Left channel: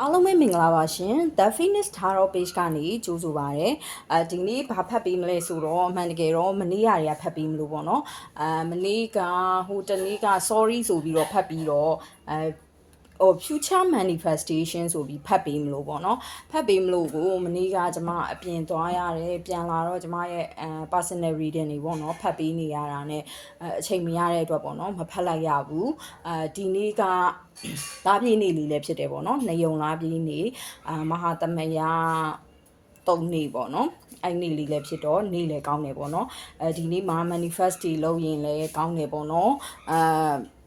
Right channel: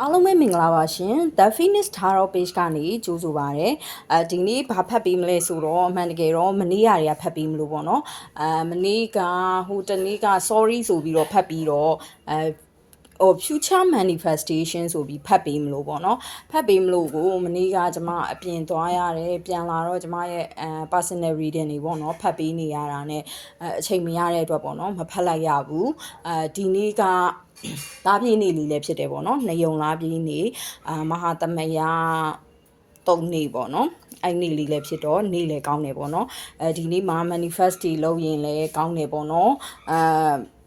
အားလုံးပဲမင်္ဂလာပါရှင် The Phoenix Tarot Page ကနေကြိုးဆိုပါရစေဒီနေ့ဘာဖတ်ပေးမလဲဆိုတော့အမှန်တကယ်တော့မနေ့ကတွေကဖတ်ပေးမလို့ပေါ့နော်မနေ့ကဟိုတနေ့က sorry ဆိုပြီးတော့ဖတ်ပြီးတော့future manifestation ဆိုပြီးဖတ်ပေးမလို့ပေါ့နော်ဖတ်ပေးမလို့ကိုမနေ့ကကျွန်မအပြင်သွားရတယ်ပြန်လာတော့ကျွန်မရဲ့ personal reading တွေပေါ့နော်ဖတ်ပေးနေရတာနဲ့အချိန်မရတဲ့အတွက်ပေါ့နော်မဖတ်လိုက်ရဘူးဒီနေ့ကသားပြည့်နေလေးလည်းဖြစ်တယ်ပေါ့နော်နေုံလားပြည့်နေမဟာသမယ3နေ့ပေါ့နော်အဲ့နေ့လေးလည်းဖြစ်တော့နေ့လည်းကောင်းတယ်ပေါ့နော်ဒီနေ့မှာ manifest တွေလုပ်ရင်လည်းကောင်းတယ်ပေါ့နော်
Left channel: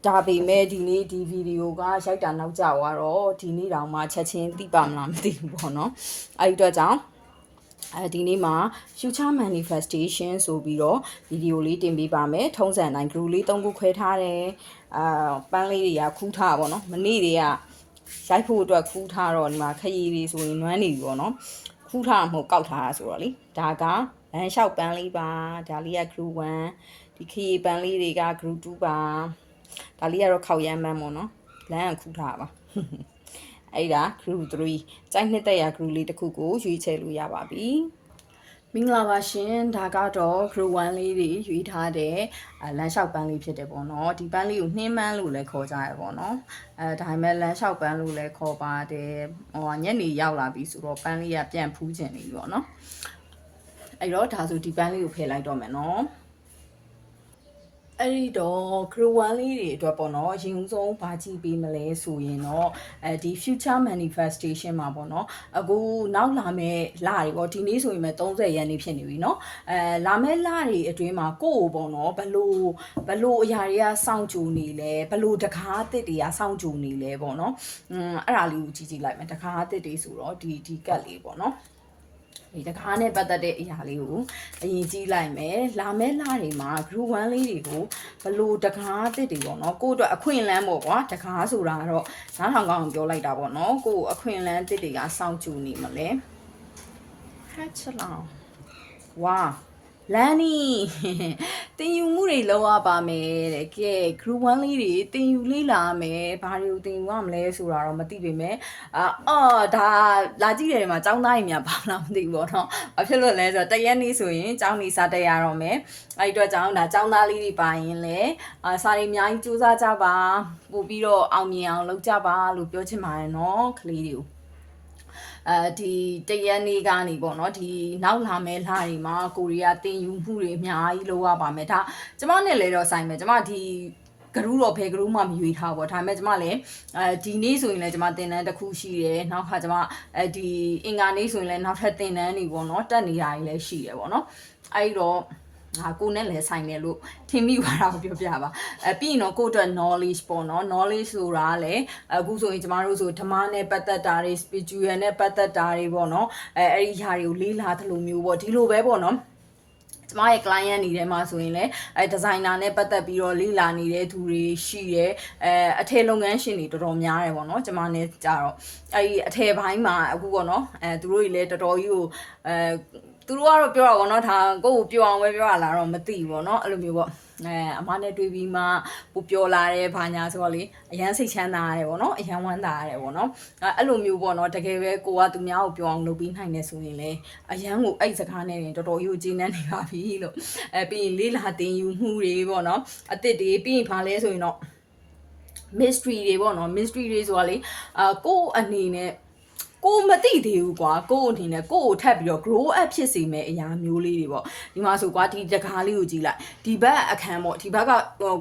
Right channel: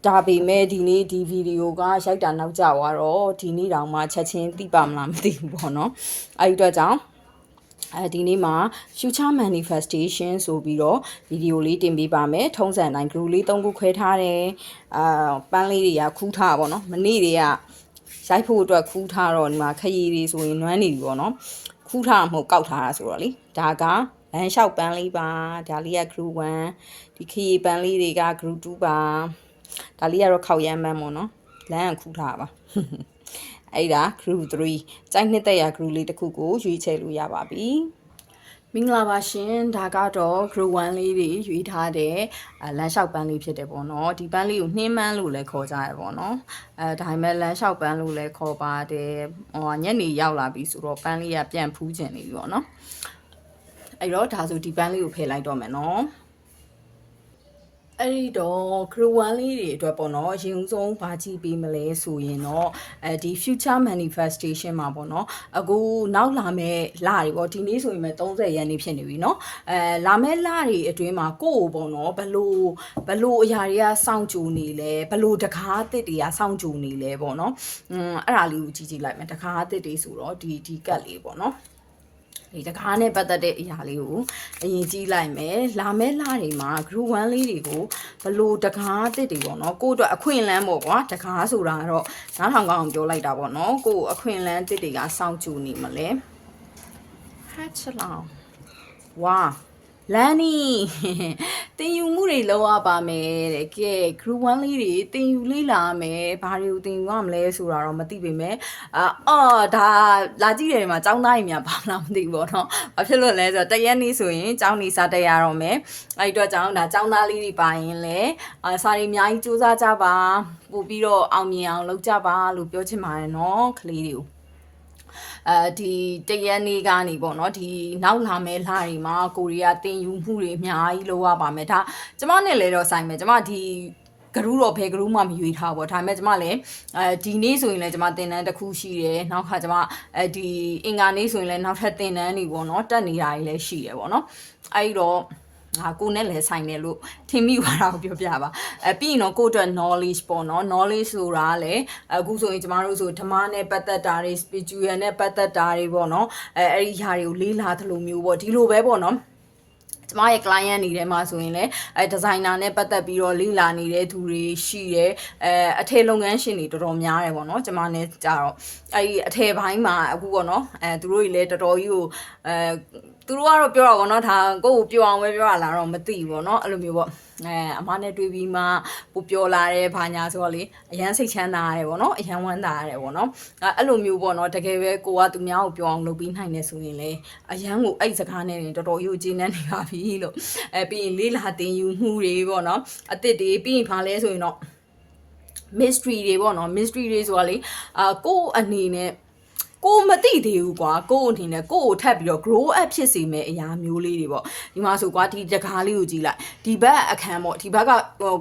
ဒါပေမဲ့ဒီနေ့ဒီဗီဒီယိုကရိုက်တာနောက်ကျသွားတော့ဒီနေ့တောင်မှချက်ချင်းသိပါမလားမသိဘူးပေါ့နော်အဲ့ဒီတော့ကြောင့်ဒီနေ့မှာ future manifestation ဆိုပြီးတော့ဗီဒီယိုလေးတင်ပေးပါမယ်ထုံးစံတိုင်း group လေး3ခုခွဲထားတယ်ပန်းလေးတွေကခူးထားပါတော့မနေ့တွေကရိုက်ဖို့အတွက်ခူးထားတော့ဒီမှာခရီးတွေဆိုရင်နွမ်းနေပြီပေါ့နော်ခူးထားမှမဟုတ်ကောက်ထားတာဆိုတော့လေဒါကလမ်းလျှောက်ပန်းလေးပါဒါလေးက group 1ဒီခရီးပန်းလေးတွေက group 2ပါဒါလေးကတော့ခောက်ရမ်းပန်းပေါ့နော်လမ်းကခူးထားပါအဲ့ဒါ group 3ကြိုက်နှစ်သက်ရ group လေးတစ်ခုကိုရွေးချယ်လို့ရပါပြီမင်္ဂလာပါရှင်ဒါကတော့ group 1လေးတွေရွေးထားတဲ့လမ်းလျှောက်ပန်းလေးဖြစ်တယ်ပေါ့နော်ဒီပန်းလေးကိုနှင်းပန်းလို့လည်းခေါ်ကြရပေါ့နော်ဒါပေမဲ့လမ်းလျှောက်ပန်းလို့လည်းခေါ်ပါတယ်ညနေရောက်လာပြီဆိုတော့ပန်းလေးကပြန်ဖူးကျင်နေပြီပေါ့နော်အဲ့တော့ဒါဆိုဒီပန်းလေးကိုဖယ်လိုက်တော့မယ်နော်အဲ့ဒီတော့ group 1လေးတွေအတွက်ပေါ့နော်ရင်ဦးဆုံးဘာကြည့်ပေးမလဲဆိုရင်တော့ဒီ future manifestation မှာပေါ့နော်အခုနောက်လာမယ့်လတွေပေါ့ဒီနေ့ဆိုရင်ပဲ30ရက်နေ့ဖြစ်နေပြီเนาะလာမယ့်လတွေအတွင်းမှာကိုယ့်ကိုပေါ့နော်ဘလို့အရာတွေကစောင့်ကြိုနေလဲဘလို့တကားအသစ်တွေကစောင့်ကြိုနေလဲပေါ့နော်အဲ့ဒါလေးကိုကြည့်လိုက်မယ်တကားအသစ်တွေဆိုတော့ဒီကတ်လေးပေါ့နော်ဒီတကားနဲ့ပတ်သက်တဲ့အရာလေးကိုအရင်ကြည့်လိုက်မယ်လာမယ့်လတွေမှာ group 1လေးတွေကိုဘလို့တကားတစ်တွေပေါ့နော်ကို့အတွက်အခွင့်အလမ်းပေါ့ကွာတကားဆိုတာကတော့နားထောင်ကောင်းအောင်ပြောလိုက်တာပေါ့နော်ကို့အခွင့်အလမ်းတစ်တွေကစောင့်ကြည့်နေမလဲဟတ်ချလောင်ဝါလန်နီတင်ယူမှုတွေလောက်ရပါမယ်တဲ့ကဲ group 1လေးတွေတင်ယူလေးလာမယ်ဘာတွေကိုတင်ယူရမလဲဆိုတာတော့မသိပေမဲ့ဒါလာကြည့်တယ်မှာចောင်းသားကြီးများဘာလားမသိဘူးပေါ့နော်ဘာဖြစ်လို့လဲဆိုတော့တရက်နေ့ဆိုရင်ចောင်းနေစားတက်ရတော့မယ်အဲ့တော့ចောင်းဒါចောင်းသားလေးတွေပါရင်လည်းစာတွေအများကြီးစူးစမ်းကြပါပို့ပြီးတော့အောင်မြင်အောင်လုပ်ကြပါလို့ပြောချင်ပါတယ်နော်ကလေးတွေကိုဒီတရက်နေ့ကနေပေါ့နော်ဒီနောက်လာမဲ့လတွေမှာကိုရီးယားတင်ယူမှုတွေအများကြီးလုပ်ရပါမယ်ဒါကျမနဲ့လည်းတော့ဆိုင်မယ်ကျမဒီဂရုတော့ဘယ်ဂရုမှမရွေးထားပေါ့ဒါပေမဲ့ကျမလည်းဒီနေ့ဆိုရင်လည်းကျမတင်တန်းတစ်ခုရှိတယ်နောက်ခါကျမဒီအင်္ဂါနေ့ဆိုရင်လည်းနောက်ထပ်တင်တန်းတွေပေါ့နော်တက်နေတာကြီးလည်းရှိတယ်ပေါ့နော်အဲ့တော့ကိုနဲ့လည်းဆိုင်တယ်လို့ထင်မိသွားတာကိုပြောပြပါပြီးရင်တော့ကိုအတွက် knowledge ပေါ့နော် knowledge ဆိုတာလည်းအခုဆိုရင်ကျမတို့ဆိုဓမ္မနဲ့ပတ်သက်တာတွေ spiritual နဲ့ပတ်သက်တာတွေပေါ့နော်အဲ့ဒီဟာတွေကိုလေးလာသလိုမျိုးပေါ့ဒီလိုပဲပေါ့နော်ကျမရဲ့ client နေထဲမှာဆိုရင်လည်းdesigner နဲ့ပတ်သက်ပြီးတော့လေ့လာနေတဲ့သူတွေရှိတယ်အထည်လုပ်ငန်းရှင်တွေတော်တော်များတယ်ပေါ့နော်ကျမနဲ့ကြတော့အဲ့ဒီအထည်ပိုင်းမှာအခုပေါ့နော်သူတို့တွေလည်းတော်တော်ကြီးကိုသူတို့ကတော့ပြောတာပေါ့နော်ဒါကိုယ့်ကိုပြောအောင်ပဲပြောရလားတော့မသိဘူးပေါ့နော်အဲ့လိုမျိုးပေါ့အမနဲ့တွေ့ပြီးမှပိုပြောလာတယ်ဘာညာဆိုတော့လေအရန်စိတ်ချမ်းသာရတယ်ပေါ့နော်အရန်ဝမ်းသာရတယ်ပေါ့နော်အဲ့လိုမျိုးပေါ့နော်တကယ်ပဲကိုကသူများကိုပြောအောင်လုပ်ပြီးနိုင်တယ်ဆိုရင်လေအရန်ကိုအဲ့စကားနဲ့တော်တော်ကြီးကိုကျင်းနေနေပါပြီလို့ပြီးရင်လေးလာတင်ယူမှုတွေပေါ့နော်အစ်စ်တွေပြီးရင်ဖားလဲဆိုရင်တော့ mystery တွေပေါ့နော် mystery တွေဆိုတာလေကိုအနေနဲ့ကိုမသိသေးဘူးကွာကိုအနေနဲ့ကိုထပ်ပြီးတော့ grow up ဖြစ်စေမယ့်အရာမျိုးလေးတွေပေါ့ဒီမှာဆိုကွာဒီတကားလေးကိုကြည့်လိုက်ဒီဘက်အခန်းပေါ့ဒီဘက်က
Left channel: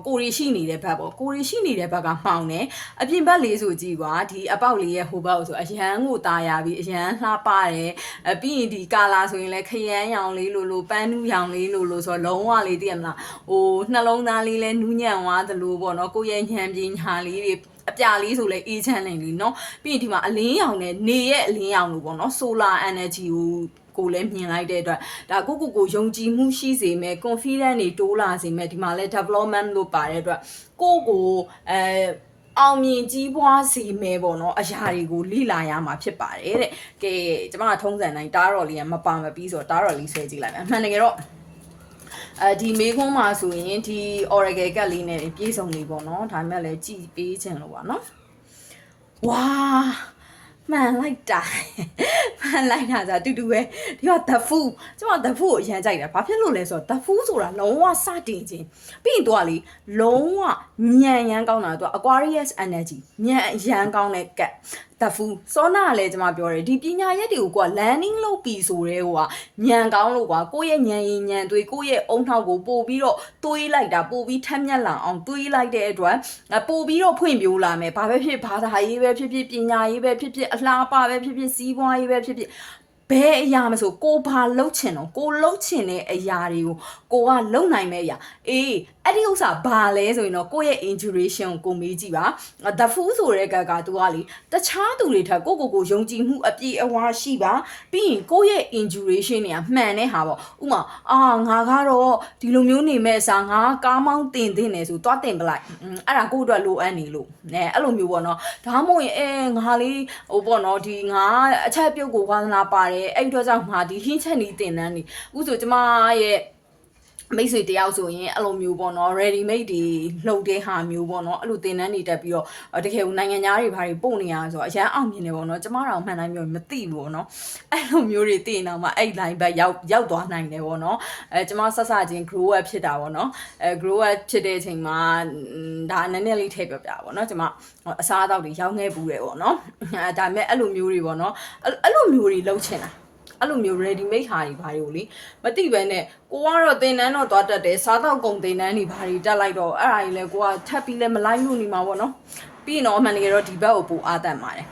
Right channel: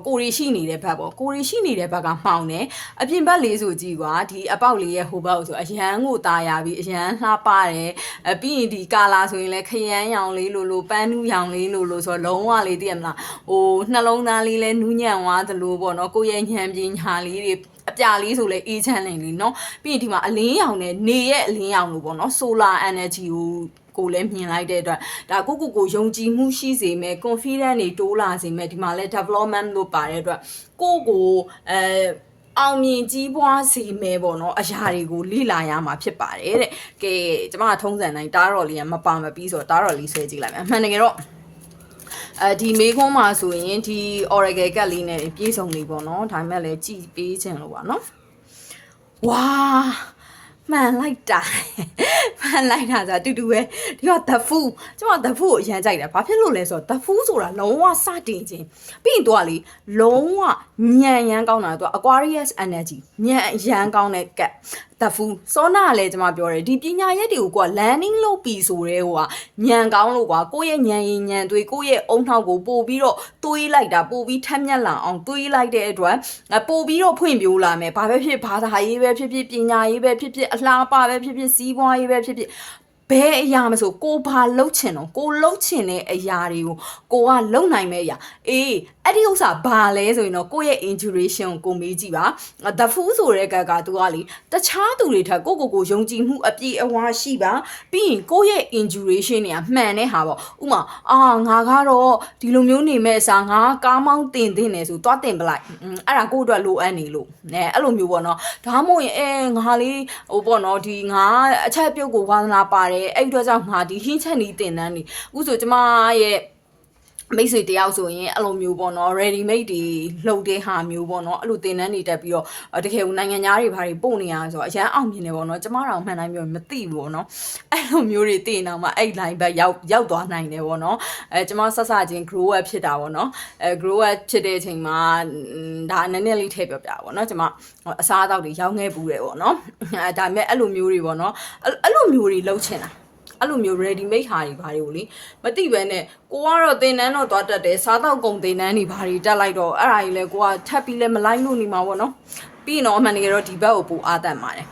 ကိုရီရှိနေတဲ့ဘက်ပေါ့ကိုရီရှိနေတဲ့ဘက်ကမှောင်တယ်အပြင်ဘက်လေးဆိုကြည့်ကွာဒီအပေါက်လေးရဲ့ဟိုဘက်ဆိုအရန်ကိုตาရပြီးအရန်လှပတယ်ပြီးရင်ဒီကာလာဆိုရင်လည်းခရမ်းရောင်လေးလိုပန်းနူးရောင်လေးလိုဆိုတော့လုံးဝလေးသိရမလားဟိုနှလုံးသားလေးလဲနူးညံ့သွားသလိုပေါ့နော်ကိုရဲ့ညံပညာလေးတွေအပြာလေးဆိုလဲအေးချမ်းနေလीเนาะပြီးရင်ဒီမှာအလင်းရောင်နဲ့နေရဲ့အလင်းရောင်လို့ပေါ့နော် solar energy ကိုလည်းမြင်လိုက်တဲ့အတွက်ဒါကိုယုံကြည်မှုရှိစေမယ် confidence တွေတိုးလာစေမယ်ဒီမှာလဲ development လို့ပါတဲ့အတွက်ကိုအောင်မြင်ကြီးပွားစေမယ်ပေါ့နော်အရာတွေကိုလေ့လာရမှာဖြစ်ပါတယ်တဲ့ကဲကျမကထုံးစံတိုင်းတားတော်လေးကမပါမပြီးဆိုတော့တားတော်လေးဆွဲကြည့်လိုက်မယ်အမှန်တကယ်တော့ဒီမေးခွန်းမှာဆိုရင်ဒီ oracle ကတ်လေးနဲ့ပြေဆုံးနေပေါ့နော်ဒါပေမဲ့လည်းကြည်ပေးခြင်းလို့ပါနော်ဝါ မှန်လိုက်တာမှန်လိုက်တာဆိုတူတူပဲဒီက the food ကျွန်တော် the food ကိုအရင်ကြိုက်တယ်ဘာဖြစ်လို့လဲဆိုတော့ the food ဆိုတာလုံးဝစတင်ခြင်းပြီးရင်သူကလေလုံးဝညံရမ်းကောင်းတာသူက Aquarius energy ညံရမ်းကောင်းတဲ့ကတ် the food စောနာကလည်းကျွန်မပြောတယ်ဒီပညာရက်တွေကိုက landing လုပ်ပြီးဆိုတဲ့ဟိုကညံကောင်းလို့ကွာကိုယ့်ရဲ့ညံရင်ညံသွေးကိုယ့်ရဲ့အုံနှောက်ကိုပို့ပြီးတော့တွေးလိုက်တာပို့ပြီးထက်မြက်လာအောင်တွေးလိုက်တဲ့အတွက်ပို့ပြီးတော့ဖွင့်ပြိုးလာမယ်ဘာပဲဖြစ်ဘာသာရေးပဲဖြစ်ဖြစ်ပညာရေးပဲဖြစ်ဖြစ်အလှပပဲဖြစ်ဖြစ်စီးပွားရေးပဲဖြစ်ဖြစ်ဘယ်အရာမဆိုကိုဘာလှုပ်ချင်တော့ကိုလှုပ်ချင်တဲ့အရာတွေကိုကိုကလှုပ်နိုင်မဲ့အရာအေးအဲ့ဒီဥစ္စာဘာလဲဆိုရင်တော့ကိုယ့်ရဲ့ intuition ကိုမေးကြည့်ပါ the fool ဆိုတဲ့ကသူကလေတခြားသူတွေထက်ကိုယုံကြည်မှုအပြည့်အဝရှိပါပြီးရင်ကိုယ့်ရဲ့ intuition တွေကမှန်တဲ့ဟာပေါ့ဥမာငါကတော့ဒီလိုမျိုးနေမဲ့အစားငါကားမောင်းတင်နေဆိုသွားတင်ပလိုက်အဲ့ဒါကိုယ့်အတွက်လိုအပ်နေလို့အဲ့လိုမျိုးပေါ့နော်ဒါမှမဟုတ်ရင်ငါလေးဟိုပေါ့နော်ဒီငါအချက်ပြုတ်ကိုဝါသနာပါတယ်အဲ့အတွက်ကြောင့်ငါဒီဟင်းချက်နီတင်တန်းနေအခုဆိုကျမရဲ့မိတ်ဆွေတယောက်ဆိုရင်အဲ့လိုမျိုးပေါ့နော် ready made တွေလှုပ်တဲ့ဟာမျိုးပေါ့နော်အဲ့လိုတင်တန်းနေတက်ပြီးတော့တကယ်ကိုနိုင်ငံသားတွေဘာတွေပို့နေရဆိုတော့အရန်အောင်မြင်နေပေါ့နော်ကျမတော့မှန်တိုင်းပြောမသိဘူးပေါ့နော်အဲ့လိုမျိုးတွေသိနေတော့မှအဲ့ line ဘက်ရောက်သွားနိုင်တယ်ပေါ့နော်ကျမဆက်စချင်း grow up ဖြစ်တာပေါ့နော်grow up ဖြစ်တဲ့အချိန်မှာဒါနည်းနည်းလေးထည့်ပြောပြပါပေါ့နော်ကျမအစားအသောက်တွေရောင်းခဲ့ဘူးတယ်ပေါ့နော်ဒါပေမဲ့အဲ့လိုမျိုးတွေပေါ့နော်အဲ့လိုမျိုးတွေလှုပ်ချင်တာအဲ့လိုမျိုး ready made ဟာတွေဘာတွေကိုလေမသိပဲနဲ့ကိုကတော့တင်နန်းတော့သွားတက်တယ်စားတော့ကုန်တင်နန်းတွေဘာတွေတက်လိုက်တော့အဲ့ဒါကြီးလဲကိုကထပ်ပြီးလဲမလိုက်လို့နေမှာပေါ့နော်ပြီးရင်တော့အမှန်တကယ်တော့ဒီဘက်ကိုပိုအားတတ်ပါတယ်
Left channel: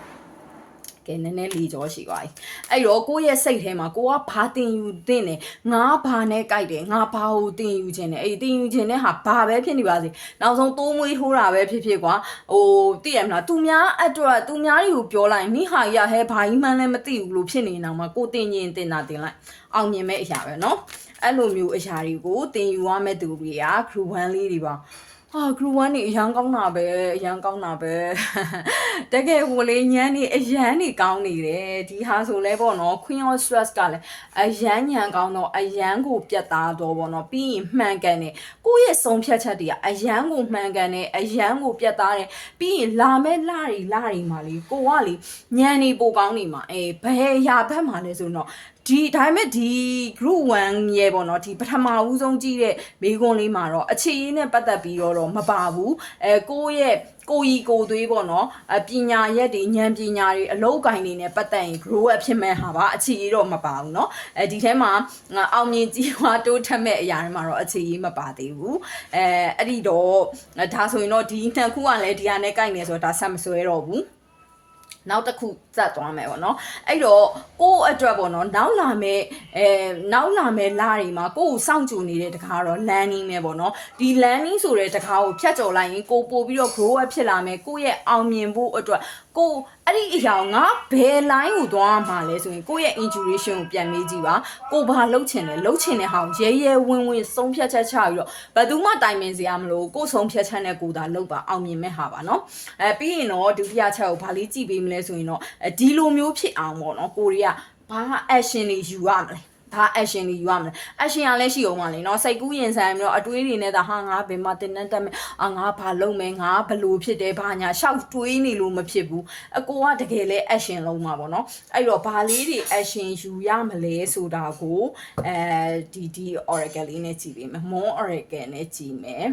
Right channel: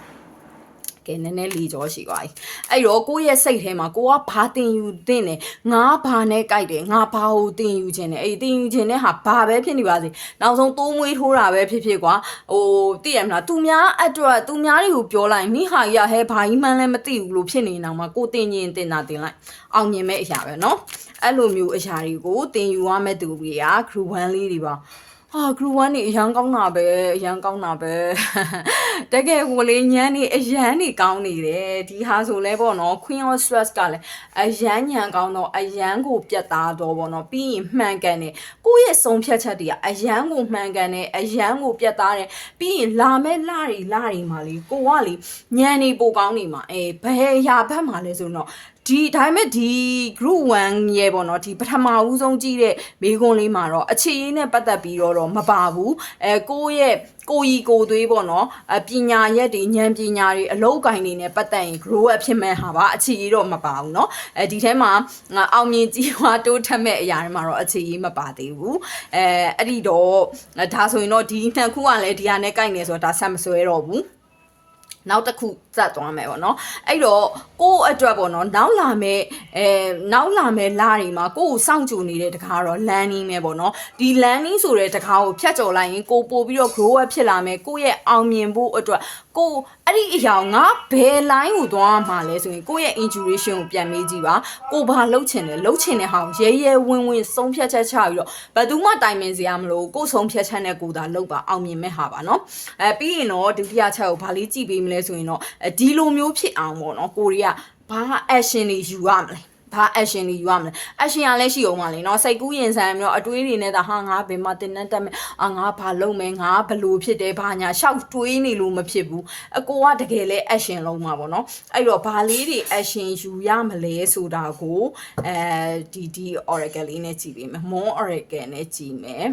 ကဲနည်းနည်းလီကြောရှိသွားပြီအဲ့တော့ကိုယ့်ရဲ့စိတ်ထဲမှာကိုကဘာတင်ယူတင်တယ်ငါဘာနဲ့ကြိုက်တယ်ငါဘာကိုတင်ယူခြင်းတယ်အဲ့တင်ယူခြင်းတဲ့ဟာဘာပဲဖြစ်နေပါစေနောက်ဆုံးတိုးမွေးထိုးတာပဲဖြစ်ဖြစ်ကွာဟိုသိရမလားသူများအတွက်သူများတွေကိုပြောလိုက်မိဟာရဟဲဘာကြီးမှန်းလည်းမသိဘူးလို့ဖြစ်နေအောင်မှာကိုတင်ရင်တင်တာတင်လိုက်အောင်မြင်မဲ့အရာပဲเนาะအဲ့လိုမျိုးအရာတွေကိုတင်ယူရမဲ့သူတွေက group 1လေးတွေပါgroup 1နေအရန်ကောင်းတာပဲအရန်ကောင်းတာပဲတကယ်ကိုလေညမ်းနေအရန်နေကောင်းနေတယ်ဒီဟာဆိုလဲပေါ့နော် Queen of Stress ကလည်းအရန်ညံကောင်းတော့အရန်ကိုပြတ်သားတော့ပေါ့နော်ပြီးရင်မှန်ကန်တယ်ကိုယ့်ရဲ့ဆုံးဖြတ်ချက်တွေကအရန်ကိုမှန်ကန်တယ်အရန်ကိုပြတ်သားတယ်ပြီးရင်လာမဲ့လာတွေမှာလေကိုကလေညံနေပိုကောင်းနေမှာဘယ်ရာဘက်မှာလဲဆိုတော့ဒီဒါပေမဲ့ဒီ group 1ရဲ့ပေါ့နော်ဒီပထမဦးဆုံးကြည့်တဲ့မေးခွန်းလေးမှာတော့အခြေအင်းနဲ့ပတ်သက်ပြီးတော့မပါဘူးကိုယ့်ရဲ့ကိုကြီးကိုသွေးပေါ့နော်ပညာရက်တွေဉာဏ်ပညာတွေအလုပ်ကိုင်တွေနဲ့ပတ်သက်ရင် grow up ဖြစ်မဲ့ဟာပါအခြေအတော့မပါဘူးเนาะဒီထဲမှာအောင်မြင်ကြီးွားတိုးထက်မဲ့အရာတွေမှာတော့အခြေအမပါသေးဘူးအဲ့ဒီတော့ဒါဆိုရင်တော့ဒီနှစ်ခုကလည်းဒီဟာနဲ့ကိုက်နေဆိုတော့ဒါဆက်မဆွဲတော့ဘူးနောက်တစ်ခုစက်သွားမယ်ပေါ့နော်အဲ့တော့ကိုယ့်အတွက်ပေါ့နော်နောက်လာမဲ့လာတွေမှာကိုယ့်ကိုစောင့်ကြိုနေတဲ့တကားတော့ landing ပဲပေါ့နော်ဒီ landing ဆိုတဲ့တကားကိုဖြတ်ကျော်လိုက်ရင်ကိုပို့ပြီးတော့ grow up ဖြစ်လာမယ်ကိုယ့်ရဲ့အောင်မြင်ဖို့အတွက်ကိုအဲ့ဒီအရာငါဘယ် line ကိုသွားမှာလဲဆိုရင်ကိုယ့်ရဲ့ intuition ကိုပြန်မေးကြည့်ပါကိုဘာလှုပ်ချင်တယ်လှုပ်ချင်တဲ့ဟာကိုရဲဝင်းဆုံးဖြတ်ချက်ချပြီးတော့ဘယ်သူမှတိုင်ပင်စရာမလိုကိုဆုံးဖြတ်ချက်နဲ့ကိုသာလှုပ်ပါအောင်မြင်မဲ့ဟာပါနော်ပြီးရင်တော့ဒုတိယချက်ကိုဘာလေးကြည့်ပေးမလဲဆိုရင်တော့ဒီလိုမျိုးဖြစ်အောင်ပေါ့နော်ကိုရီးယားဘာ action တွေယူရမလဲဘာ action တွေယူရမလဲ action ကလည်းရှိအောင်ပါလေเนาะစိတ်ကူးရင်ဆိုင်ပြီးတော့အတွေးတွေနဲ့ဒါဟာငါဘယ်မှာတင်တက်မယ်ငါဘာလုပ်မယ်ငါဘလို့ဖြစ်တယ်ဘာညာရှောက်တွေးနေလို့မဖြစ်ဘူးအကိုကတကယ်လဲ action လုံးမှာပေါ့เนาะအဲ့တော့ဘာလေးတွေ action ယူရမလဲဆိုတာကိုဒီ oracle လေးနဲ့ကြည့်ပေးမယ် moon oracle နဲ့ကြည့်မယ်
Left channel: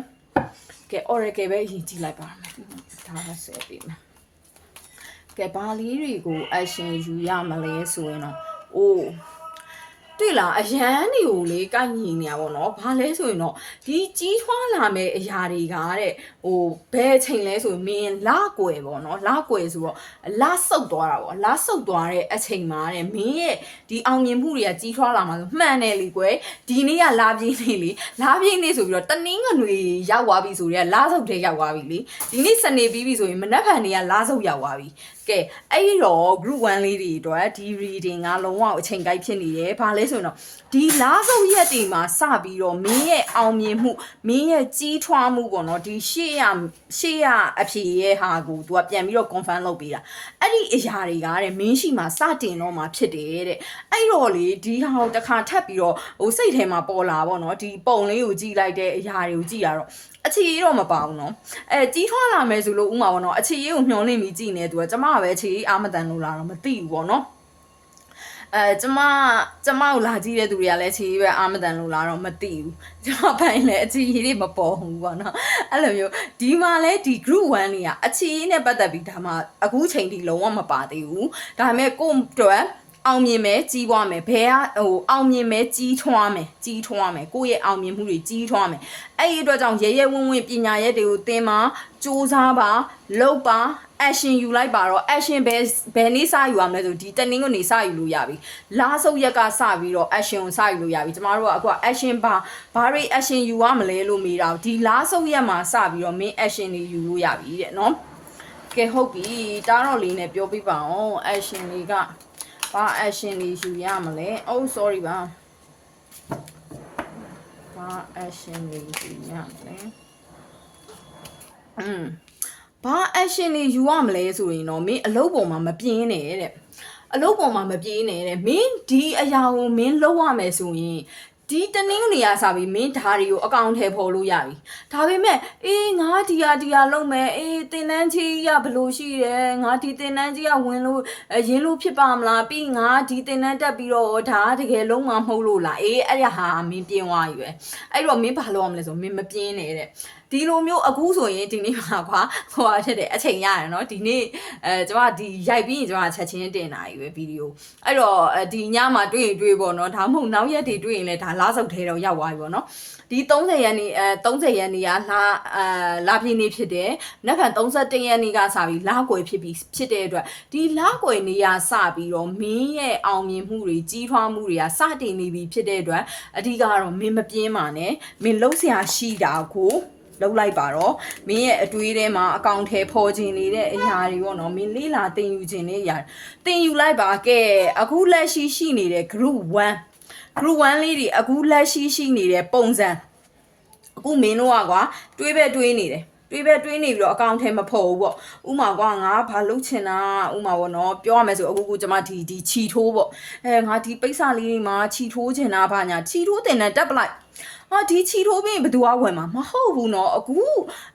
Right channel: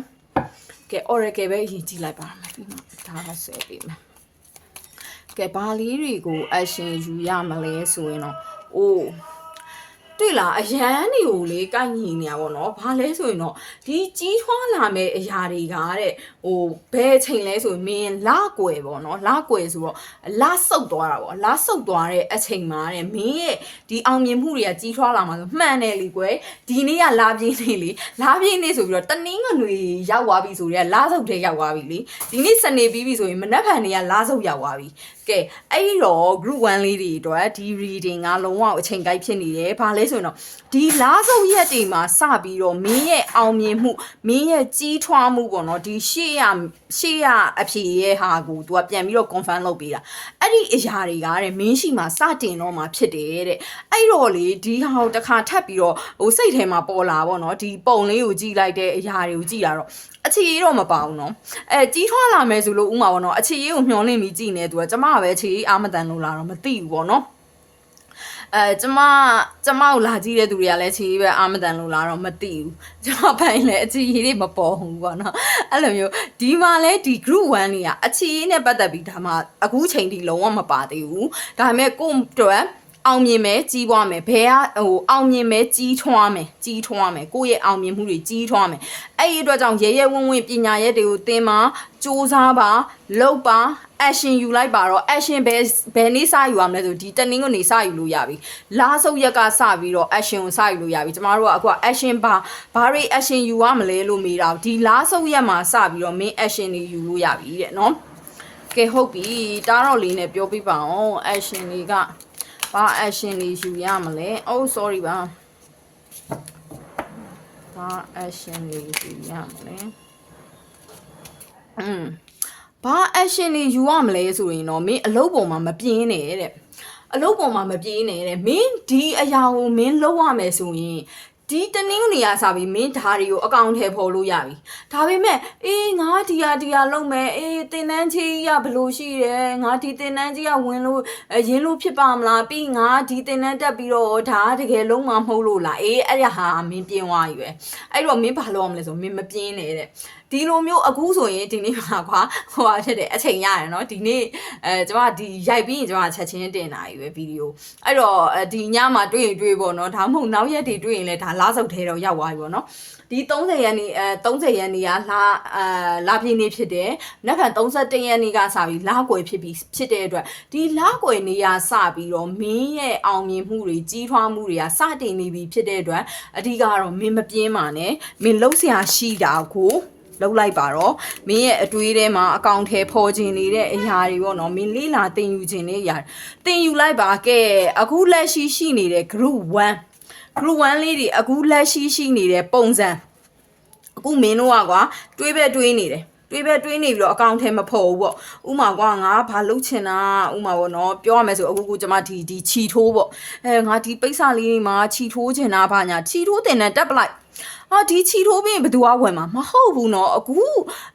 ကဲ oracle ပဲအရင်ကြည့်လိုက်ပါမယ်ပြီးတော့ဒါကဆက်ပေးမယ်ကဲဘာလေးတွေကို action ယူရမလဲဆိုရင်တော့အိုးတွေ့လားအရန်တွေကိုလေကိုက်ညီနေရပါတော့ဘာလဲဆိုရင်တော့ဒီကြီးထွားလာမဲ့အရာတွေကတဲ့ဟိုဘယ်ချိန်လဲဆိုရင်မင်းလကွယ်ပေါ့နော်လကွယ်ဆိုတော့လဆုပ်သွားတာပေါ့လဆုပ်သွားတဲ့အချိန်မှာတဲ့မင်းရဲ့ဒီအောင်မြင်မှုတွေကကြီးထွားလာမှာဆိုမှန်တယ်လေကွယ်ဒီနေ့ကလာပြင်းနေလေလာပြင်းနေဆိုပြီးတော့တနင်းငွေရောက်သွားပြီဆိုတော့လဆုပ်တဲ့ရောက်သွားပြီလေဒီနေ့စနေပြီးပြီဆိုရင်မနက်ဖြန်တွေကလဆုပ်ရောက်သွားပြီကဲအဲ့ဒီတော့ group 1လေးတွေအတွက်ဒီ reading ကလုံးဝအချိန်ကိုက်ဖြစ်နေတယ်ဘာလဲဆိုရင်တော့ဒီလားစုပ်ရက်တွေမှာစပြီးတော့မင်းရဲ့အောင်မြင်မှုမင်းရဲ့ကြီးထွားမှုပေါ့နော်ဒီရှေ့ရအဖြေရဲ့ဟာကို तू ကပြန်ပြီးတော့ confirm လုပ်ပေးတာအဲ့ဒီအရာတွေကတဲ့မင်းရှိမှာစတင်တော့မှာဖြစ်တယ်တဲ့အဲ့တော့လေဒီဟာကိုတစ်ခါထပ်ပြီးတော့ဟိုစိတ်ထဲမှာပေါ်လာပေါ့နော်ဒီပုံလေးကိုကြည့်လိုက်တဲ့အရာတွေကိုကြည့်ရတော့ အခြေရေးတော့မပါဘူးနော်ကြီးထွားလာမယ်ဆိုလို့ဥမာပေါ့နော်အခြေရေးကိုမျှော်လင့်ပြီးကြည်နေသူကကျမကပဲအခြေရေးအာမတန်လို့လာတော့မသိဘူးပေါ့နော်ကျမကိုလာကြည့်တဲ့သူတွေကလည်းခြေပဲအာမတန်လို့လာတော့မသိဘူးကျမပိုင်းလည်းအခြေရေးတွေမပေါ်ဘူးပေါ့နော်အဲ့လိုမျိုးဒီမှာလည်းဒီ group 1လေးကအခြေရေးနဲ့ပတ်သက်ပြီးဒါမှအခုချိန်ထိလုံးဝမပါသေးဘူးဒါပေမဲ့ကို့အတွက်အောင်မြင်မယ်ကြီးပွားမယ်ဘယ်ကအောင်မြင်မယ်ကြီးထွားမယ်ကိုယ့်ရဲ့အောင်မြင်မှုတွေကြီးထွားမယ်အဲ့ဒီအတွက်ကြောင့်ရဲဝံ့ပညာရက်တွေကိုသင်ပါစူးစမ်းပါလုပ်ပါ action ယူလိုက်ပါတော့ action ဘယ်နေ့စယူရမလဲဆိုဒီတနင်္ဂနွေစယူလို့ရပြီလားစုပ်ရက်ကစပြီးတော့ action ကိုစယူလို့ရပြီကျမတို့ကအခုက action ဘာတွေ action ယူရမလဲလို့မေးတာဒီလားစုပ်ရက်မှာစပြီးတော့ main action တွေယူလို့ရပြီတဲ့နော်ကဲဟုတ်ပြီတားတော့လေးနဲ့ပြောပြပါအောင် action တွေကဘာ action တွေယူရမလဲ oh sorry ဘာ action တွေယူရမလဲဘာ action တွေယူရမလဲဆိုရင်တော့မင်းအလုပ်ပေါ်မှာမပြင်းနဲ့တဲ့အလုပ်ပေါ်မှာမပြင်းနဲ့တဲ့မင်းဒီအရာကိုမင်းလုပ်ရမယ်ဆိုရင်ဒီတနင်္ဂနွေကစပြီးမင်းဓာရီကိုအကောင့်ထဲပေါ်လို့ရပြီဒါပေမဲ့ငါဒီဟာလုပ်မယ်တင်တန်းကြီးကဘလို့ရှိတယ်ငါဒီတင်တန်းကြီးကဝင်လို့ရင်းလို့ဖြစ်ပါမလားပြီးငါဒီတင်တန်းတက်ပြီးတော့ဒါတကယ်လုံးမမဟုတ်လို့လားအဲ့ရဟာမင်းပြင်းသွားပြီပဲအဲ့တော့မင်းဘာလုပ်ရမလဲဆိုမင်းမပြင်းနဲ့တဲ့ဒီလိုမျိုးအခုဆိုရင်ဒီနေ့မှာကွာဟိုဟာဖြစ်တယ်အချိန်ရရနော်ဒီနေ့ကျမဒီရိုက်ပြီးရင်ကျမချက်ချင်းတင်တာကြီးပဲဗီဒီယိုအဲ့တော့ဒီညမှာတွေ့ရင်တွေ့ပေါ့နော်ဒါမှမဟုတ်နောက်ရက်တွေတွေ့ရင်လည်းဒါလာစုပ်ထဲတော့ရောက်သွားပြီပေါ့နော်ဒီ30ရက်နေ့30ရက်နေ့ကလာပြည့်နေ့ဖြစ်တယ်နောက်ထပ်31ရက်နေ့ကစပြီးလာကွယ်ဖြစ်တဲ့အတွက်ဒီလာကွယ်နေ့ကစပြီးတော့မင်းရဲ့အောင်မြင်မှုတွေကြီးထွားမှုတွေကစတင်နေပြီဖြစ်တဲ့အတွက်အဓိကကတော့မင်းမပြင်းပါနဲ့မင်းလှုပ်ရှားရှိတာကိုလောက်လိုက်ပါတော့မင်းရဲ့အတွေးထဲမှာအကောင့်ထဲပေါ်ခြင်းနေတဲ့အရာတွေပေါ့နော်မင်းလေးလာတင်ယူခြင်းနေအရာတင်ယူလိုက်ပါကဲအခုလက်ရှိနေတဲ့ group 1လေးတွေအခုလက်ရှိနေတဲ့ပုံစံအခုမင်းတို့ကကွာတွေးနေတယ်တွေးနေပြီးတော့အကောင့်ထဲမဖော်ဘူးပေါ့ဥမာကွာငါဘာလုပ်ချင်တာဥမာပေါ့နော်ပြောရမယ်ဆိုအခုကျမဒီခြီထိုးပေါ့ငါဒီပိတ်စာလေးတွေမှာခြီထိုးချင်တာဘာညာခြီထိုးတင်တဲ့တက်ပလိုက်ဒီခြီထိုးပြီးဘယ်သူကဝင်မှာမဟုတ်ဘူးเนาะအခု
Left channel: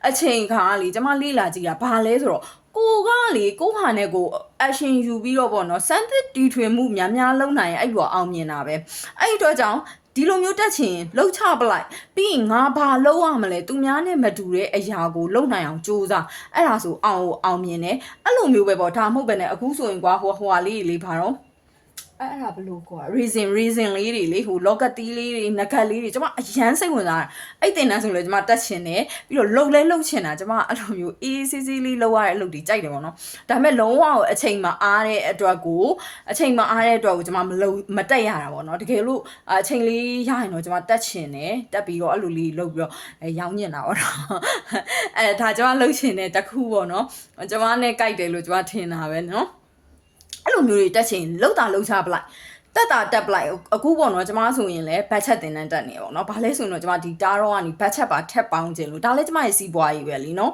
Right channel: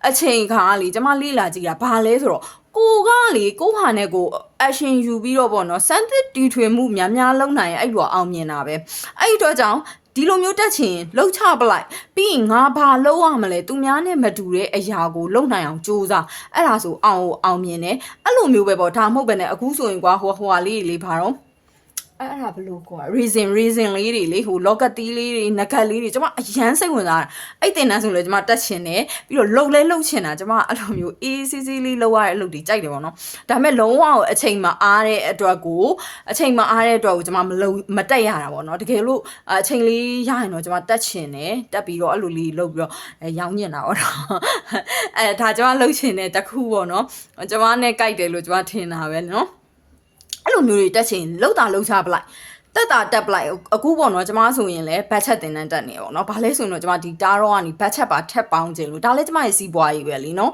အချိန်ခါလေကျမလေးလာကြည့်တာဘာလဲဆိုတော့ကိုကလေကိုဟာနဲ့ကို action ယူပြီးတော့ပေါ့เนาะစမ်းသစ်တီထွင်မှုများလုံးနိုင်အဲ့လိုအောင်မြင်တာပဲအဲ့ဒီတော့ကြောင့်ဒီလိုမျိုးတက်ချင်လှုပ်ချပလိုက်ပြီးရင်ငါဘာလုပ်ရမလဲသူများနဲ့မတူတဲ့အရာကိုလုပ်နိုင်အောင်ကြိုးစားအဲ့ဒါဆိုအောင်မြင်တယ်အဲ့လိုမျိုးပဲပေါ့ဒါမဟုတ်ပဲနဲ့အခုဆိုရင်ကွာဟိုလေးလေးဘာတော့အဲ့ဒါဘလို့ကွာ reason လေးတွေလေဟို locket တီးလေးတွေ nugget လေးတွေကျွန်မအရန်စိတ်ဝင်စားတာအဲ့တင်တန်းဆိုလည်းကျွန်မတက်ချင်တယ်ပြီးတော့လှုပ်ချင်တာကျွန်မအဲ့လိုမျိုးအေးဆေးလေးလှုပ်ရတဲ့အလုပ်တွေကြိုက်တယ်ပေါ့နော်ဒါပေမဲ့လုံးဝအချိန်မအားတဲ့အတွက်ကိုကျွန်မမတက်ရတာပေါ့နော်တကယ်လို့အချိန်လေးရရင်တော့ကျွန်မတက်ချင်တယ်တက်ပြီးတော့အဲ့လိုလေးလှုပ်ပြီးတော့ရောင်းညင်တာပေါ့နော်ဒါကျွန်မလှုပ်ချင်တဲ့တခုပေါ့နော်ကျွန်မနဲ့ကြိုက်တယ်လို့ကျွန်မထင်တာပဲနော်အဲ့လိုမျိုးတွေတက်ချင်လှုပ်ချပလိုက်တက်ပလိုက်အခုပေါ့နော်ကျမဆိုရင်လည်းဘတ်ချက်တင်တန်းတက်နေပေါ့နော်ဘာလဲဆိုရင်တော့ကျမဒီတားတော့ကနေဘတ်ချက်ပါထက်ပေါင်းခြင်းလို့ဒါလည်းကျမရဲ့စီးပွားရေးပဲလीနော်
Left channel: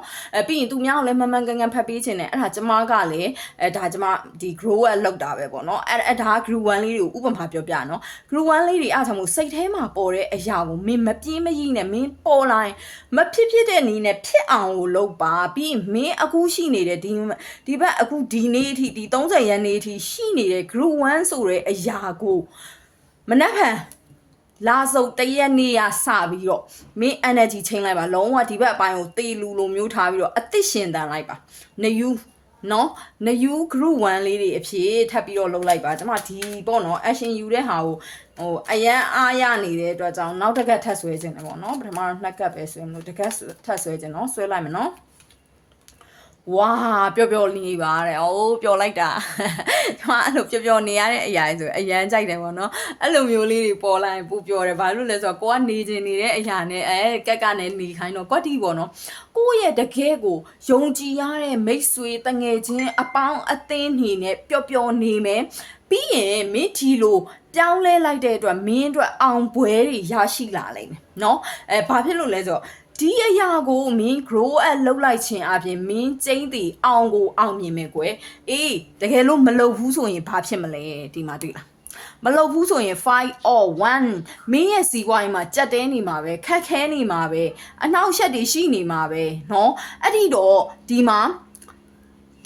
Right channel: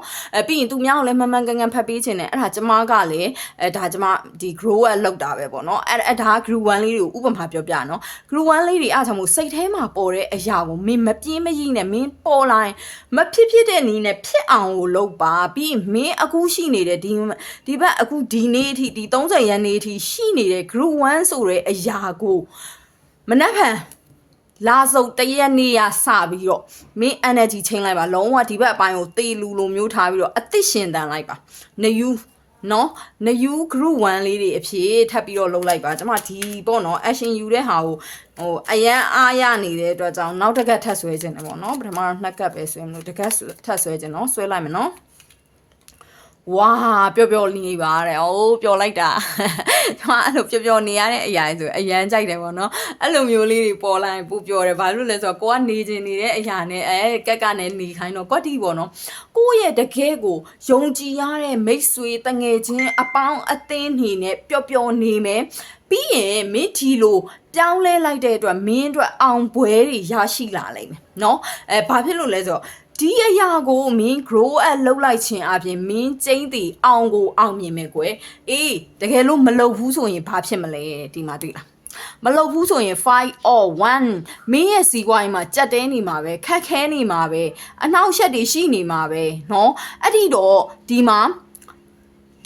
ပြီးရင်သူများကိုလည်းမမှန်ကန်ဖတ်ပေးခြင်းနဲ့အဲ့ဒါကျမကလည်းဒါကျမဒီ grow up လောက်တာပဲပေါ့နော်အဲ့ဒါ group 1လေးတွေကိုဥပမာပြောပြနော် group 1လေးတွေအားကြောင့်မို့စိတ်ထဲမှာပေါ်တဲ့အရာကိုမင်းမပြင်းမရိနဲ့မင်းပေါ်လာရင်မဖြစ်တဲ့နည်းနဲ့ဖြစ်အောင်ကိုလုပ်ပါပြီးမင်းအခုရှိနေတဲ့ဒီဘက်အခုဒီနေ့အထိဒီ30ရက်နေ့အထိရှိနေတဲ့ group 1ဆိုတဲ့အရာကိုမနှက်ဖန်လာစုပ်တရက်နေ့ရစပြီးတော့မင်း energy ချိန်လိုက်ပါလုံးဝဒီဘက်အပိုင်းကိုတေလူလိုမျိုးထားပြီးတော့အသက်ရှင်တန်လိုက်ပါနယူ group 1လေးတွေအဖြစ်ထပ်ပြီးတော့လုပ်လိုက်ပါကျွန်မဒီပေါ့နော် action ယူတဲ့ဟာကိုအရန်အားရနေတဲ့အတွက်ကြောင့်နောက်တစ်ကက်ထပ်ဆွဲခြင်းတယ်ပေါ့နော်ပထမတော့2ကက်ပဲဆွဲမလို့တစ်ကက်ထပ်ဆွဲခြင်းနော်ဆွဲလိုက်မယ်နော်ဝါပျော်နေပါတဲ့ပျော်လိုက်တာကျွန်မအဲ့လိုပျော်နေရတဲ့အရာဆိုအရန်ကြိုက်တယ်ပေါ့နော်အဲ့လိုမျိုးလေးတွေပေါ်လာရင်ပူပျော်တယ်ဘာလို့လဲဆိုတော့ကိုကနေချင်နေတဲ့အရာနဲ့ကက်ကနဲ့နေခိုင်းတော့ကွက်တီပေါ့နော်ကိုရဲ့တကယ်ကိုယုံကြည်ရတဲ့မိတ်ဆွေတငယ်ချင်းအပေါင်းအသင်းနေနဲ့ပျော်နေမယ်ပြီးရင်မင်းဒီလိုပြောင်းလဲလိုက်တဲ့အတွက်မင်းအတွက်အောင်ပွဲတွေရရှိလာလိမ့်မယ်နော်ဘာဖြစ်လို့လဲဆိုတော့ဒီအရာကိုမင်း grow up လုပ်လိုက်ခြင်းအပြင်မင်းကျင်းတည်အောင်ကိုအောင်မြင်မယ်ကွယ်တကယ်လို့မလုပ်ဘူးဆိုရင်ဘာဖြစ်မလဲဒီမှာတွေ့လား မလုပ်ဘူးဆိုရင် 5 or 1မင်းရဲ့စီးပွားရေးမှာကြက်တဲနေမှာပဲခက်ခဲနေမှာပဲအနှောက်အယှက်တွေရှိနေမှာပဲเนาะအဲ့ဒီတော့ဒီမှာ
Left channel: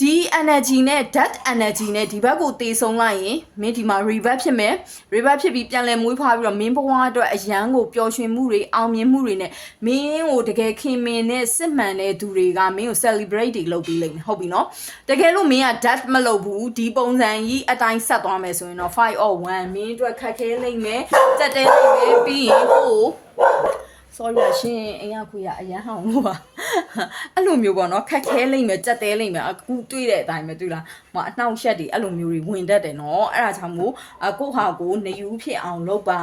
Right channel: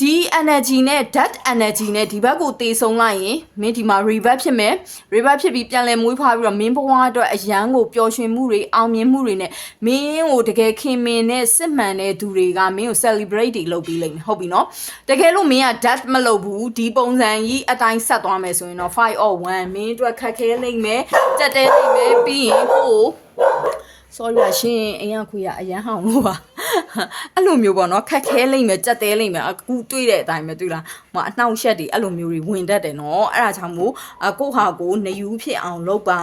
ဒီ energy နဲ့ that energy နဲ့ဒီဘက်ကိုတေဆုံးလိုက်ရင်မင်းဒီမှာ revert ဖြစ်မယ် revert ဖြစ်ပြီးပြန်လည်မွေးဖွားပြီးတော့မင်းဘဝအတွက်အရန်ကိုပျော်ရွှင်မှုတွေအောင်မြင်မှုတွေနဲ့မင်းကိုတကယ်ခင်မင်နဲ့စစ်မှန်တဲ့သူတွေကမင်းကို celebrate တွေလုပ်ပြီးလိမ့်မယ်ဟုတ်ပြီနော်တကယ်လို့မင်းက that မလုပ်ဘူးဒီပုံစံကြီးအတိုင်းဆက်သွားမယ်ဆိုရင်တော့5 or 1မင်းအတွက်ခက်ခဲလိမ့်မယ်ကြက်တဲလိမ့်မယ်ပြီးရင်ဟိုsorry ပါရှင်အိမ်ကခွေရအရန်ဟောင်းလို့ပါအဲ့လိုမျိုးပေါ့နော်ခက်ခဲလိမ့်မယ်ကြက်တဲလိမ့်မယ်အခုတွေ့တဲ့အတိုင်းပဲတွေ့လားမအနှောက်ရှက်တွေအဲ့လိုမျိုးတွေဝင်တတ်တယ်နော်အဲ့ဒါကြောင့်မို့ကိုဟာကိုနေယူဖြစ်အောင်လုပ်ပါ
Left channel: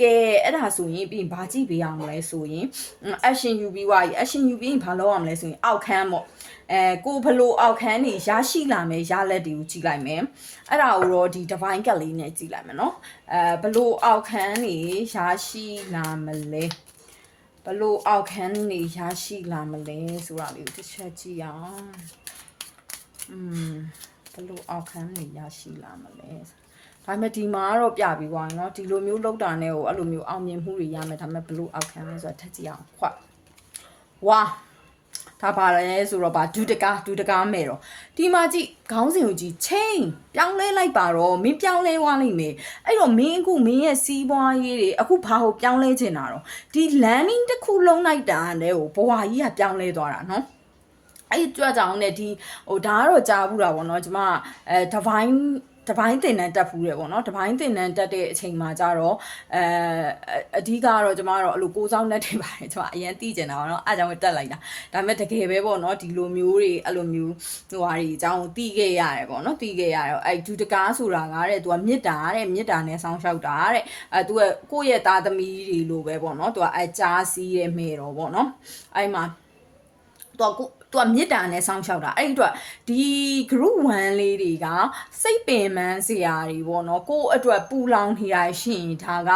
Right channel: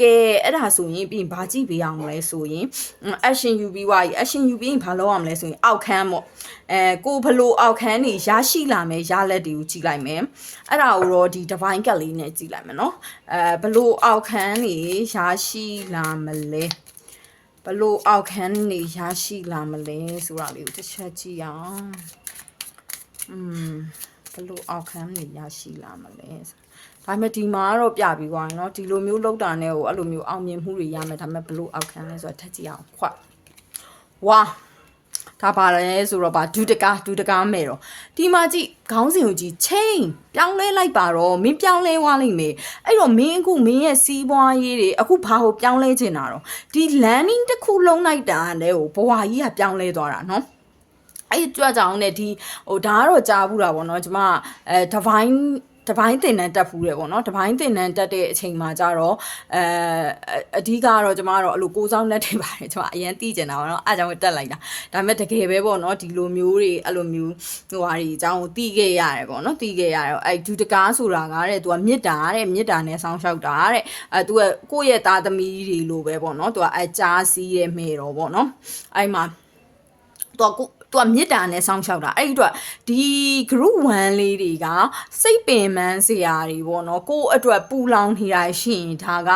ကဲအဲ့ဒါဆိုရင်ပြီးရင်ဘာကြည့်ပေးအောင်လဲဆိုရင် action ယူပြီးွား action ယူပြီးရင်ဘာလုပ်ရမလဲဆိုရင်အောက်ခန်းပေါ့ကိုဘလို့အောက်ခန်းနေရရှိလာမယ်ရလက်တွေကိုကြည့်လိုက်မယ်အဲ့ဒါကိုတော့ဒီ divine ကလေးနဲ့ကြည့်လိုက်မယ်နော်ဘလို့အောက်ခန်းနေရရှိလာမလဲဘလို့အောက်ခန်းနေရရှိလာမလဲဆိုတာလေးကိုတစ်ချက်ကြည့်အောင်ဘလို့အောက်ခန်းနေရရှိလာမလဲဒါပေမဲ့ဒီမှာတော့ပြပြီးသွားရင်เนาะဒီလိုမျိုးလောက်တာနဲ့ကိုအဲ့လိုမျိုးအောင်မြင်မှုတွေရမယ်ဒါပေမဲ့ဘလို့အောက်ခန်းလဲဆိုတာထပ်ကြည့်အောင်ခွတ်ဝါဒါပါလဲဆိုတော့ဗာဒုတကားမဲ့တော့ဒီမှာကြည့်ခေါင်းစဉ်ကိုကြည့် change ပြောင်းလဲလိုက်ပါတော့မင်းပြောင်းလဲသွားလိမ့်မယ်အဲ့တော့မင်းအခုမင်းရဲ့စီးပွားရေးတွေအခုဘာကိုပြောင်းလဲချင်တာတော့ဒီ learning တစ်ခုလုံးလိုက်တာလဲဟိုဘဝကြီးကပြောင်းလဲသွားတာနော်အဲ့ကြွကြောင်နဲ့ဒီဟိုဒါကတော့ကြားဘူးတာပေါ့နော်ကျမdivine တပိုင်းတင်တန်းတက်ဖူးတယ်ပေါ့နော်တပိုင်းတင်တန်းတက်တဲ့အချိန်မှာကြတော့အဓိကကတော့ကျမကတော့အဲ့လိုကိုးစောင်းလက်တွေပါတယ်ကျမအရင်သိကျင်တာပေါ့နော်အားကြောင့်တက်လိုက်တာဒါပေမဲ့တကယ်ပဲပေါ့နော်ဒီလိုမျိုးတွေအဲ့လိုမျိုးဟိုဟာတွေအကြောင်းသိခဲ့ရတယ်ပေါ့နော်သိခဲ့ရတယ်အဲ့ဒူတကားဆိုတာကတဲ့သူကမေတ္တာနဲ့ဆောင်းလျှောက်တာတဲ့သူကကိုယ့်ရဲ့သားသမီးတွေလိုပဲပေါ့နော်သူကအကြားစီးရဲ့မေတော်ပေါ့နော်အဲ့မှာသူကမေတ္တာနဲ့စောင့်ရှောက်တာအဲ့ဒီတော့ဒီ group 1လေးတွေကစိတ်ပင်ပန်းစရာတွေပေါ့နော်ကိုယ့်အတွက်ပူလောင်နေတာရှိရင်ဒါက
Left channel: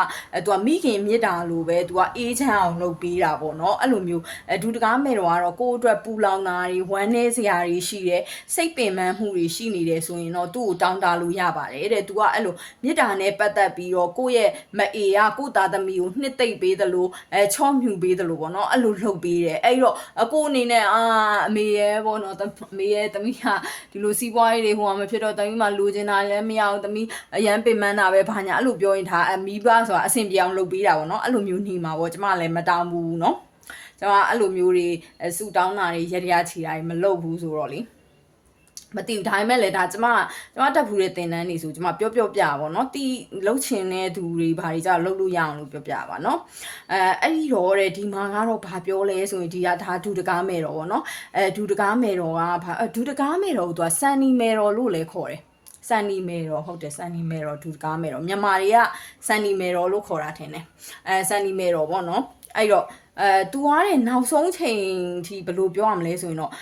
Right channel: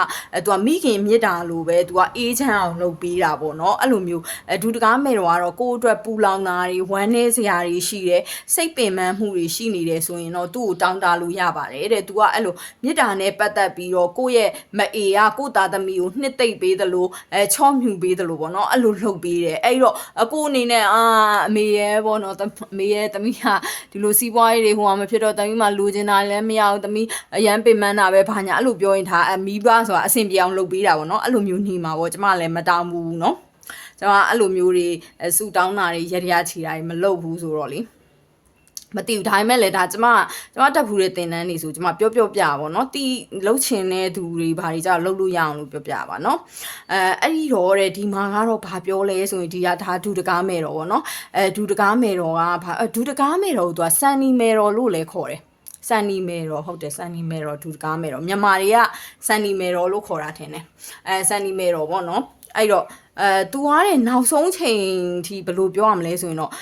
သူကမိခင်မေတ္တာလိုပဲသူကအေးချမ်းအောင်လုပ်ပေးတာပေါ့နော်အဲ့လိုမျိုးဒူတကားမဲ့တော့ကိုယ့်အတွက်ပူလောင်တာတွေဝမ်းနည်းစရာတွေရှိတယ်စိတ်ပင်ပန်းမှုတွေရှိနေတယ်ဆိုရင်တော့သူ့ကိုတောင်းတလို့ရပါတယ်တဲ့သူကအဲ့လိုမေတ္တာနဲ့ပတ်သက်ပြီးတော့ကိုယ့်ရဲ့မအေကကိုယ့်သားသမီးကိုနှစ်သိမ့်ပေးသလိုချော့မြူပေးသလိုပေါ့နော်အဲ့လိုလုပ်ပေးတယ်အဲ့တော့ကိုအနေနဲ့အမေရဲ့ပေါ့နော်အမေရဲ့သမီးကဒီလိုစီးပွားရေးတွေဟိုမှာမဖြစ်တော့သမီးမှလိုချင်တာလည်းမရဘူးသမီးအရန်ပင်ပန်းတာပဲဘာညာအဲ့လိုပြောရင်ဒါမိဘဆိုတာအဆင်ပြေအောင်လုပ်ပေးတာပေါ့နော်အဲ့လိုမျိုးနေမှာပေါ့ကျမလည်းမတောင်းဘူးเนาะကျမအဲ့လိုမျိုးတွေစူတောင်းတာတွေရရချီတာတွေမလုပ်ဘူးဆိုတော့လေမသိဘူးဒါပေမဲ့လည်းဒါကျမတက်ဖူးတဲ့သင်တန်းနေဆိုကျမပြောပြပါเนาะတီးလှုပ်ချင်တဲ့သူတွေဘာတွေကြောက်လှုပ်လို့ရအောင်လို့ပြောပြပါเนาะအဲ့ဒီတော့တဲ့ဒီမှာကတော့ဘာပြောလဲဆိုရင်ဒီကဒါဒူတကားမယ်တော်ပေါ့เนาะဒူတကားမယ်တော်ကဘာဒူတကားမယ်တော်ကိုသူကစန်နီမယ်တော်လို့လည်းခေါ်တယ်စန်နီမယ်တော်ဟုတ်တယ်စန်နီမယ်တော်ဒူတကားမယ်တော်မြန်မာတွေကစန်နီမယ်တော်လို့ခေါ်တာထင်တယ်စန်နီမယ်တော်ပေါ့เนาะအဲ့တော့သူကတဲ့နောက်ဆုံးချိန်ထိဘယ်လိုပြောရမလဲဆိုရင်တော့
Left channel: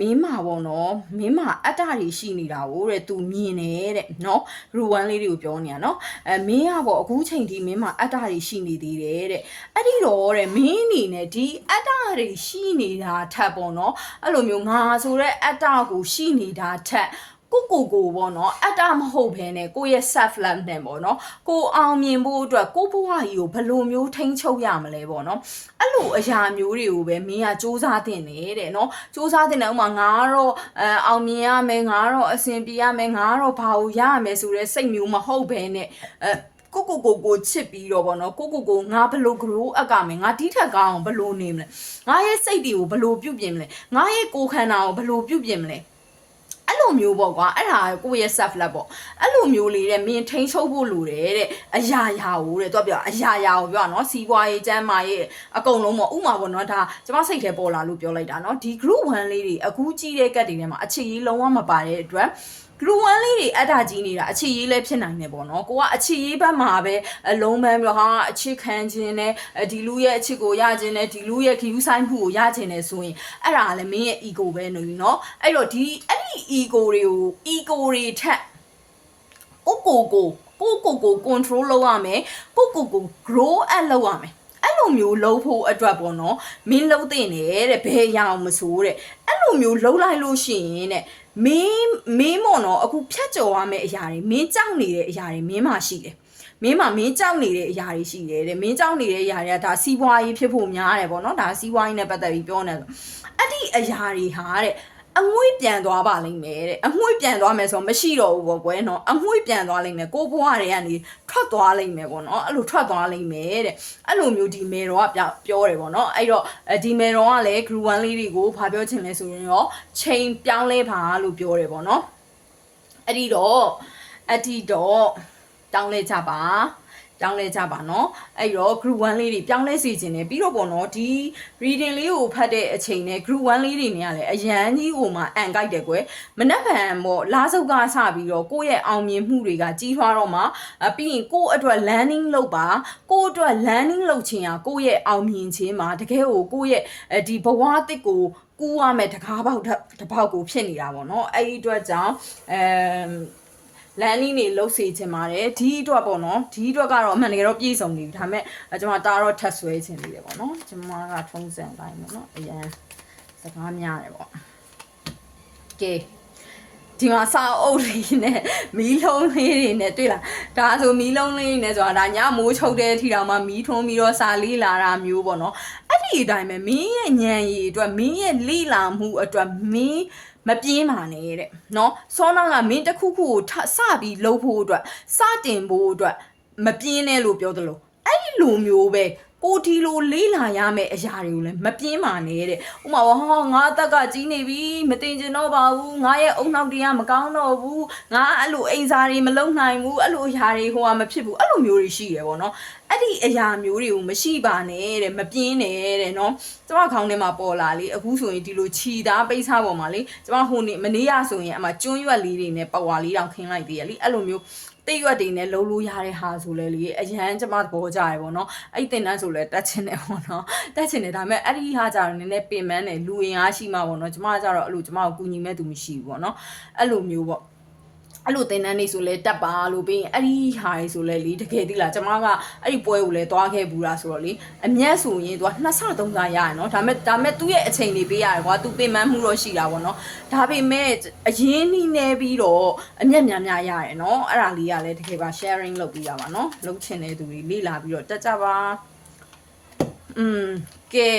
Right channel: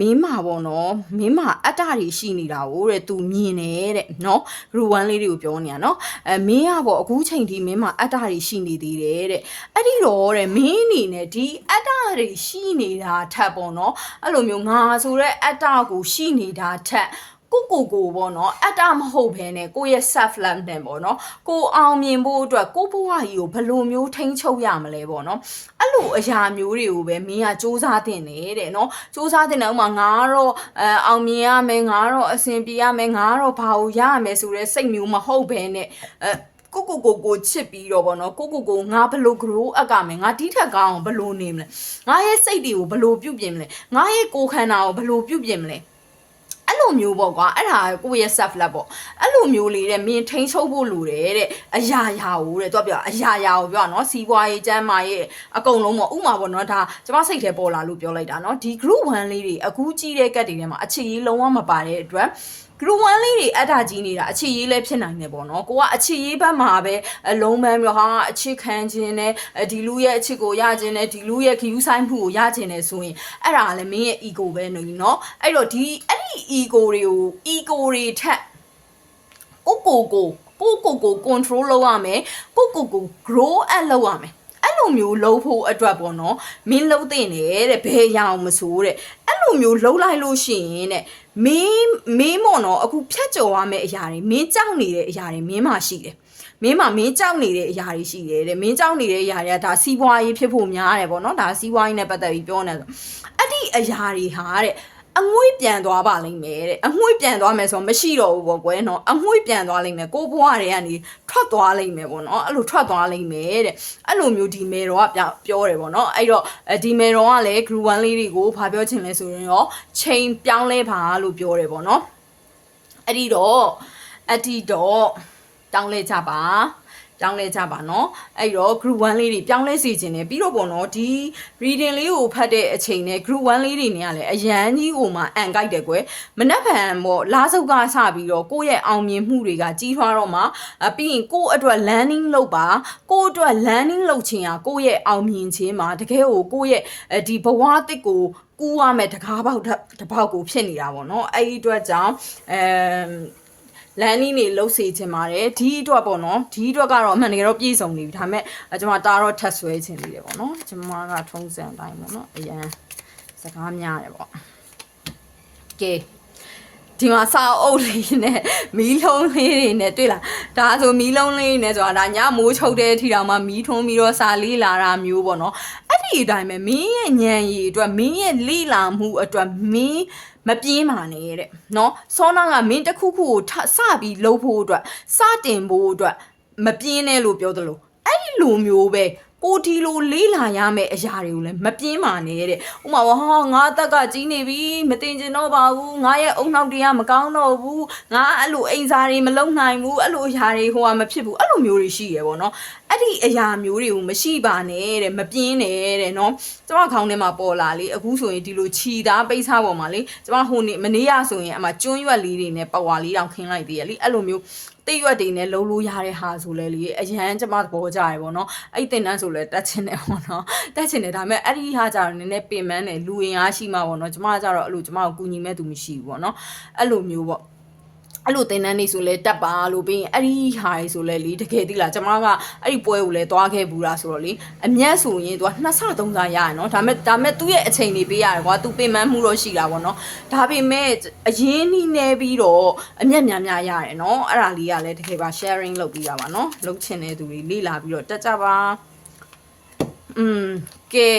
မင်းမာပေါ့နော်မင်းမာအတ္တတွေရှိနေတာကိုတဲ့သူမြင်တယ်တဲ့နော်ဂရူ1လေးတွေကိုပြောနေတာနော်မင်းကပေါ့အခုချိန်ထိမင်းမာအတ္တတွေရှိနေသေးတယ်တဲ့အဲ့ဒီတော့တဲ့မင်းအနေနဲ့ဒီအတ္တတွေရှိနေတာထပ်ပေါ့နော်အဲ့လိုမျိုးငါဆိုတဲ့အတ္တကိုရှိနေတာထက်ကိုပေါ့နော်အတ္တမဟုတ်ဘဲနဲ့ကိုရဲ့ self love နဲ့ပေါ့နော်ကိုအောင်မြင်ဖို့အတွက်ကိုဘဝကြီးကိုဘယ်လိုမျိုးထိန်းချုပ်ရမလဲပေါ့နော်အဲ့လိုအရာမျိုးတွေကိုပဲမင်းကစူးစမ်းတင်တယ်နော်စူးစမ်းတင်တယ်ဥမာငါတော့အောင်မြင်ရမယ်ငါတော့အဆင်ပြေရမယ်ငါတော့ဘာလို့ရရမယ်ဆိုတဲ့စိတ်မျိုးမဟုတ်ဘဲနဲ့ကိုချစ်ပြီးတော့ဗောနော်ကိုငါဘလို့ grow up ကမယ်ငါဒီထက်ကောင်းအောင်ဘလို့နေမလဲငါရဲ့စိတ်တွေကိုဘလို့ပြုတ်ပြင်မလဲငါရဲ့ကိုယ်ခန္ဓာကိုဘလို့ပြုတ်ပြင်မလဲအဲ့လိုမျိုးပေါ့ကွာအဲ့ဒါကိုယ့်ရဲ့ self love ပေါ့အဲ့လိုမျိုးလေးတဲ့မင်းထိန်းချုပ်ဖို့လိုတယ်တဲ့အရာရာကိုတဲ့သူကပြောအရာရာကိုပြောနော်စီးပွားရေးကျန်းမာရေးအကုန်လုံးပေါ့ဥမာပေါ့နော်ဒါကျမစိတ်ထဲပေါ်လာလို့ပြောလိုက်တာနော်ဒီ group 1လေးတွေအခုကြီးတဲ့ကတ်တွေထဲမှာအခြေရေးလုံးဝမပါတဲ့အတွက်group 1လေးတွေအတားကြီးနေတာအခြေရေးလည်းဖြစ်နိုင်တယ်ပေါ့နော်ကိုကအခြေရေးဘက်မှာပဲအလုံးပန်းပြီးတော့ဟာအချစ်ခံခြင်းနဲ့ဒီလူရဲ့အချစ်ကိုရခြင်းနဲ့ဒီလူရဲ့ဂီယူဆိုင်မှုကိုရခြင်းနဲ့ဆိုရင်အဲ့ဒါလည်းမင်းရဲ့ ego ပဲနေနော်အဲ့တော့ဒီအဲ့ဒီ ego တွေထက်ကို control လုပ်ရမယ်ကို grow up လုပ်ရမယ်အဲ့လိုမျိုးလှုပ်ဖို့အတွက်ပေါ့နော်မင်းလှုပ်တဲ့နေတဲ့ဘယ်ရအောင်မဆိုးတဲ့အဲ့လိုမျိုးလှုပ်လိုက်လို့ရှိရင်တဲ့ မင်းမော်နော်အခုဖြတ်ကျော်ရမယ့်အရာတွေမင်းကြောက်နေတဲ့အရာတွေမင်းမှရှိတယ်မင်းကြောက်နေတဲ့အရာတွေရှိတယ်တဲ့မင်းကြောက်နေတဲ့အရာတွေကဒါစီးပွားရေးဖြစ်ဖို့များတယ်ပေါ့နော်ဒါစီးပွားရေးနဲ့ပတ်သက်ပြီးပြောနေတယ်အဲ့ဒီအရာတွေဟာတဲ့အငွေ့ပြန်သွားပါလိမ့်မယ်တဲ့အငွေ့ပြန်သွားမယ်ဆိုမရှိတော့ဘူးပေါ့ကွယ်နော်အငွေ့ပြန်သွားလိမ့်မယ်ကိုဘွားတွေကနေထွက်သွားလိမ့်မယ်ပေါ့နော်အဲ့လိုထွက်သွားလိမ့်မယ်တဲ့အဲ့လိုမျိုးဒီမေတော်ကပြောတယ်ပေါ့နော်အဲ့တော့ဒီမေတော်ကလည်း group 1လေးတွေကိုဘာပြောချင်လဲဆိုရင်ရောချိန်ပြောင်းလဲပါလို့ပြောတယ်ပေါ့နော်အဲ့ဒီတော့တောင်းလဲကြပါနော်အဲ့တော့ group 1လေးတွေပြောင်းလဲစီခြင်းတယ်ပြီးတော့ပေါ့နော်ဒီ reading လေးကိုဖတ်တဲ့အချိန်နဲ့ group 1လေးတွေနဲ့ကလည်းအရန်ကြီးကိုမှအန်ကိုက်တယ်ကွယ်မနှက်ဖန်ပေါ့လားစုပ်ကစပြီးတော့ကိုယ့်ရဲ့အောင်မြင်မှုတွေကကြီးထွားတော့မှပြီးရင်ကိုယ့်အတွက် learning လုပ်ပါကိုယ့်အတွက် learning လုပ်ခြင်းဟာကိုယ့်ရဲ့အောင်မြင်ခြင်းမှာတကယ်ကိုကိုယ့်ရဲ့ဒီဘဝတစ်ကိုကူးရမယ်တကားပေါက်တစ်ပေါက်ကိုဖြစ်နေတာပေါ့နော်အဲ့ဒီအတွက်ကြောင့်လန်နီနေလှုပ်စေချင်ပါတယ်ဒီအတွက်ပေါ့နော်ဒီအတွက်ကတော့အမှန်တကယ်တော့ပြည့်စုံနေပြီဒါပေမဲ့ကျွန်မတာတော့ထပ်ဆွဲချင်သေးတယ်ပေါ့နော်ကျွန်မကထုံးစံတိုင်းပေါ့နော်အရန်စကားများတယ်ပေါ့ကဲဒီမှာစာအုပ်လေးနဲ့မီးလုံးလေးတွေနဲ့တွေ့လားဒါဆိုမီးလုံးလေးနဲ့ဆိုတာဒါညမိုးချုပ်တဲ့အထိတောင်မှမီးထွန်းပြီးတော့စာလေးလာတာမျိုးပေါ့နော်အဲ့ဒီအတိုင်းပဲမင်းရဲ့ဉာဏ်ရည်အတွက်မင်းရဲ့လိလာမှုအတွက်မင်းမပြင်းပါနဲ့တဲ့နော်စောနာကမင်းတစ်ခုခုကိုစပြီးလှုပ်ဖို့အတွက်စတင်ဖို့အတွက်မပြင်းနဲ့လို့ပြောသလိုအဲ့ဒီလိုမျိုးပဲကိုဒီလိုလေးလာရမယ့်အရာတွေကိုလည်းမပြင်းပါနဲ့တဲ့ဥမာဟာငါအသက်ကကြီးနေပြီမတင်ကျင်တော့ပါဘူးငါရဲ့အုံနောက်တွေကမကောင်းတော့ဘူးငါအဲ့လိုအိမ်စာတွေမလုံနိုင်ဘူးအဲ့လိုအရာတွေဟိုကမဖြစ်ဘူးအဲ့လိုမျိုးတွေရှိရပေါ့နော်အဲ့ဒီအရာမျိုးတွေကိုမရှိပါနဲ့တဲ့မပြင်းနဲ့တဲ့နော်ကျမခေါင်းထဲမှာပေါ်လာလေအခုဆိုရင်ဒီလိုခြီသားပိတ်စားပေါ်မှာလေကျမဟိုနေ့မနေ့ရဆိုရင်အမှကျွန်းရွက်လေးတွေနဲ့ပဝါလေးတောင်ခင်းလိုက်သေးရလေအဲ့လိုမျိုးတိတ်ရွက်တွေနဲ့လုံးလို့ရတဲ့ဟာဆိုလဲလေအရန်ကျမသဘောကျရပေါ့နော်အဲ့တင်တန်းဆိုလဲတက်ချင်တယ်ပေါ့နော်တက်ချင်တယ်ဒါပေမဲ့အဲ့ဒီဟာကြတော့နည်းနည်းပင်ပန်းတယ်လူရင်အားရှိမှပေါ့နော်ကျမကြတော့အဲ့လိုကျမကိုကူညီမဲ့သူမရှိဘူးပေါ့နော်အဲ့လိုမျိုးပေါ့အဲ့လိုတင်တန်းနေဆိုလဲတက်ပါလို့ပြီးရင်အဲ့ဒီဟာတွေဆိုလဲလေတကယ်တိလားကျမကအဲ့ဒီပွဲကိုလဲသွားခဲ့ဘူးလားဆိုတော့လေအမျက်ဆိုရင်သူက2ဆ3ဆရရနော်ဒါမဲ့သူ့ရဲ့အချိန်တွေပေးရတယ်ကွာသူပင်ပန်းမှုတော့ရှိတာပေါ့နော်ဒါပေမဲ့အရင်နှီးနေပြီးတော့အမျက်များရတယ်နော်အဲ့ဒါလေးကလည်းတကယ်ပါ sharing လုပ်ပြီးတာပါနော်လုပ်ချင်တဲ့သူတွေလေ့လာပြီးတော့တက်ကြပါကဲ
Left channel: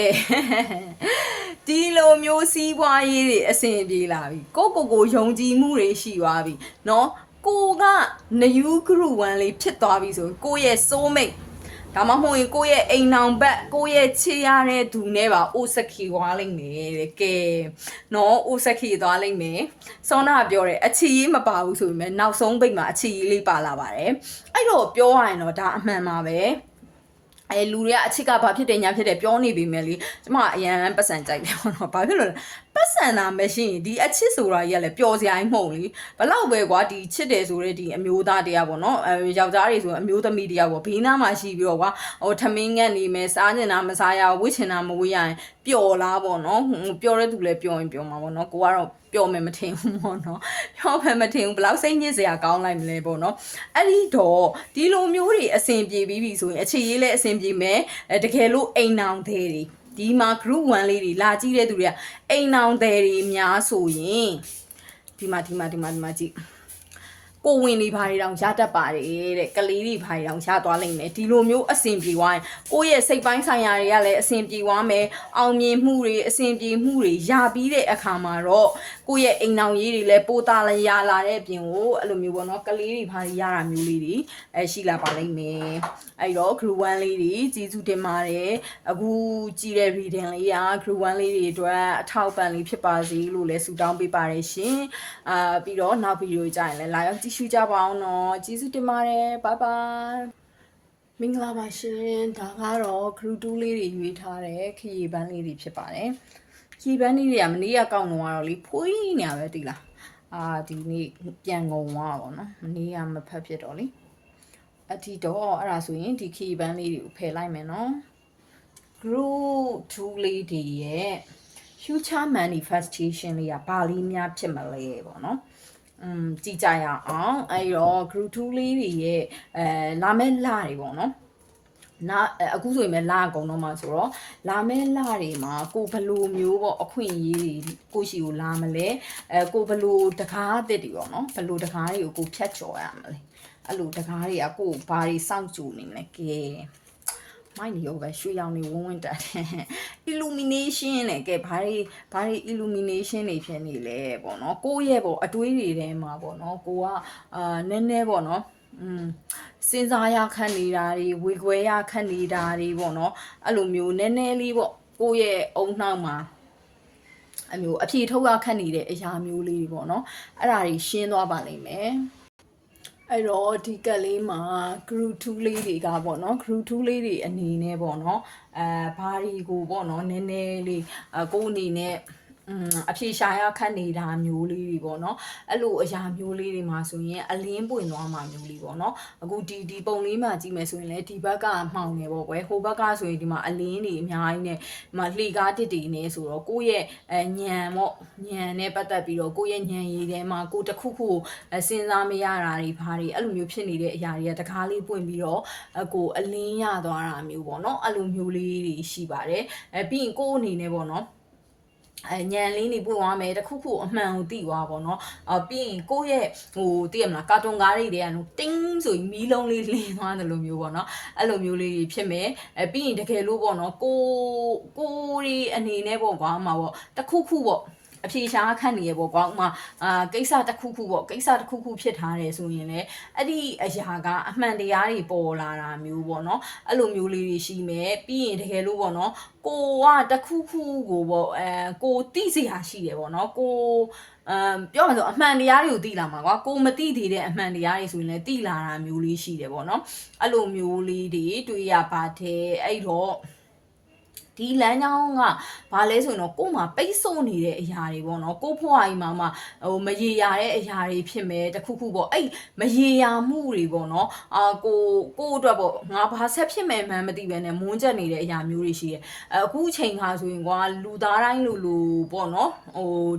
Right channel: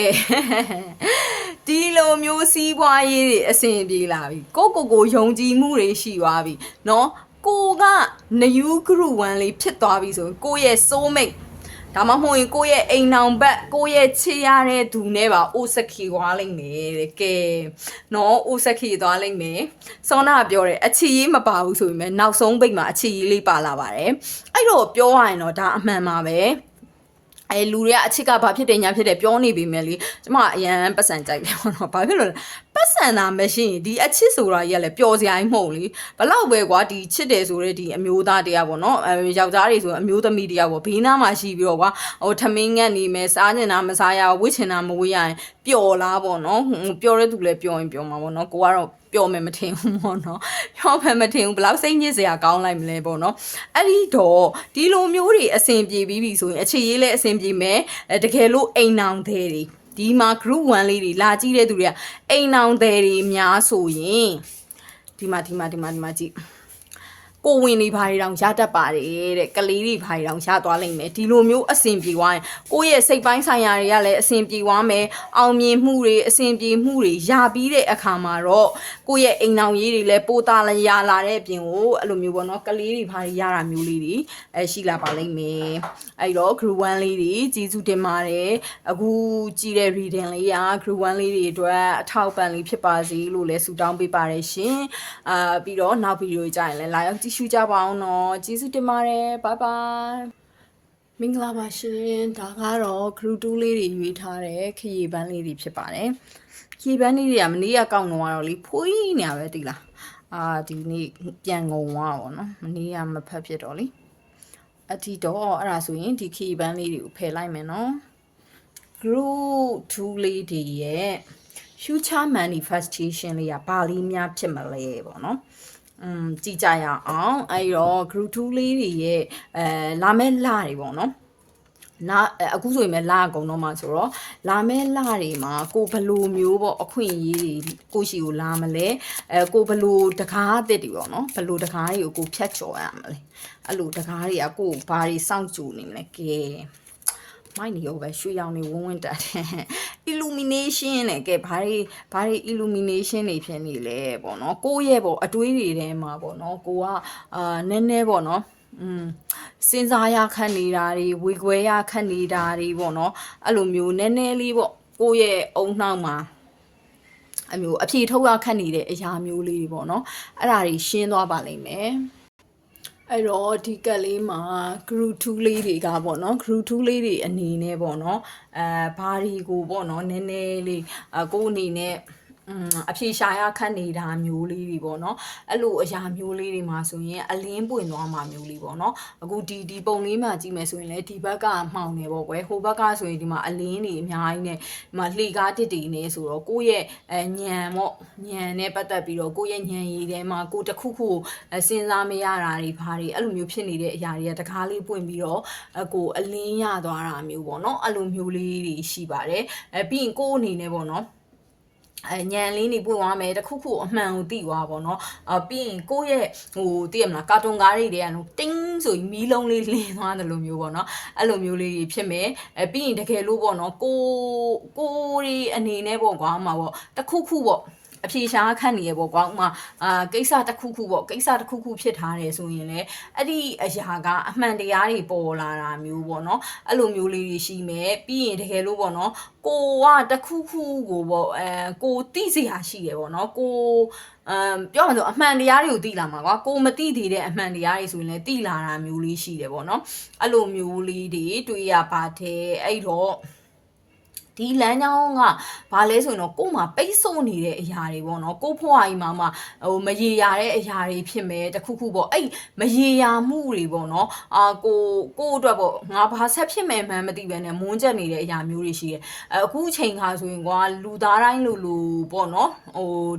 ဒီလိုမျိုးစီးပွားရေးတွေအဆင်ပြေလာပြီကိုယုံကြည်မှုတွေရှိသွားပြီเนาะကိုကနယူး group 1လေးဖြစ်သွားပြီဆိုရင်ကိုရဲ့ soulmate ဒါမှမဟုတ်ရင်ကိုရဲ့အိမ်နောင်ဘက်ကိုရဲ့ချစ်ရတဲ့သူနဲ့ပါအိုစခီသွားလိမ့်မယ်တဲ့ကဲเนาะအိုစခီသွားလိမ့်မယ်စောနာပြောတယ်အချီရေးမပါဘူးဆိုပေမဲ့နောက်ဆုံးပိတ်မှာအချီရေးလေးပါလာပါတယ်အဲ့တော့ပြောရရင်တော့ဒါအမှန်ပါပဲလူတွေကအချစ်ကဘာဖြစ်တယ်ညာဖြစ်တယ်ပြောနေပြီမယ်လေကျမအရန်ပတ်စံကြိုက်တယ်ပေါ့နော်ဘာဖြစ်လို့လဲပတ်စံတာမရှိရင်ဒီအချစ်ဆိုတာကြီးကလည်းပျော်စရာကြီးမဟုတ်လေဘလောက်ပဲကွာဒီချစ်တယ်ဆိုတဲ့ဒီအမျိုးသားတရားပေါ့နော်ယောက်ျားတွေဆိုအမျိုးသမီးတရားပေါ့ဘေးနားမှာရှိပြီးတော့ကွာဟိုထမင်းငတ်နေမယ်စားချင်တာမစားရဝှစ်ချင်တာမဝှစ်ရရင်ပျော်လားပေါ့နော်ပျော်တဲ့သူလည်းပျော်ရင်ပျော်မှာပေါ့နော်ကိုကတော့ပျော်မယ်မထင်ဘူးပေါ့နော်ပျော်မယ်မထင်ဘူးဘလောက်စိတ်ညစ်စရာကောင်းလိုက်မလဲပေါ့နော်အဲ့ဒီတော့ဒီလိုမျိုးတွေအဆင်ပြေပြီးပြီဆိုရင်အခြေရေးလည်းအဆင်ပြေမယ်တကယ်လို့အိမ်နောင်သေးတွေဒီမှာ group 1လေးတွေလာကြည့်တဲ့သူတွေကအိမ်နောင်သေးတွေများဆိုရင်ဒီမှာကြည့်ကိုဝင်နေဘာတွေတောင်ရတတ်ပါတယ်တဲ့ကလေးတွေဘာတွေတောင်ရသွားလိမ့်မယ်ဒီလိုမျိုးအဆင်ပြေသွားရင်ကိုယ့်ရဲ့စိတ်ပိုင်းဆိုင်ရာတွေကလည်းအဆင်ပြေသွားမယ်အောင်မြင်မှုတွေအဆင်ပြေမှုတွေရပြီးတဲ့အခါမှာတော့ကိုယ့်ရဲ့အိမ်နောင်ရေးတွေလည်းပိုးသားလည်းရလာတဲ့အပြင်ကိုအဲ့လိုမျိုးပေါ့နော်ကလေးတွေဘာတွေရတာမျိုးလေးတွေရှိလာပါလိမ့်မယ်အဲ့တော့ group 1လေးတွေကျေးဇူးတင်ပါတယ်အခုကြည့်တဲ့ reading လေးက group 1လေးတွေအတွက်အထောက်ပံ့လေးဖြစ်ပါစေလို့လည်းဆုတောင်းပေးပါတယ်ရှင်ပြီးတော့နောက်ဗီဒီယိုကြရင်လည်းလာရောက်ကြည့်ရှုကြပါအောင်နော်ကျေးဇူးတင်ပါတယ်ဘိုင်ဘိုင်မင်္ဂလာပါရှင်ဒါကတော့ group 2လေးတွေရွေးထားတဲ့ခရီးပန်းလေးတွေဖြစ်ပါတယ်ခရီးပန်းလေးတွေကမနေ့ကကောက်ငုံတော့လေဖွေးနေရပဲတိလားဒီနေ့ပြန်ငုံသွားပါတော့မနေ့ကမဖတ်ဖြစ်တော့လေအတီတော့အဲ့ဒါဆိုရင်ဒီခရီးပန်းလေးတွေကိုဖယ်လိုက်မယ်နော် group 2လေးတွေရဲ့ future manifestation လေးကဘာလေးများဖြစ်မလဲပေါ့နော်ကြည့်ကြရအောင်အဲ့တော့ group 2လေးတွေရဲ့လာမဲ့လတွေပေါ့နော် နာအခုဆိုရင်လာအကုန်တော့မှဆိုတော့လာမဲလာတွေမှာကိုဘလိုမျိုးပေါ့အခွင့်အရေးတွေကိုရှိကိုလာမလဲကိုဘလိုတကားအသစ်တွေပေါ့နော်ဘလိုတကားတွေကိုကိုဖြတ်ကျော်ရမလဲအဲ့လိုတကားတွေကကိုဘာတွေစောင့်ကြိုနေမလဲကဲမိုင်းနေရောပဲရွှေရောင်တွေဝန်းတက်တယ် illumination နဲ့ကဲဘာတွေ illumination တွေဖြစ်နေလဲပေါ့နော်ကိုယ့်ရဲ့ပေါ့အတွေးတွေထဲမှာပေါ့နော်ကိုကနည်းနည်းပေါ့နော်စဉ်းစားရခက်နေတာတွေဝေခွဲရခက်နေတာတွေပေါ့နော်အဲ့လိုမျိုးနည်းနည်းလေးပေါ့ကိုယ့်ရဲ့အုံနှောက်မှာအမျိုးအဖြေထုတ်ရခက်နေတဲ့အရာမျိုးလေးတွေပေါ့နော်အဲ့ဒါတွေရှင်းသွားပါလိမ့်မယ်အဲ့တော့ဒီကက်လေးမှာ group 2လေးတွေကပေါ့နော် group 2လေးတွေအနေနဲ့ပေါ့နော်ဘာတွေကိုပေါ့နော်နည်းနည်းလေးကိုအနေနဲ့အဖြေရှာရခက်နေတာမျိုးလေးတွေပေါ့နော်အဲ့လိုအရာမျိုးလေးတွေမှာဆိုရင်အလင်းပွင့်သွားမှာမျိုးလေးပေါ့နော်အခုဒီပုံလေးမှာကြည့်မယ်ဆိုရင်လည်းဒီဘက်ကမှောင်နေပေါ့ကွယ်ဟိုဘက်ကဆိုရင်ဒီမှာအလင်းတွေအများကြီးနဲ့ဒီမှာလှေကားတစ်တွေနေဆိုတော့ကိုယ့်ရဲ့ညံပေါ့ညံနဲ့ပတ်သက်ပြီးတော့ကိုယ့်ရဲ့ညံရည်ထဲမှာကိုတစ်ခုခုစဉ်းစားမရတာတွေဘာတွေအဲ့လိုမျိုးဖြစ်နေတဲ့အရာတွေကတကားလေးပွင့်ပြီးတော့ကိုအလင်းရသွားတာမျိုးပေါ့နော်အဲ့လိုမျိုးလေးတွေရှိပါတယ်ပြီးရင်ကိုယ့်အနေနဲ့ပေါ့နော်ညံလေးနေပွင့်သွားမယ်တခုခုအမှန်ကိုသိသွားပါတော့ပြီးရင်ကိုယ့်ရဲ့သိရမလားကာတွန်ကားတွေတွေကတင်းဆိုပြီးမီးလုံးလေးလင်းသွားတယ်လို့မျိုးပေါ့နော်အဲ့လိုမျိုးလေးဖြစ်မယ်ပြီးရင်တကယ်လို့ပေါ့နော်ကိုရီအနေနဲ့ပေါ့ကွာမှာပေါ့တခုခုပေါ့အဖြေရှာခန့်နေရပေါ့ကွာဥမာကိစ္စတစ်ခုခုပေါ့ကိစ္စတစ်ခုခုဖြစ်ထားတယ်ဆိုရင်လည်းအဲ့ဒီအရာကအမှန်တရားတွေပေါ်လာတာမျိုးပေါ့နော်အဲ့လိုမျိုးလေးတွေရှိမယ်ပြီးရင်တကယ်လို့ပေါ့နော်ကိုကတခုခုကိုပေါ့ကိုသိစရာရှိတယ်ပေါ့နော်ကိုပြောမှဆိုအမှန်တရားတွေကိုသိလာမှာကွာကိုမသိသေးတဲ့အမှန်တရားတွေဆိုရင်လည်းသိလာတာမျိုးလေးရှိတယ်ပေါ့နော်အဲ့လိုမျိုးလေးတွေတွေ့ရပါတယ်အဲ့တော့ဒီလမ်းကြောင်းကဘာလဲဆိုရင်တော့ကို့မှာပိတ်ဆို့နေတဲ့အရာတွေပေါ့နော်ကို့ဖွားကြီးမှာမရေရာတဲ့အရာတွေဖြစ်မယ်တခုခုပေါ့အဲ့မရေရာမှုတွေပေါ့နော်ကိုအတွက်ပေါ့ငါဘာဆက်ဖြစ်မယ်မှန်းမသိပဲနဲ့မွန်းကျက်နေတဲ့အရာမျိုးတွေရှိတယ်အခုအချိန်ခါဆိုရင်ကွာလူသားတိုင်းလိုပေါ့နော်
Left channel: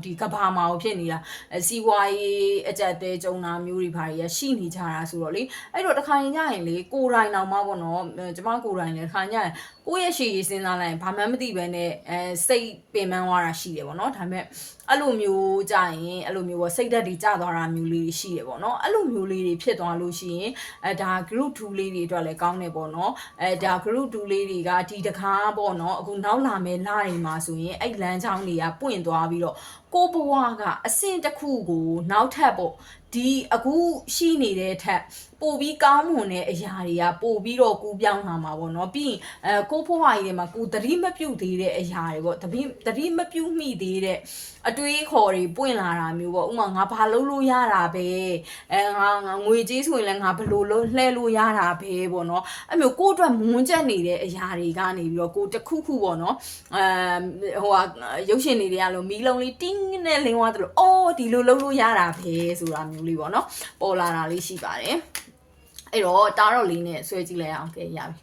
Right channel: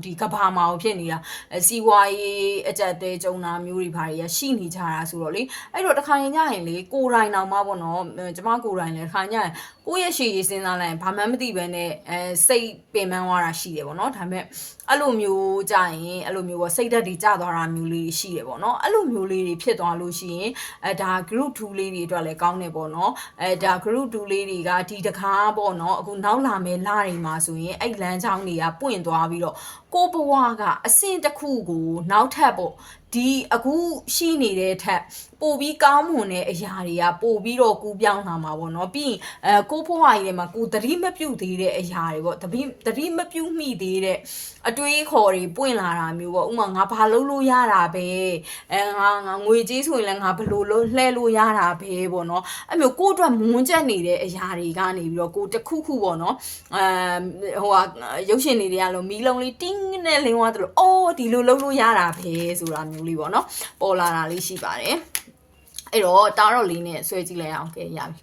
ဒီကဘာမှာဖြစ်နေတာစီဝါရေးအကြက်တဲကြုံတာမျိုးတွေဘာတွေရှိနေကြတာဆိုတော့လေအဲ့တော့တခါရင်ညရင်လေကိုယ်တိုင်တောင်မှပေါ့နော်ကျမကိုယ်တိုင်လည်းတခါညရင်ကိုယ့်ရဲ့ရှေ့ရေးစဉ်းစားလိုက်ဘာမှမသိပဲနဲ့စိတ်ပင်ပန်းသွားတာရှိတယ်ပေါ့နော်ဒါပေမဲ့အဲ့လိုမျိုးကြာရင်အဲ့လိုမျိုးပေါ့စိတ်ဓာတ်တွေကျသွားတာမျိုးလေးရှိတယ်ပေါ့နော်အဲ့လိုမျိုးလေးတွေဖြစ်သွားလို့ရှိရင်ဒါ group 2လေးတွေအတွက်လည်းကောင်းတယ်ပေါ့နော်ဒါ group 2လေးတွေကဒီတကားပေါ့နော်အခုနောက်လာမယ်လတွေမှာဆိုရင်အဲ့လမ်းကြောင်းတွေကပွင့်သွားပြီးတော့ကိုဘဝကအဆင့်တစ်ခုကိုနောက်ထပ်ပေါ့ဒီအခုရှိနေတဲ့ထက်ပို့ပြီးကောင်းမွန်တဲ့အရာတွေကပို့ပြီးတော့ကူးပြောင်းလာမှာပေါ့နော်ပြီးရင်ကိုဖွားကြီးထဲမှာကိုသတိမပြုတ်သေးတဲ့အရာတွေပေါ့သတိမပြုတ်မိသေးတဲ့အတွေးခေါ်တွေပွင့်လာတာမျိုးပေါ့ဥမာငါဘာလုပ်လို့ရတာပဲငါငွေကြေးဆိုရင်လည်းငါဘယ်လိုလုပ်လှဲလို့ရတာပဲပေါ့နော်အဲ့မျိုးကိုအတွက်မွန်းကျက်နေတဲ့အရာတွေကနေပြီးတော့ကိုတခုခုပေါ့နော်ရုပ်ရှင်တွေတွေကလို့မီးလုံးလေးတင်းနဲ့လင်းသွားတယ်လို့အော်ဒီလိုလုပ်လို့ရတာပဲဆိုတာမျိုးလေးပေါ့နော်ပေါ်လာတာလေးရှိပါတယ်အဲ့တော့တာတော့လေးနဲ့ဆွဲကြည့်လိုက်အောင်ကဲရပြီ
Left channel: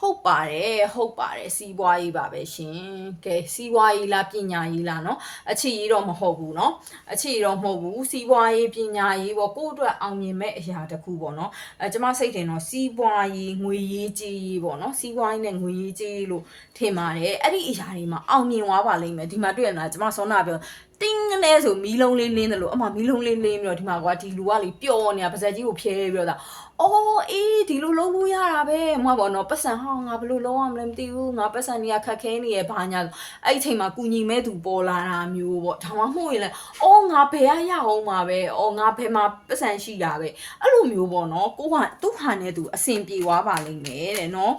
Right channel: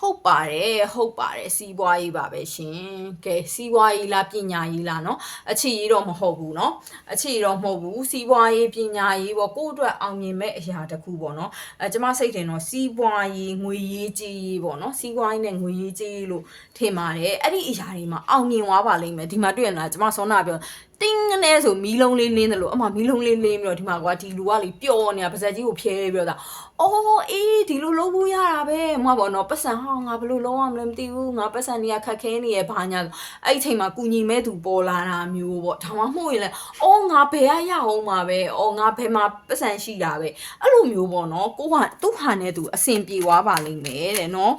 ဟုတ်ပါတယ်စီးပွားရေးပါပဲရှင်ကဲစီးပွားရေးလားပညာရေးလားเนาะအခြေရေးတော့မဟုတ်ဘူးเนาะအခြေတော့မဟုတ်ဘူးစီးပွားရေးပညာရေးပေါ့ကိုယ့်အတွက်အောင်မြင်မဲ့အရာတစ်ခုပေါ့เนาะကျမစိတ်ထင်တော့စီးပွားရေးငွေရေးကြေးရေးပေါ့เนาะစီးပွားရေးနဲ့ငွေရေးကြေးလို့ထင်ပါတယ်အဲ့ဒီအရာတွေမှာအောင်မြင်သွားပါလိမ့်မယ်ဒီမှာတွေ့ရလားကျမစောနာပြောတင်းနဲ့ဆိုမီးလုံးလေးလင်းတယ်လို့အမမီးလုံးလေးလင်းပြီးတော့ဒီမှာကွာဒီလူကလေပျော်နေတာပါဇက်ကြီးကိုဖျဲပြီးတော့အော်အေးဒီလိုလုပ်လို့ရတာပဲမဟုတ်ပါတော့ပတ်စံဟောငါဘယ်လိုလုပ်ရမလဲမသိဘူးငါပတ်စံနေရခက်ခဲနေရဘာညာအဲ့ဒီအချိန်မှာကုညီမဲ့သူပေါ်လာတာမျိုးပေါ့ဒါမှမဟုတ်ရင်လည်းအော်ငါဘယ်ရအောင်မှာပဲအော်ငါဘယ်မှာပတ်စံရှိတာပဲအဲ့လိုမျိုးပေါ့နော်ကိုကသူ့ဟာနဲ့သူအဆင်ပြေသွားပါလိမ့်မယ်တဲ့နော်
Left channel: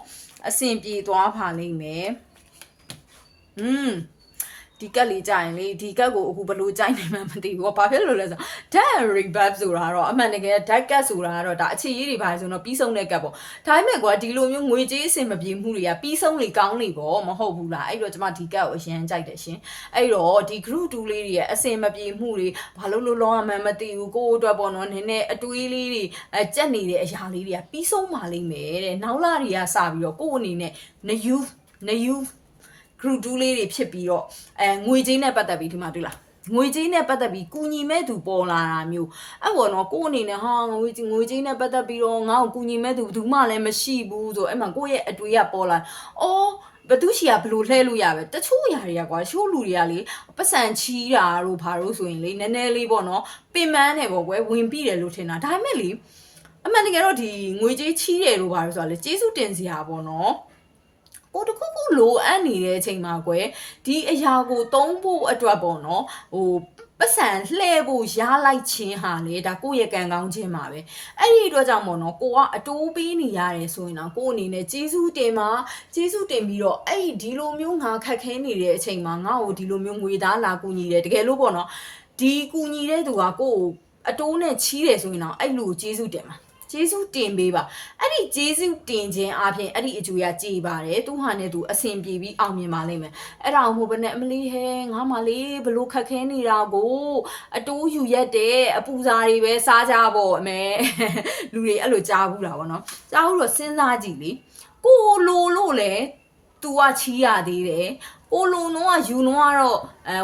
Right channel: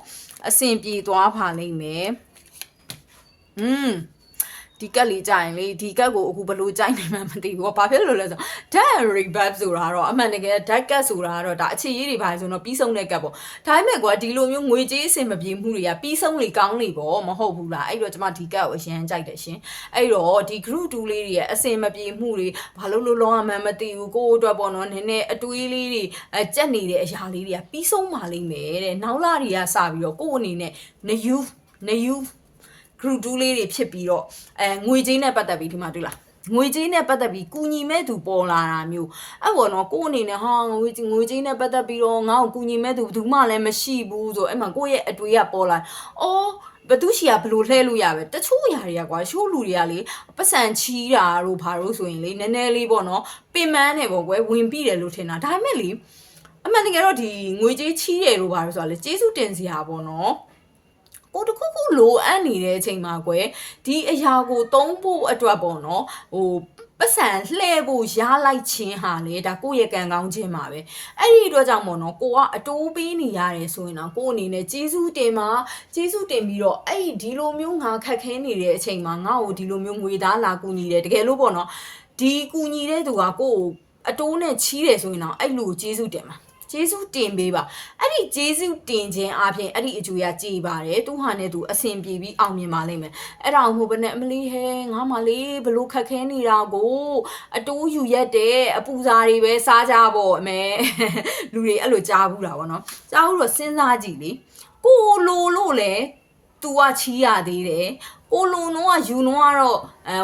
အဆင်ပြေသွားပါလိမ့်မယ်ဒီကက်လေးကြရင်လေဒီကက်ကိုအခုဘလို့ကြိုက်နေမှမသိဘူး။ဘာဖြစ်လို့လဲဆိုတော့ dead rebirth ဆိုတာတော့အမှန်တကယ် dead cat ဆိုတာကတော့ဒါအခြေရေးတွေပါဆိုတော့ပြီးဆုံးတဲ့ကက်ပေါ့။ဒါပေမဲ့ကွာဒီလိုမျိုးငွေကြေးအဆင်မပြေမှုတွေကပြီးဆုံးလေကောင်းလေပေါ့မဟုတ်ဘူးလား။အဲ့တော့ကျွန်မဒီကက်ကိုအရင်ကြိုက်တယ်ရှင်။အဲ့တော့ဒီ group 2လေးတွေရဲ့အဆင်မပြေမှုတွေဘာလို့လောရမှန်းမသိဘူးကိုယ့်အတွက်ပေါ့နော်နည်းနည်းအတွေးလေးတွေကြက်နေတဲ့အရာလေးတွေကပြီးဆုံးပါလိမ့်မယ်တဲ့။နောက်လာတွေကစပြီးတော့ကိုယ့်အနေနဲ့နယူgroup 2လေးတွေဖြစ်ပြီးတော့ငွေကြေးနဲ့ပတ်သက်ပြီးဒီမှာတွေ့လား ငွေကြေးနဲ့ပတ်သက်ပြီးကူညီမဲ့သူပေါ်လာတာမျိုးအဲ့ပေါ်တော့ကိုယ်အနေနဲ့ဟာငွေကြေးနဲ့ပတ်သက်ပြီးတော့ငါ့ကိုကူညီမဲ့သူဘယ်သူမှလည်းမရှိဘူးဆိုအဲ့မှာကိုယ့်ရဲ့အတွေ့အပေါ်လာအော်ဘသူရှိရဘလို့လှဲလို့ရပဲတချို့ຢာတွေကကွာရှိုးလူတွေကလေပတ်စံချီးတာတို့ဘာလို့ဆိုရင်လေနည်းနည်းလေးပေါ့နော်ပင်မန်းတယ်ပေါ့ကွယ်ဝင်ပြီးတယ်လို့ထင်တာဒါပေမဲ့လေအမှန်တကယ်တော့ဒီငွေကြေးချီးတယ်လို့ဘာလို့ဆိုတာလေကျေးဇူးတင်စရာပေါ့နော်ကိုတခုခုလိုအပ်နေတဲ့အချိန်မှာကွယ်ဒီအရာကိုသုံးဖို့အတွက်ပေါ့နော်ဟိုပတ်စံလှဲဖို့ရလိုက်ခြင်းဟာလေဒါကိုယ့်ရဲ့ကံကောင်းခြင်းပါပဲအဲ့ဒီအတွက်ကြောင့်ပေါ့နော်ကိုကအတိုးပေးနေရတယ်ဆိုရင်တော့ကိုအနေနဲ့ကျေးဇူးတင်ပြီးတော့အဲ့ဒီလိုမျိုးငါခက်ခဲနေတဲ့အချိန်မှာငါ့ကိုဒီလိုမျိုးငွေသားလာကူညီတယ်တကယ်လို့ပေါ့နော်ဒီကူညီတဲ့သူကကိုကိုအတိုးနဲ့ချီးတယ်ဆိုရင်တော့အဲ့လိုကျေးဇူးတင်ပါကျေးဇူးတင်ပေးပါအဲ့ဒီကျေးဇူးတင်ခြင်းအပြင်အဲ့ဒီအကျိုးရကြည်ပါတယ်သူဟာနဲ့သူအဆင်ပြေပြီးအောင်မြင်ပါလိမ့်မယ်အဲ့ဒါမှမဟုတ်ဘဲနဲ့အမလီဟဲငါမလေးဘလို့ခက်ခဲနေတာကိုအတိုးယူရက်တဲ့အပူစာတွေပဲစားကြပေါ့အမေလူတွေအဲ့လိုကြားဘူးတာပေါ့နော်ကြားဘူးတော့စဉ်းစားကြည့်လေကိုလိုလို့လေ तू ကချီးရသေးတယ်ကိုလိုတော့ယူတော့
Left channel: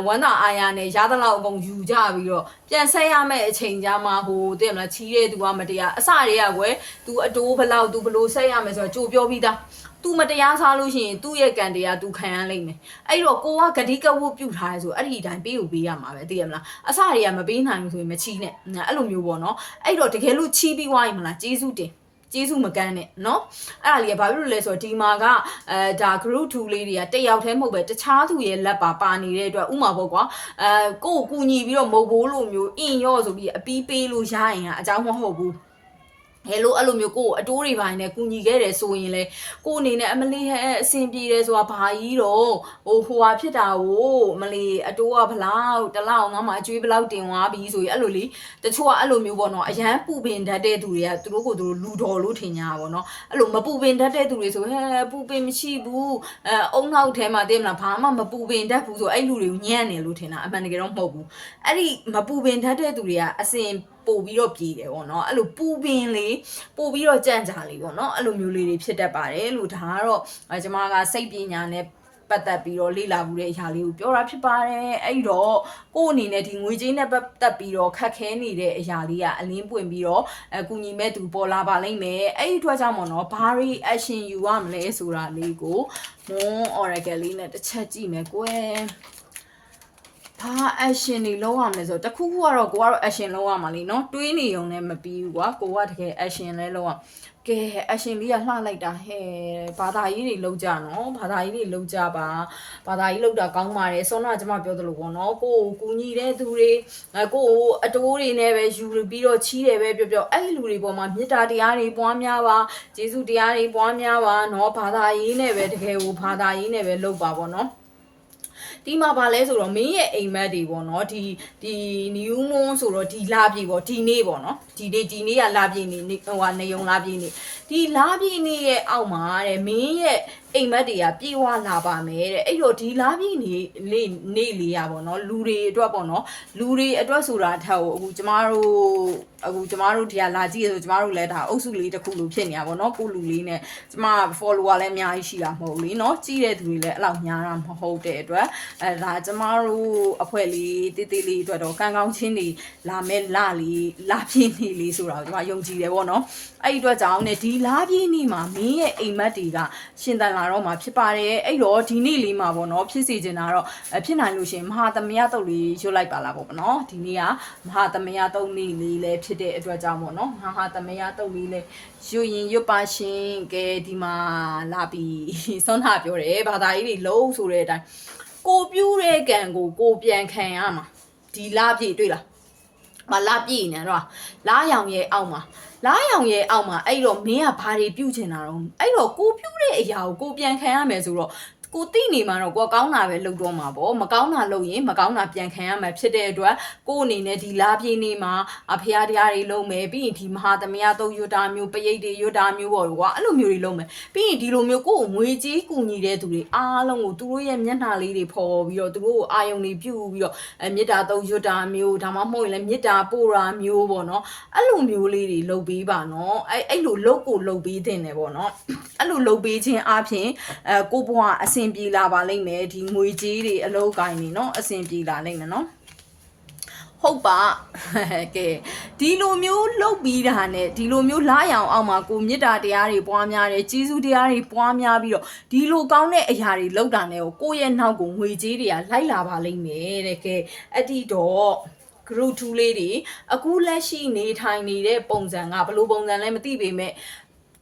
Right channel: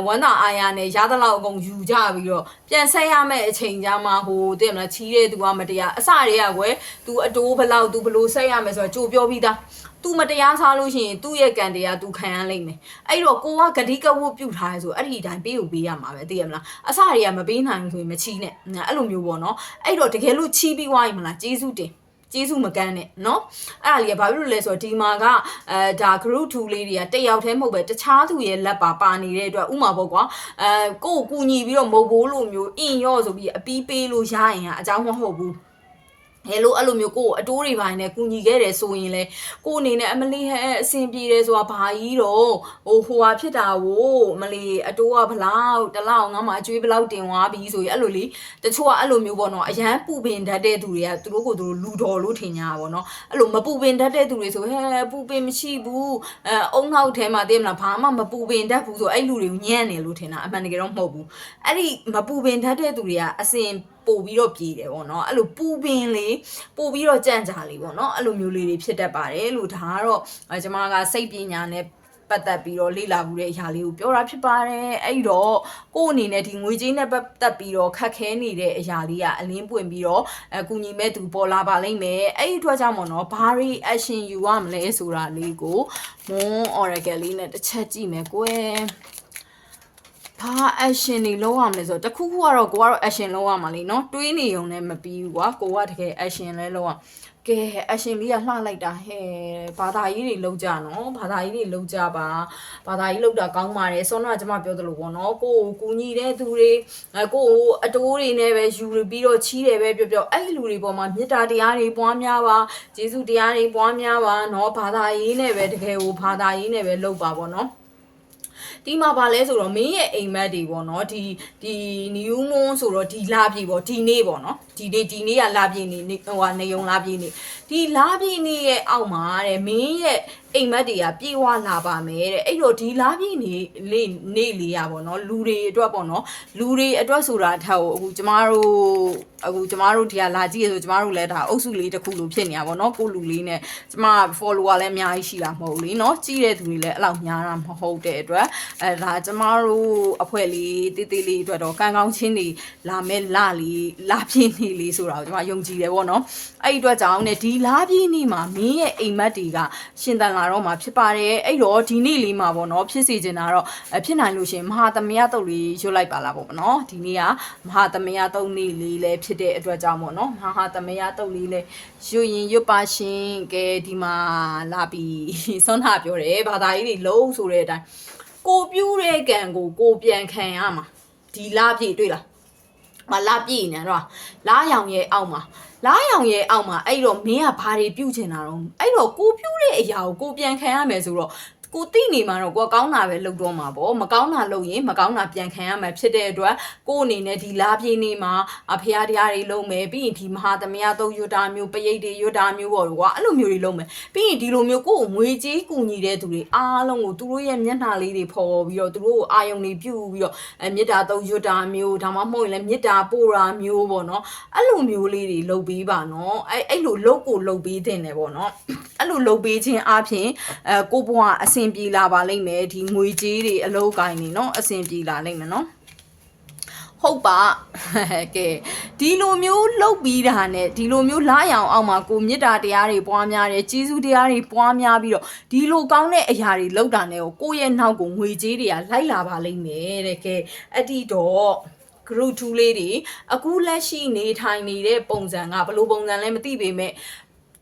ဝမ်းသာအာရနဲ့ရသလောက်အကုန်ယူကြပြီးတော့ပြန်ဆက်ရမယ့်အချိန်ကြမှာဟိုတဲ့မလားချီးတဲ့ तू ကမတရားအစတွေကကွယ် तू အတိုးဘလောက် तू ဘလို့ဆက်ရမယ်ဆိုတော့ကြိုပြောပြီးသား तू မတရားစားလို့ရှိရင်သူ့ရဲ့ကံတရား तू ခံရလိမ့်မယ်အဲ့တော့ကိုကဂတိကဝတ်ပြုထားရဲဆိုအဲ့ဒီအတိုင်းပေးကိုပေးရမှာပဲသိရမလားအစတွေကမပေးနိုင်ဘူးဆိုရင်မချီးနဲ့အဲ့လိုမျိုးပေါ့နော်အဲ့တော့တကယ်လို့ချီးပြီးွားရင်မလားကျေးဇူးတင်ကျေးဇူးမကန်းနဲ့เนาะအဲ့ဒါလေးကဘာဖြစ်လို့လဲဆိုတော့ဒီမှာကဒါ group 2လေးတွေကတက်ရောက်သေးမဟုတ်ပဲတခြားသူရဲ့လက်ပါနေတဲ့အတွက်ဥမာပေါ့ကွာကိုကူညီပြီးတော့မဟုတ်ဘိုးလိုမျိုးအင်ရော့ဆိုပြီးအပီးပေးလို့ရရင်အကြောင်းမဟုတ်ဘူးဟဲ့လို့အဲ့လိုမျိုးကိုအတိုးတွေပိုင်းနဲ့ကူညီခဲ့တယ်ဆိုရင်လေကိုအနေနဲ့အမလီဟဲအဆင်ပြေတယ်ဆိုတာဘာကြီးတော့ဟိုဟာဖြစ်တာကိုမလီအတိုးကဘလောက်တလောက်ငါမှအကျွေးဘလောက်တင်သွားပြီဆိုရင်အဲ့လိုလေတချို့ကအဲ့လိုမျိုးပေါ့နော်အရန်ပူပင်တတ်တဲ့သူတွေကသူတို့ကိုသူတို့လူတော်လို့ထင်ကြတာပေါ့နော်အဲ့လိုမပူပင်တတ်တဲ့သူတွေဆိုဟဲပူပင်မရှိဘူးအုံနောက်ထဲမှာသိမလားဘာမှမပူပင်တတ်ဘူးဆိုအဲ့လူတွေကိုညံ့နေလို့ထင်တာအမှန်တကယ်တော့မဟုတ်ဘူးအဲ့ဒီမပူပင်တတ်တဲ့သူတွေကအစင်ပို့ပြီးတော့ပြည်တယ်ပေါ့နော်အဲ့လိုပူပင်လေးပို့ပြီးတော့ကြန့်ကြာလေးပေါ့နော်အဲ့လိုမျိုးလေးတွေဖြစ်တတ်ပါတယ်လို့ဒါကတော့ကျွန်မကစိတ်ပညာနဲ့ပတ်သက်ပြီးတော့လေ့လာမှုတဲ့အရာလေးကိုပြောတာဖြစ်ပါတယ်အဲ့တော့ကို့အနေနဲ့ဒီငွေကြေးနဲ့ပတ်သက်ပြီးတော့ခက်ခဲနေတဲ့အရာလေးကအလင်းပွင့်ပြီးတော့ကူညီမဲ့သူပေါ်လာပါလိမ့်မယ်အဲ့ဒီအတွက်ကြောင့်ပေါ့နော်ဘာတွေ action ယူရမလဲဆိုတာလေးကို Moon Oracle လေးနဲ့တစ်ချက်ကြည့်မယ်ကွယ်ဘာ action တွေလုံးအောင်လဲဆိုတော့တခုခုကတော့ကိုကတော့ action လုံးရမှာလीเนาะတွေးနေုံနဲ့မပြီးဘူးကွာကိုကတကယ် action လဲလုံးအောင်ကဲ action လေးကလှလိုက်တာဟဲ့ဘာသာရေးတွေလုံးကြနော်ဘာသာရေးတွေလုံးကြပါဘာသာရေးလုံးတာကောင်းပါတယ်စောနာကျွန်မပြောသလိုပေါ့နော်ကိုကိုကူညီတဲ့သူတွေကိုအတိုးတွေနဲ့ပဲယူပြီးတော့ချီးတယ်ပဲပြောအဲ့ဒီလူတွေပေါ်မှာမေတ္တာတရားတွေပွားများပါကျေးဇူးတရားတွေပွားများပါနော်ဘာသာရေးနဲ့ပဲတကယ်ကိုဘာသာရေးနဲ့ပဲလုပ်ပါပေါ့နော်ဒီမှာပါလဲဆိုတော့မင်းရဲ့အိမ်မက်တွေပေါ့နော်ဒီ new moon ဆိုတော့ဒီလာပြီပေါ့ဒီနေ့ပေါ့နော်ဒီနေ့ကလာပြီနေဟိုကနေုံလာပြီနေဒီလာပြီနေရဲ့အောက်မှာတဲ့မင်းရဲ့အိမ်မက်တွေကပြေးဝလာပါမယ်တဲ့အဲ့တော့ဒီလာပြီနေလေးရပေါ့နော်လူတွေအတွက်ပေါ့နော်လူတွေအတွက်ဆိုတာထက်အခုကျမတို့ဒီကလာကြည့်ရဆိုကျမတို့လည်းဒါအုပ်စုလေးတစ်ခုလိုဖြစ်နေတာပေါ့နော်ကိုလူလေးနဲ့ကျမ follower လည်းအများကြီးရှိတာမဟုတ်လေနော်ကြည့်တဲ့သူတွေလည်းအဲ့လောက်များတာမဟုတ်တဲ့အတွက်ဒါကျမတို့အဖွဲ့လေးတေးသေးလေးအတွက်တော့ကံကောင်းချင်းတွေလာမဲ့လာပြင်းနေလေးဆိုတာကိုကျမယုံကြည်တယ်ပေါ့နော်အဲ့ဒီအတွက်ကြောင့်ねဒီလာပြင်းနေမှာမင်းရဲ့အိမ်မက်တွေကရှင်တန်လာတော့မှာဖြစ်ပါတယ်အဲ့တော့ဒီနေ့လေးမှာပေါ့နော်ဖြစ်စီချင်တာတော့ဖြစ်နိုင်လို့ရှင်မဟာသမယတုတ်လေးရွတ်လိုက်ပါလားပေါ့နော်ဒီနေ့ကမဟာသမယတုတ်နေ့လေးလည်းဖြစ်တဲ့အတွက်ကြောင့်ပေါ့နော်မဟာသမယတုတ်လေးလည်းရွတ်ရင်ရွတ်ပါရှင်ကဲဒီမှာလာပြီးဆုံးတာပြောတယ်ဘာသာရေးတွေလုံးဆိုတဲ့အတိုင်းကိုပြူးတဲ့ကံကိုပြန်ခံရမှာဒီလာပြည့်တွေ့လားမလာပြည့်နေတော့လာရောင်ရဲ့အောက်မှာအဲ့တော့မင်းကဘာတွေပြုတ်ချင်တာတော့အဲ့တော့ကိုပြုတ်တဲ့အရာကိုပြန်ခံရမယ်ဆိုတော့ကိုသိနေမှာတော့ကိုကောင်းတာပဲလုပ်တော့မှာပေါ့မကောင်းတာလုပ်ရင်မကောင်းတာပြန်ခံရမှာဖြစ်တဲ့အတွက်ကိုအနေနဲ့ဒီလာပြင်းနေမှာဖျားတရားတွေလုပ်မယ်ပြီးရင်ဒီမဟာသမယသုံးရွတ်တာမျိုးပရိတ်တွေရွတ်တာမျိုးပေါ့ကွာအဲ့လိုမျိုးတွေလုပ်မယ်ပြီးရင်ဒီလိုမျိုးကိုငွေကြေးကူညီတဲ့သူတွေအားလုံးကိုသူတို့ရဲ့မျက်နှာလေးတွေဖော်ပြီးတော့သူတို့ကိုအာယုံတွေပြုပြီးတော့မေတ္တာသုံးရွတ်တာမျိုးဒါမှမဟုတ်ရင်လည်းမေတ္တာပို့တာမျိုးပေါ့နော်အဲ့လိုမျိုးလေးတွေလုပ်ပေးပါနော်အဲ့လိုလုပ်ပေးတင်တယ်ပေါ့နော်အဲ့လိုလုပ်ပေးခြင်းအပြင်ကိုဘွားအဆင်ပြေလာပါလိမ့်မယ်ဒီငွေကြေးတွေအလုပ်ကိုင်းနေเนาะအဆင်ပြေလာလိမ့်မယ်เนาะ ဟုတ်ပါကဲဒီလိုမျိုးလှုပ်ပြီးတာနဲ့ဒီလိုမျိုးလာရောင်အောင်မှာကိုမေတ္တာတရားတွေပွားများတယ်ကျေးဇူးတရားတွေပွားများပြီးတော့ဒီလိုကောင်းတဲ့အရာတွေလုပ်တာနဲ့ကိုယ့်ရဲ့နောက်ကိုငွေကြေးတွေကလိုက်လာပါလိမ့်မယ်တဲ့ကဲအဲ့ဒီတော့ group 2လေးတွေအခုလက်ရှိနေထိုင်နေတဲ့ပုံစံကဘယ်လိုပုံစံလဲမသိပေမဲ့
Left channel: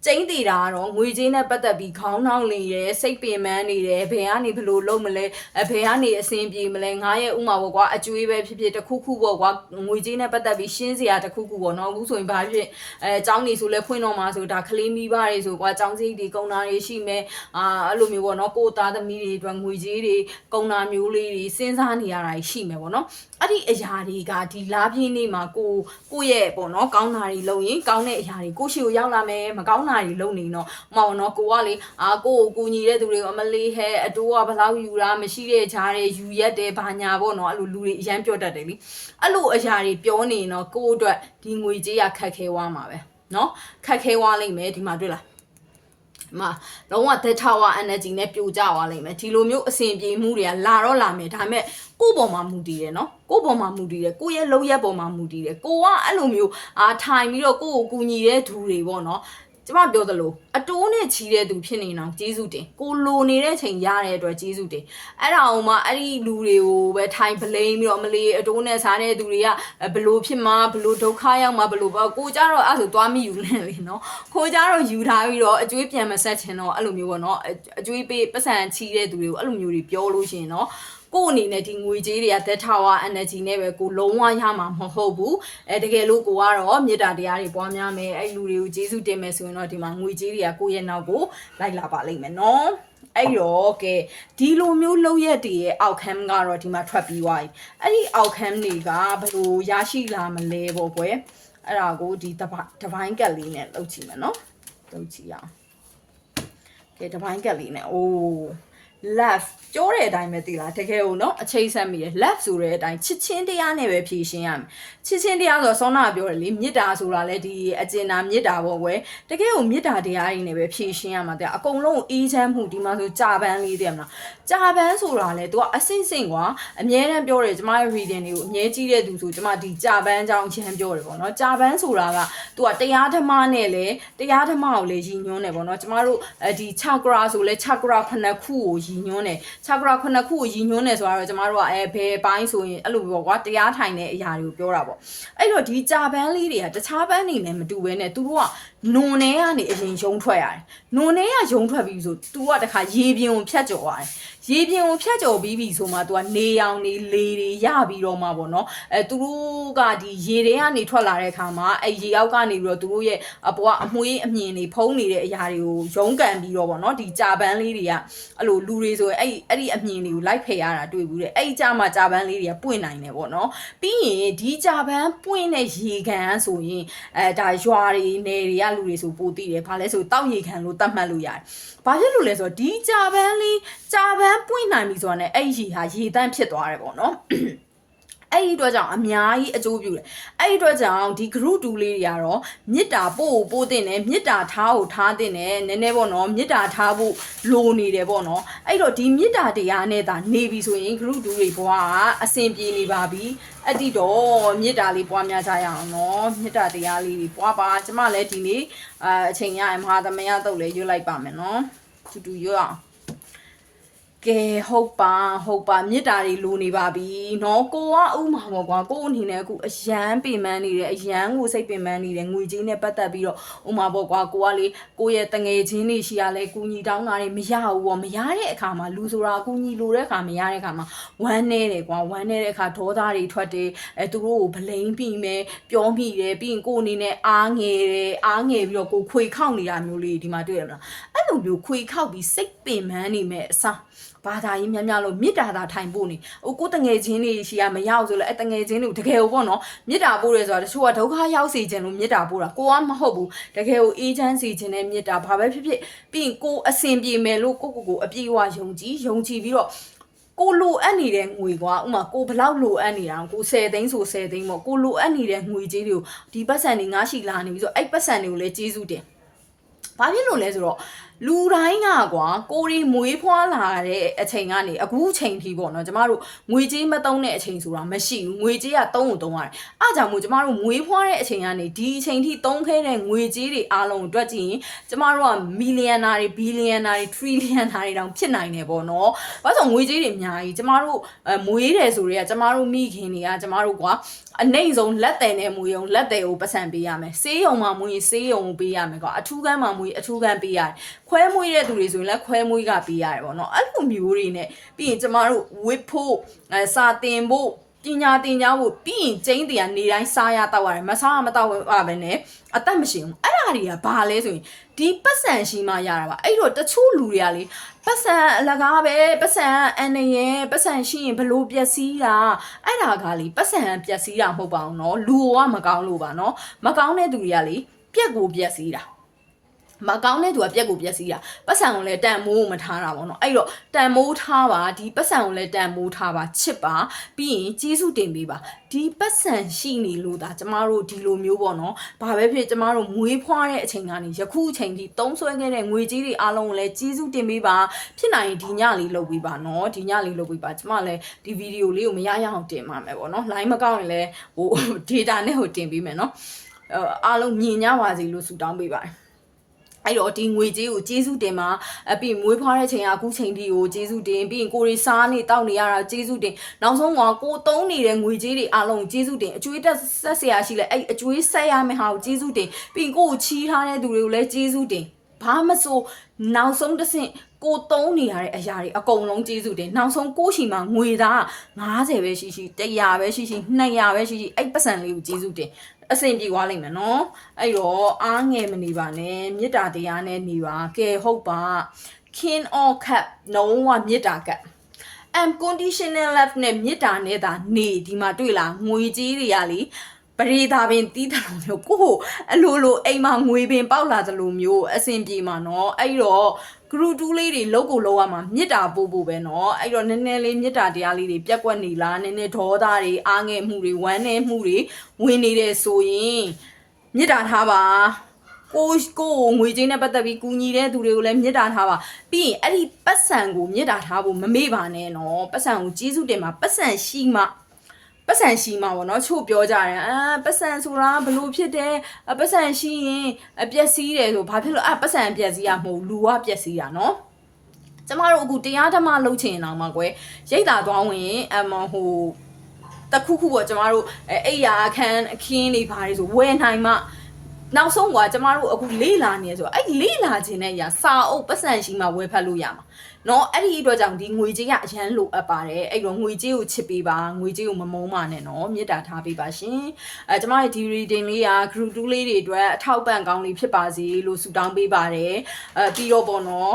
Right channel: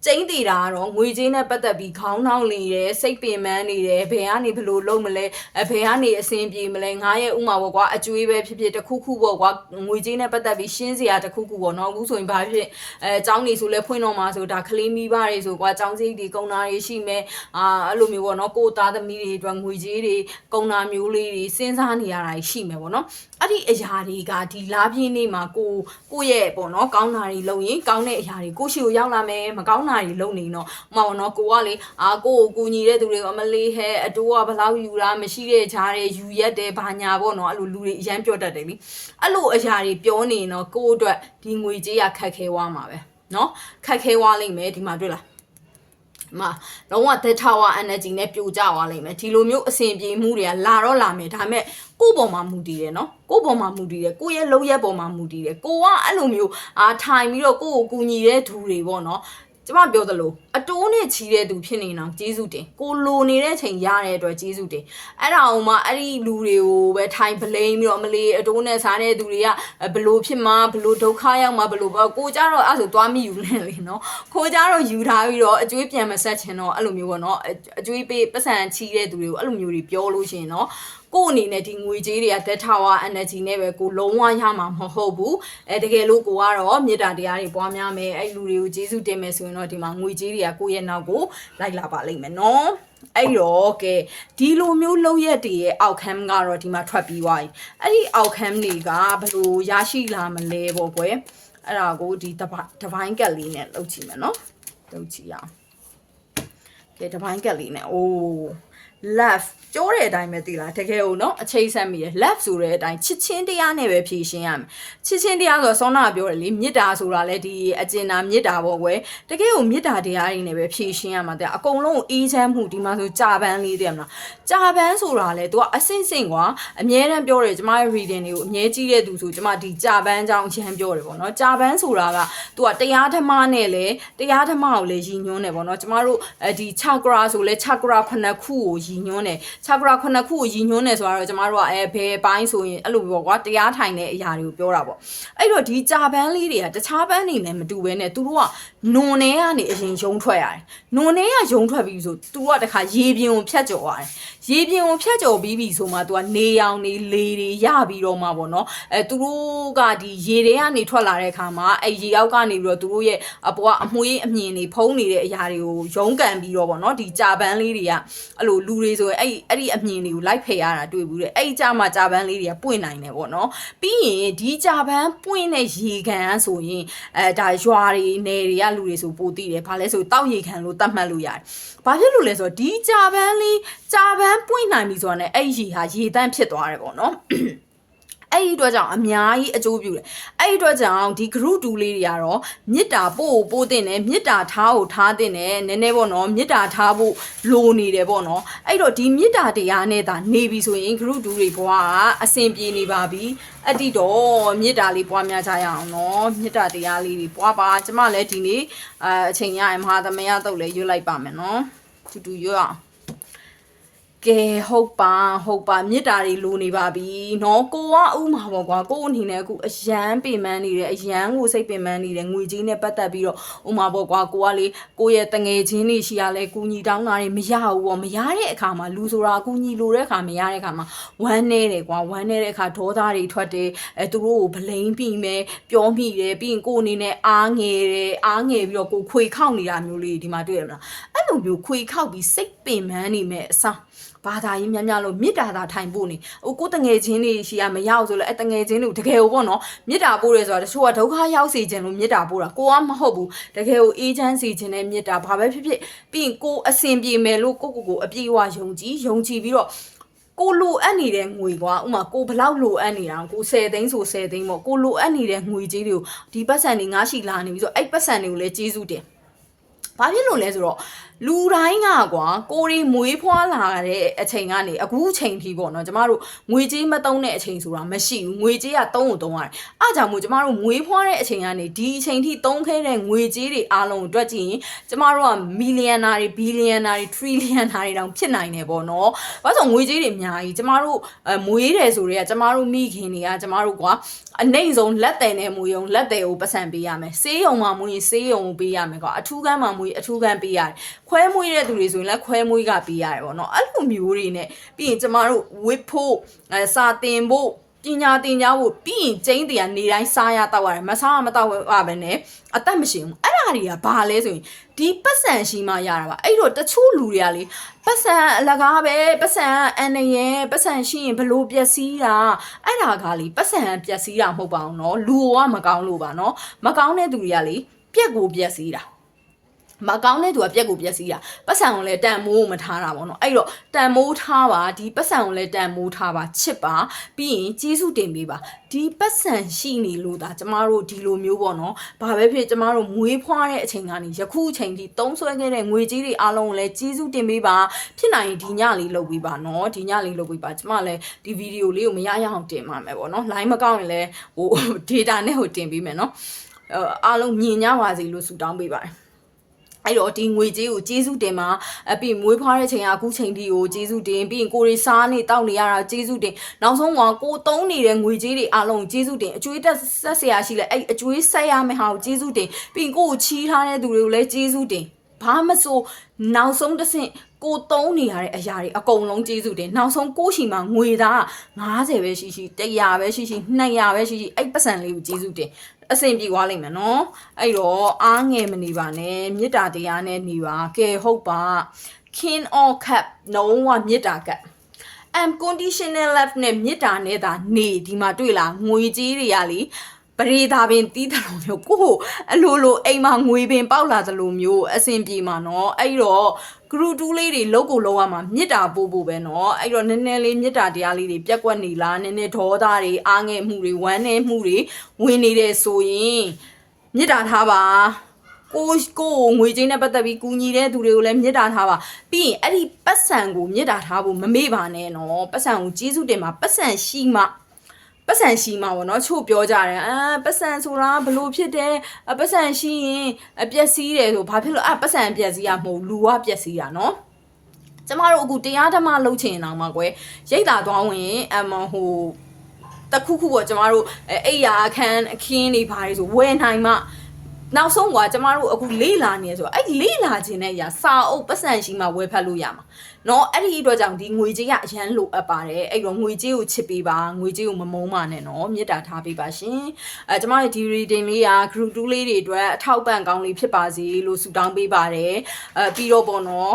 ကျင်းတည်တာကတော့ငွေကြေးနဲ့ပတ်သက်ပြီးခေါင်းနှောင်းနေတယ်စိတ်ပင်ပန်းနေတယ်ဘယ်ကနေဘယ်လိုလုပ်မလဲဘယ်ကနေအဆင်ပြေမလဲငါရဲ့ဥမာပေါ့ကွာအကျွေးပဲဖြစ်ဖြစ်တစ်ခုခုပေါ့ကွာငွေကြေးနဲ့ပတ်သက်ပြီးရှင်းစရာတစ်ခုခုပေါ့နော်အခုဆိုရင်ဘာဖြစ်အကြောင်းနေဆိုလဲဖွင့်တော့မှာဆိုဒါကလေးမိဘတွေဆိုကွာအကြောင်းစိတ်တွေကုန်တာတွေရှိမယ်အဲ့လိုမျိုးပေါ့နော်ကိုသားသမီးတွေအတွက်ငွေကြေးတွေကုန်တာမျိုးလေးတွေစဉ်းစားနေရတာရှိမယ်ပေါ့နော်အဲ့ဒီအရာတွေကဒီလားပြင်းနေမှာကိုရဲ့ပေါ့နော်ကောင်းတာတွေလုပ်ရင်ကောင်းတဲ့အရာတွေကိုရှိကိုရောက်လာမယ်မကောင်းတာတွေလုပ်နေတော့မဟုတ်နော်ကိုကလေကိုကိုကူညီတဲ့သူတွေကိုအမလေးဟဲအတိုးကဘလောက်ယူတာမရှိတဲ့ဂျားတွေယူရက်တယ်ဘာညာပေါ့နော်အဲ့လိုလူတွေအရန်ပြောတတ်တယ်လीအဲ့လိုအရာတွေပြောနေတော့ကိုအတွက်ဒီငွေကြေးရခက်ခဲသွားမှာပဲနော်ခက်ခဲသွားလိမ့်မယ်ဒီမှာတွေ့လားမှာလုံးဝ dead tower energy နဲ့ပြိုကျသွားလိမ့်မယ်ဒီလိုမျိုးအဆင်ပြေမှုတွေကလာတော့လာမယ်ဒါပေမဲ့ကိုယ့်ပေါ်မှာမူတည်တယ်နော်ကိုယ့်ပေါ်မှာမူတည်တယ်ကိုယ့်ရဲ့လုပ်ရက်ပေါ်မှာမူတည်တယ်ကိုကအဲ့လိုမျိုးထိုင်ပြီးတော့ကိုယ့်ကိုကူညီတဲ့သူတွေပေါ့နော်ကျမပြောသလိုအတိုးနဲ့ချီတဲ့သူဖြစ်နေအောင်ကျေးဇူးတင်ကိုလိုနေတဲ့ချိန်ရတဲ့အတွက်ကျေးဇူးတင်အဲ့ဒါအောင်မှအဲ့ဒီလူတွေကိုပဲထိုင်ပလိန်ပြီးတော့မလေးအတိုးနဲ့စားတဲ့သူတွေကဘလို့ဖြစ်မှာဘလို့ဒုက္ခရောက်မှာဘလို့ပေါ့ကိုကြတော့အဲ့ဆိုသွားမိယူလဲလေနော်ခိုးကြတော့ယူထားပြီးတော့အကျွေးပြန်မဆက်ချင်တော့အဲ့လိုမျိုးပေါ့နော်အကျွေးပေးပတ်စံချီတဲ့သူတွေကိုအဲ့လိုမျိုးတွေပြောလို့ရှိရင်နော်ကိုအနေနဲ့ဒီငွေကြေးတွေက dead tower energy နဲ့ပဲကိုလုံးဝရမှာမဟုတ်ဘူးတကယ်လို့ကိုကတော့မေတ္တာတရားတွေပွားများမယ်အဲ့လူတွေကိုကျေးဇူးတင်မယ်ဆိုရင်တော့ဒီမှာငွေကြေးတွေကကိုရဲ့နောက်ကိုလိုက်လာပါလိမ့်မယ်နော်အဲ့တော့ကဲဒီလိုမျိုးလောက်ရက်တွေရဲ့ outcome ကတော့ဒီမှာထွက်ပြီးသွားပြီအဲ့ဒီ outcome တွေကဘယ်လိုရရှိလာမလဲပေါ့ကွယ်အဲ့ဒါကိုဒီတပိုင်းကက်လေးနဲ့လုပ်ကြည့်မယ်နော်လုပ်ကြည့်ရအောင်ကဲတပိုင်းကက်လေးနဲ့အိုးleft ပြောတဲ့အတိုင်းပဲသိလားတကယ်ကိုနော်အချိန်ဆက်မိတယ် left ဆိုတဲ့အတိုင်းချစ်ချင်းတရားနဲ့ပဲဖြည့်ရှင်းရမယ်ချစ်ချင်းတရားဆိုတော့စောနာပြောတယ်လေမေတ္တာဆိုတာလဲဒီအကျဉ်းသားမေတ္တာပေါ့ကွယ်တကယ်ကိုမေတ္တာတရားတွေနဲ့ပဲဖြည့်ရှင်းရမှာတဲ့အကုန်လုံးအေးချမ်းမှုဒီမှာဆိုကြာပန်းလေးတည်းမလားကြာပန်းဆိုတာလဲ तू ကအစင့်စင့်ကွာအမြဲတမ်းပြောတယ်ကျမရဲ့ reading တွေကိုအမြဲကြည့်တဲ့သူဆိုကျမဒီကြာပန်းအကြောင်းအချင်းပြောတယ်ပေါ့နော်ကြာပန်းဆိုတာက तू ကတရားဓမ္မနဲ့လဲတရားဓမ္မကိုလဲရည်ညွှန်းတယ်ပေါ့နော်ကျမတို့ဒီ chakra ဆိုလဲ chakra 9ခုကိုရည်ညွှန်းတယ်chakra 9ခုကိုရည်ညွှန်းတယ်ဆိုတော့ကျမတို့ကဘယ်ပိုင်းဆိုရင်အဲ့လိုပေါ့ကွာတရားထိုင်တဲ့အရာတွေကိုပြောတာပေါ့အဲ့တော့ဒီကြာပန်းလေးတွေကတခြားပန်းတွေနဲ့မတူဘဲနဲ့သူတို့ကနွန်ထဲကနေအရင်ရုံထွက်ရတယ်နွန်ထဲကရုံထွက်ပြီးဆို तू ကတခါရေပြင်ကိုဖြတ်ကျော်ရတယ်ရေပြင်ကိုဖြတ်ကျော်ပြီးပြီဆိုမှ तू ကနေရောင်နေလေတွေရပြီးတော့မှပေါ့နော်သူတို့ကဒီရေထဲကနေထွက်လာတဲ့အခါမှာရေအောက်ကနေပြီးတော့သူတို့ရဲ့အပေါ်ကအမွှေးအမြင်တွေဖုံးနေတဲ့အရာတွေကိုရုံးကန်ပြီးတော့ပေါ့နော်ဒီကြာပန်းလေးတွေကအဲ့လိုလူတွေဆိုရင်အဲ့ဒီအမြင်တွေကိုလိုက်ဖယ်ရတာတွေ့ဘူးတဲ့အဲ့ကြမှာကြာပန်းလေးတွေကပွင့်နိုင်တယ်ပေါ့နော်ပြီးရင်ဒီကြာပန်းပွင့်တဲ့ရေကန်ဆိုရင်ဒါရွာတွေနယ်တွေကလူတွေဆိုပိုသိတယ်ဘာလဲဆိုတောက်ရေကန်လို့သတ်မှတ်လို့ရတယ်ဘာဖြစ်လို့လဲဆိုတော့ဒီကြာပန်းပွင့်နိုင်ပြီဆိုတာနဲ့အဲ့ရေဟာရေတန့်ဖြစ်သွားတယ်ပေါ့နော်အဲ့ဒီအတွက်ကြောင့်အများကြီးအကျိုးပြုတယ်အဲ့ဒီအတွက်ကြောင့်ဒီ group 2လေးတွေကတော့မေတ္တာပို့တင်တယ်မေတ္တာထားကိုထားတင်တယ်နည်းနည်းပေါ့နော်မေတ္တာထားဖို့လိုနေတယ်ပေါ့နော်အဲ့တော့ဒီမေတ္တာတရားနဲ့သာနေပြီဆိုရင် group 2တွေဘွားကအဆင်ပြေနေပါပြီအဲ့ဒီတော့မေတ္တာလေးပွားများကြရအောင်နော်မေတ္တာတရားလေးတွေပွားပါကျမလည်းဒီနေ့အချိန်ရရင်မဟာသမယတုတ်လေးရွတ်လိုက်ပါမယ်နော်တူရွတ်အောင်ကဲဟုတ်ပါမေတ္တာတွေလိုနေပါပြီเนาะကိုကဥမာပေါ့ကွာကိုအနေနဲ့အခုအရန်ပင်ပန်းနေတယ်အရန်ကိုစိတ်ပင်ပန်းနေတယ်ငွေကြေးနဲ့ပတ်သက်ပြီးတော့ဥမာပေါ့ကွာကိုကလေကိုရဲ့တငယ်ချင်းတွေရှိရလဲကူညီတောင်းတာတွေမရဘူးပေါ့မရတဲ့အခါမှာလူဆိုတာကူညီလိုတဲ့အခါမရတဲ့အခါမှာဝမ်းနေတယ်ကွာဝမ်းနေတဲ့အခါဒေါသတွေထွက်တယ်သူတို့ကိုဗလိန်ပြီးမယ်ပြောမိတယ်ပြီးရင်ကိုအနေနဲ့အားငယ်ပြီးတော့ကိုခွေခောက်နေတာမျိုးလေးဒီမှာတွေ့ရမလားအဲ့လိုမျိုးခွေခောက်ပြီးစိတ်ပင်ပန်းနေမဲ့အစားဘာသာကြီးများလို့မေတ္တာသာထိုင်ဖို့နေဟိုကိုတငယ်ချင်းတွေရှိရမရောက်ဆိုလဲတငယ်ချင်းတွေတကယ်ကိုပေါ့နော်မေတ္တာပို့ရဲဆိုတာတချို့ကဒုက္ခရောက်စေခြင်းလို့မေတ္တာပို့တာကိုကမဟုတ်ဘူးတကယ်ကိုအေးချမ်းစေခြင်းနဲ့မေတ္တာဘာပဲဖြစ်ဖြစ်ပြီးရင်ကိုအစင်ပြေမယ်လို့ကိုအပြည့်အဝယုံကြည်ပြီးတော့ကိုလိုအပ်နေတဲ့ငွေကွာဥမာကိုဘလောက်လိုအပ်နေတာကို10သိန်းဆို10သိန်းပေါ့ကိုလိုအပ်နေတဲ့ငွေကြေးတွေကိုဒီပတ်စံတွေငါရှိလာနေပြီဆိုအဲ့ပတ်စံတွေကိုလည်းကျေးဇူးတင်ဘာဖြစ်လို့လဲဆိုတော့ လူတိုင်းကကွာကိုရီမွေးဖွားလာတဲ့အချိန်ကနေအခုချိန်ထိပေါ့နော်ကျမတို့ငွေကြေးမသုံးတဲ့အချိန်ဆိုတာမရှိဘူးငွေကြေးကသုံးရတယ်အားကြောင့်မို့ကျမတို့မွေးဖွားတဲ့အချိန်ကနေဒီအချိန်ထိသုံးခဲ့တဲ့ငွေကြေးတွေအားလုံးအတွက်ကြည့်ရင်ကျမတို့ကမီလီယံနာတွေဘီလီယံနာတွေထရီလီယံနာတွေတောင်ဖြစ်နိုင်တယ်ပေါ့နော်ဘာလို့ငွေကြေးတွေအများကြီးကျမတို့မွေးတယ်ဆိုတော့ကျမတို့မိခင်တွေကကျမတို့ကွာအနေဆုံးလက်တယ်နဲ့မွေးအောင်လက်တယ်ကိုပတ်စံပေးရမယ်ဆေးရုံမှာမွေးဆေးရုံကိုပေးရမယ်ကွာအထူးကန်းမှာမွေးအထူးကန်းပေးရတယ်ခွဲမွေးတဲ့သူတွေဆိုရင်လည်းခွဲမွေးကပေးရတယ်ပေါ့နော်အဲ့လိုမျိုးတွေနဲ့ပြီးရင်ကျမတို့ဝစ်ဖို့စာတင်ဖို့ပညာသင်ကြားဖို့ပြီးရင်ကျင်းတရားနေတိုင်းစားရတော့ရတယ်မစားမတော့ရပဲနဲ့အသက်မရှင်ဘူးအဲ့ဒါတွေကဘာလဲဆိုရင်ဒီပတ်စံရှိမှရတာပါအဲ့တော့တချို့လူတွေကလေပတ်စံအလကားပဲပတ်စံအန်နေရပတ်စံရှိရင်ဘလို့ပျက်စီးတာအဲ့ဒါကလေပတ်စံပျက်စီးတာမဟုတ်ပါဘူးเนาะလူကမကောင်းလို့ပါเนาะမကောင်းတဲ့သူတွေကလေပြက်ကိုပျက်စီးတာမကောင်းတဲ့သူကပြက်ကိုပြက်စီးတာပတ်စံကိုလည်းတန်မိုးမထားတာပေါ့နော်အဲ့တော့တန်မိုးထားပါဒီပတ်စံကိုလည်းတန်မိုးထားပါချစ်ပါပြီးရင်ကျေးဇူးတင်ပေးပါဒီပတ်စံရှိနေလို့ဒါကျမတို့ဒီလိုမျိုးပေါ့နော်ဘာပဲဖြစ်ကျမတို့မွေးဖွားတဲ့အချိန်ကနေယခုအချိန်ထိသုံးဆွဲခဲ့တဲ့ငွေကြေးတွေအားလုံးကိုလည်းကျေးဇူးတင်ပေးပါဖြစ်နိုင်ဒီညလေးလုပ်ပေးပါနော်ဒီညလေးလုပ်ပေးပါကျမလည်းဒီဗီဒီယိုလေးကိုမရရအောင်တင်ပါမယ်ပေါ့နော် line မကောက်ရင်လည်းဟို data နဲ့ဟိုတင်ပေးမယ်နော်အားလုံးမြင်ကြပါစေလို့ဆုတောင်းပေးပါတယ်အဲ့တော့ဒီငွေကြေးကိုကျေးဇူးတင်ပါပြီးမွေးဖွားတဲ့ချိန်ကအခုချိန်ဒီကိုကျေးဇူးတင်ပြီးရင်ကိုရီစားနေတောက်နေရတာကျေးဇူးတင်နောက်ဆုံးကကိုသုံးနေတဲ့ငွေကြေးတွေအားလုံးကျေးဇူးတင်အကျွေးတက်ဆက်ဆရာရှိလဲအဲ့အကျွေးဆက်ရမယ့်ဟာကိုကျေးဇူးတင်ပြီးရင်ကိုချီးထားတဲ့သူတွေကိုလည်းကျေးဇူးတင်ဘာမဆိုနောက်ဆုံးတစ်ဆင့်ကိုသုံးနေရတဲ့အရာတွေအကုန်လုံးကျေးဇူးတင်နောက်ဆုံးကိုရှိမှာငွေသား90ပဲရှိရှိ100ပဲရှိရှိ200ပဲရှိရှိအဲ့ပတ်စံလေးကိုကျေးဇူးတင်အဆင်ပြေသွားလိမ့်မယ်နော်အဲ့တော့အားငယ်မနေပါနဲ့မေတ္တာတရားနဲ့နေပါကဲဟုတ်ပါ king or cup လုံးဝမေတ္တာကပ် unconditional love နဲ့မေတ္တာနဲ့သာနေဒီမှာတွေ့လားငွေကြီးတွေကလေပရိသာပင်တီးတယ်လို့မျိုးကိုအလိုလိုအိမ်မှာငွေပင်ပေါက်လာသလိုမျိုးအဆင်ပြေမှာနော်အဲ့တော့ဂရုတူးလေးတွေလောက်ကိုလောက်ရမှာမေတ္တာပို့ဖို့ပဲเนาะအဲ့တော့နည်းနည်းလေးမေတ္တာတရားလေးတွေပြက်ကွက်နေလားနည်းနည်းဒေါသတွေအားငယ်မှုတွေဝမ်းနည်းမှုတွေဝင်နေတယ်ဆိုရင်မေတ္တာထားပါကိုငွေချင်းနဲ့ပတ်သက်ပြီးကူညီတဲ့သူတွေကိုလည်းမေတ္တာထားပါပြီးရင်အဲ့ဒီပတ်စံကိုမေတ္တာထားဖို့မမေ့ပါနဲ့เนาะပတ်စံကိုကျေးဇူးတင်ပါပတ်စံရှိမှပတ်စံရှိမှာပေါ့နော်ချို့ပြောကြတယ်ပတ်စံဆိုတာဘလို့ဖြစ်တယ်ပတ်စံရှိရင်ပျက်စီးတယ်ဆိုဘာဖြစ်လို့ပတ်စံပျက်စီးရမဟုတ်လူကပျက်စီးရနော်ကျမတို့အခုတရားဓမ္မလုပ်ချင်အောင်မှာကွယ်ရိတ်တာသွားဝင်ဟိုတခုခုပေါ့ကျမတို့အိယာအခင်းတွေဘာတွေဆိုဝယ်နိုင်မှနောက်ဆုံးကကျမတို့အခုလေးလာနေဆိုအဲ့လေးလာခြင်းနဲ့ရာစာအုပ်ပတ်စံရှိမှဝယ်ဖတ်လို့ရမှာနော်အဲ့ဒီအတွက်ကြောင့်ဒီငွေကြေးကအရန်လိုအပ်ပါတယ်အဲ့တော့ငွေကြေးကိုချစ်ပေးပါငွေကြေးကိုမမုန်းပါနဲ့နော်မေတ္တာထားပေးပါရှင်ကျမတို့ဒီ reading လေးက group 2လေးတွေအတွက်အထောက်ပံ့ကောင်းလေးဖြစ်ပါစေလို့ဆုတောင်းပေးပါတယ်ပြီးတော့ပေါ့နော်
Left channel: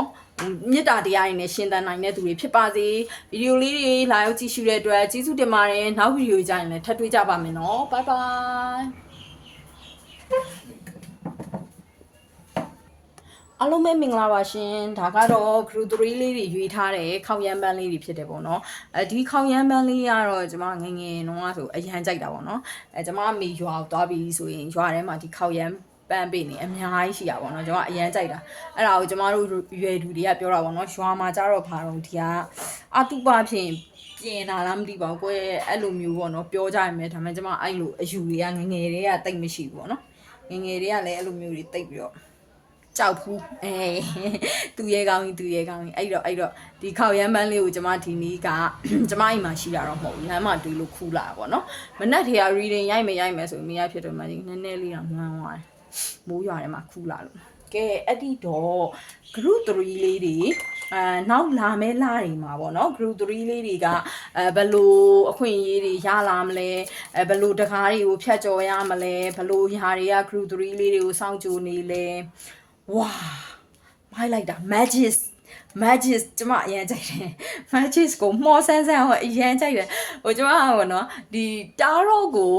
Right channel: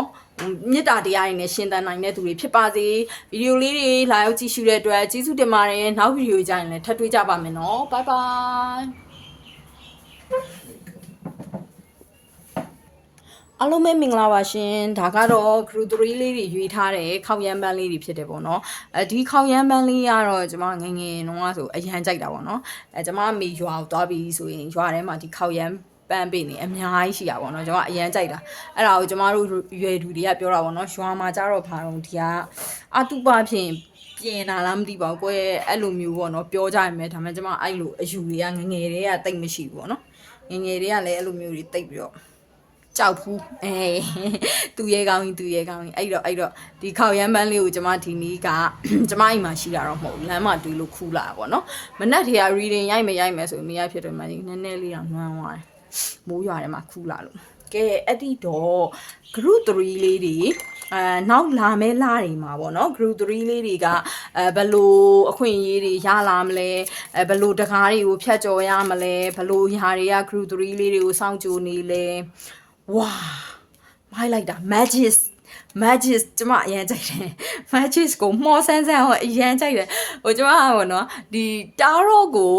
မေတ္တာတရားတွေနဲ့ရှင်းသန်နိုင်တဲ့သူတွေဖြစ်ပါစေဗီဒီယိုလေးတွေလာရောက်ကြည့်ရှုတဲ့အတွက်ကျေးဇူးတင်ပါတယ်နောက်ဗီဒီယိုကြရင်လည်းထပ်တွေ့ကြပါမယ်နော် bye bye အားလုံးပဲမင်္ဂလာပါရှင်ဒါကတော့ group 3လေးတွေရွေးထားတဲ့ခေါင်ရမ်းပန်းလေးတွေဖြစ်တယ်ပေါ့နော်ဒီခေါင်ရမ်းပန်းလေးကတော့ကျွန်မငငယ်တုန်းကဆိုအရန်ကြိုက်တာပေါ့နော်ကျွန်မမေရွာကိုသွားပြီးဆိုရင်ရွာထဲမှာဒီခေါင်ရမ်းပန်းပေးနေအများကြီးရှိတာပေါ့နော်ကျွန်မအရန်ကြိုက်တာအဲ့ဒါကိုကျွန်မတို့ရွယ်သူတွေကပြောတာပေါ့နော်ရွာမှာကြတော့ဘာတော့ဒီကအတုပဖြင့်ပြင်လာလားမသိပါဘူးကွယ်အဲ့လိုမျိုးပေါ့နော်ပြောကြရမယ်ဒါမှကျွန်မအဲ့လိုအယူတွေကငငယ်တွေကတိတ်မရှိဘူးပေါ့နော်ငငယ်တွေကလည်းအဲ့လိုမျိုးတွေတိတ်ပြီးတော့ကြောက်ဘူးသူရဲကောင်းကြီးအဲ့တော့ဒီခေါက်ရမ်းပန်းလေးကိုကျွန်မဒီနေ့ကကျွန်မအိမ်မှာရှိတာတော့မဟုတ်လမ်းမှာတွေ့လို့ခူးလာတာပေါ့နော်မနက်တည်းက reading ရိုက်မယ်ဆိုနေရဖြစ်တယ်မှာနည်းနည်းလေးတော့နွမ်းသွားတယ်မိုးရွာထဲမှာခူးလာလို့ကဲအဲ့ဒီတော့ group 3လေးတွေနောက်လာမဲ့လတွေမှာပေါ့နော် group 3လေးတွေကဘယ်လိုအခွင့်အရေးတွေရလာမလဲဘယ်လိုတကားတွေကိုဖြတ်ကျော်ရမလဲဘယ်လိုຢာတွေက group 3လေးတွေကိုစောင့်ကြိုနေလဲဝါမိုက်လိုက်တာ magic ကျမအရန်ကြိုက်တယ် magic ကိုမော်ဆန်းဟိုအရန်ကြိုက်တယ်ဟိုကျမကပေါ့နော်ဒီတာရော့ကို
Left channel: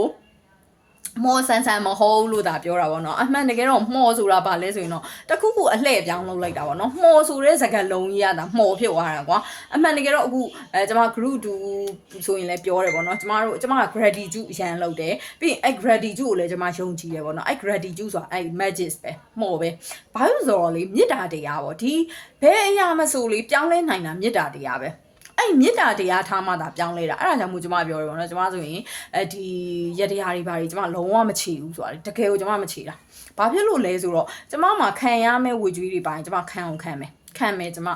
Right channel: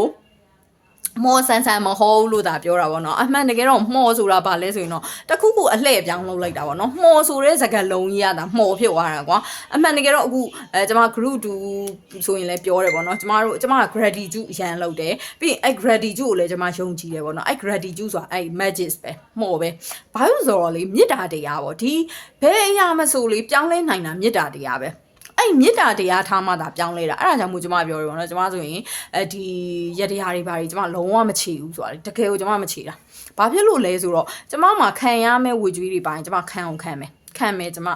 မော်ဆန်ဆန်မဟုတ်လို့ဒါပြောတာပေါ့နော်အမှန်တကယ်တော့မော်ဆိုတာဘာလဲဆိုရင်တော့တခုခုအလှည့်ပြောင်းလုပ်လိုက်တာပေါ့နော်မော်ဆိုတဲ့စကားလုံးကြီးကဒါမော်ဖြစ်သွားတာကွာအမှန်တကယ်တော့အခုကျွန်မ group 2ဆိုရင်လည်းပြောတယ်ပေါ့နော်ကျွန်မ gratitude အရန်လုပ်တယ်ပြီးရင်အဲ့ gratitude ကိုလည်းကျွန်မယုံကြည်တယ်ပေါ့နော်အဲ့ gratitude ဆိုတာအဲ့ magic ပဲမော်ပဲဘာလို့ဆိုတော့လေမေတ္တာတရားပေါ့ဒီဘယ်အရာမဆိုလေပြောင်းလဲနိုင်တာမေတ္တာတရားပဲအဲ့မေတ္တာတရားထားမှသာပြောင်းလဲတာအဲ့ဒါကြောင့်မို့ကျွန်မပြောရပါတော့ကျွန်မဆိုရင်ဒီရတရားတွေဘာတွေကျွန်မလုံးဝမချေဘူးဆိုတာတကယ်ကိုကျွန်မမချေတာဘာဖြစ်လို့လဲဆိုတော့ကျွန်မမှာခံရမယ့်ဝေကျွေးတွေပိုင်းကျွန်မခံအောင်ခံမယ်ကျွန်မ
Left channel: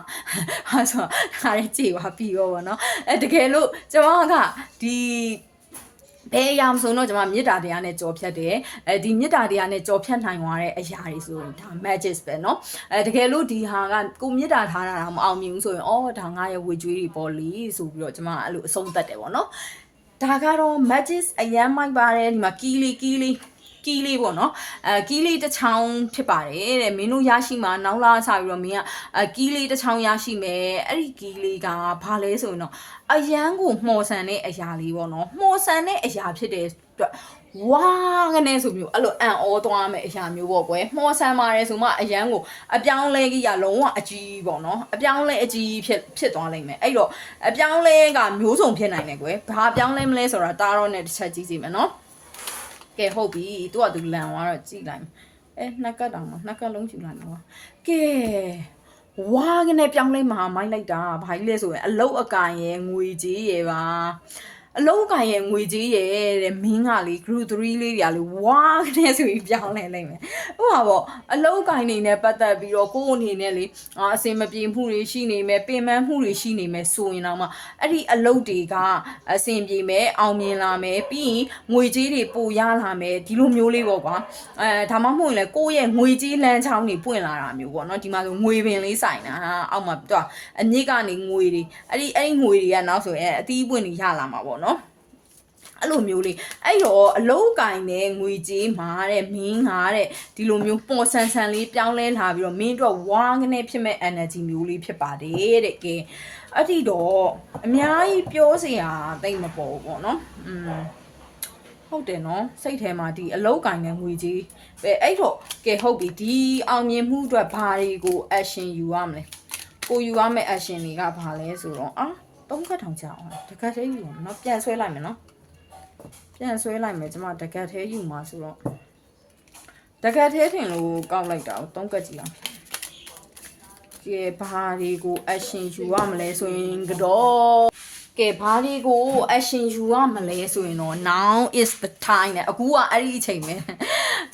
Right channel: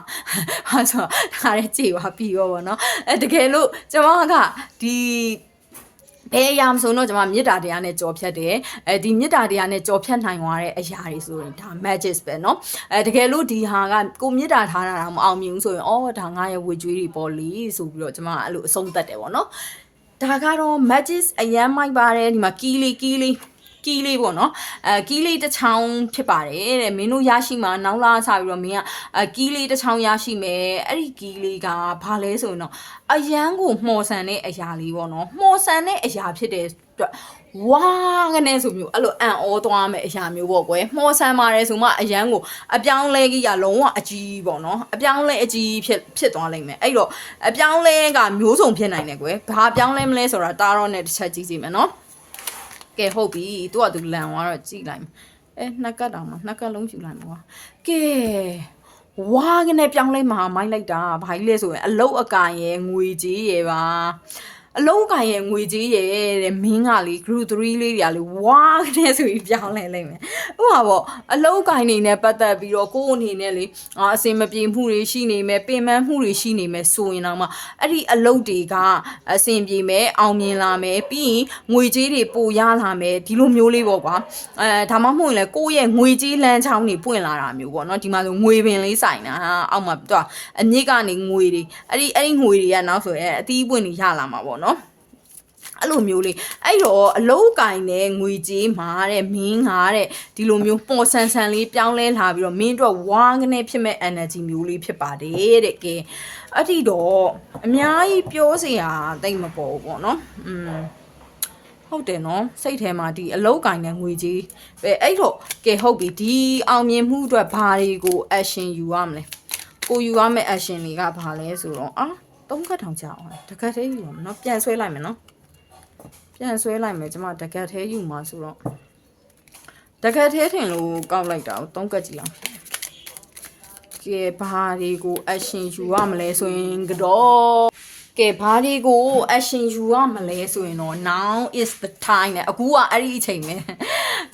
ဟာဆိုဒါလည်းကြည်ပါပြီးရောပေါ့နော်တကယ်လို့ကျွန်မကဒီဘယ်အရာမဆိုတော့ကျွန်မမေတ္တာတရားနဲ့ကြော်ဖြတ်တယ်ဒီမေတ္တာတရားနဲ့ကြော်ဖြတ်နိုင်သွားတဲ့အရာတွေဆိုရင်ဒါ magic ပဲเนาะတကယ်လို့ဒီဟာကကိုမေတ္တာထားတာမအောင်မြင်ဘူးဆိုရင်အော်ဒါငါရဲ့ဝေကျွေးတွေပေါ်လီဆိုပြီးတော့ကျွန်မအဲ့လိုအဆုံးသတ်တယ်ပေါ့เนาะဒါကတော့ magic အရန်မိုက်ပါတယ်ဒီမှာကီးလေးပေါ့နော်ကီးလေးတစ်ချောင်းဖြစ်ပါတယ်တဲ့မင်းတို့ရရှိမှာနောက်လာစပြီးတော့မင်းကကီးလေးတစ်ချောင်းရရှိမယ်အဲ့ဒီကီးလေးကဘာလဲဆိုရင်တော့အရန်ကိုမှော်ဆန်တဲ့အရာလေးပေါ့နော်မှော်ဆန်တဲ့အရာဖြစ်တဲ့အတွက်ဝါကနေဆိုမျိုးအဲ့လိုအံ့ဩသွားမယ်အရာမျိုးပေါ့ကွယ်မှော်ဆန်ပါတယ်ဆိုမှအရန်ကိုအပြောင်းလဲကြီးကလုံးဝအကြီးပေါ့နော်အပြောင်းလဲအကြီးဖြစ်သွားလိမ့်မယ်အဲ့တော့အပြောင်းလဲကမျိုးစုံဖြစ်နိုင်တယ်ကွယ်ဘာအပြောင်းလဲမလဲဆိုတာတားတော့နဲ့တစ်ချက်ကြည့်စီမယ်နော်ကဲဟုတ်ပြီသူကသူလန်သွားတော့ကြည့်လိုက်နှစ်ကတ်တောင်တော့နှစ်ကတ်လုံးယူလိုက်တော့ကဲဝါးကနေပြောင်းလဲမှာမိုင်းလိုက်တာဘာကြီးလဲဆိုရင်အလုတ်အကင်ရဲ့ငွေကြီးရဲ့ပါအလုံးကရဲ့ငွေကြီးရဲ့တဲ့မင်းကလေ group 3လေးတွေကလေဝါးတဲ့ဆိုပြီးပြောင်းလဲလိုက်မယ်ဟိုပါပေါ့အလုံးကင်နေနဲ့ပတ်သက်ပြီးတော့ကိုယ်အနေနဲ့လေအစင်မပြေမှုတွေရှိနေမယ်ပင်ပန်းမှုတွေရှိနေမယ်ဆိုရင်တော့မှအဲ့ဒီအလုံးတွေကအစင်ပြေမယ်အောင်မြင်လာမယ်ပြီးရင်ငွေကြီးတွေပိုရလာမယ်ဒီလိုမျိုးလေးပေါ့ကွာဒါမှမဟုတ်ရင်လေကိုယ့်ရဲ့ငွေကြီးလမ်းချောင်းတွေပွင့်လာတာမျိုးပေါ့နော်ဒီမှာဆိုငွေပင်လေးဆိုင်တာအောက်မှာတော့အမြင့်ကနေငွေတွေအဲ့ဒီငွေတွေကနောက်ဆိုရင်အသီးပွင့်တွေရလာမှာပေါ့နော်အဲ့လိုမျိုးလေးအဲ့တော့အလုံးကင်နဲ့ငွေကြေးမှာတဲ့မင်းကတဲ့ဒီလိုမျိုးပေါ်ဆန်ဆန်လေးပြောင်းလဲလာပြီးတော့မင်းတို့ဝါးကနေဖြစ်မဲ့ energy မျိုးလေးဖြစ်ပါတယ်တဲ့ကဲအဲ့ဒီတော့အများကြီးပြောစရာတိတ်မပေါ်ဘူးပေါ့နော်ဟုတ်တယ်နော်စိတ်ထဲမှာဒီအလုံးကင်နဲ့ငွေကြေးပဲအဲ့တော့ကဲဟုတ်ပြီဒီအောင်မြင်မှုအတွက်ဘာတွေကို action ယူရမလဲကိုယူရမယ့် action တွေကဘာလဲဆိုတော့သုံးခတ်ထောင်ကြအောင်တကယ်သေးယူနော်ပြန်ဆွဲလိုက်မယ်နော်ပြန်ဆွဲလိုက်မယ်ကျမတကက်သေးယူမှာဆိုတော့တကက်သေးထင်လို့ကောက်လိုက်တာကိုသုံးကက်ကြည့်အောင်ကဲဘာတွေကို action ယူရမလဲဆိုရင်ကတော့ကဲဘာတွေကို action ယူရမလဲဆိုရင်တော့ now is the time နဲ့အခုကအဲ့ဒီအချိန်ပဲ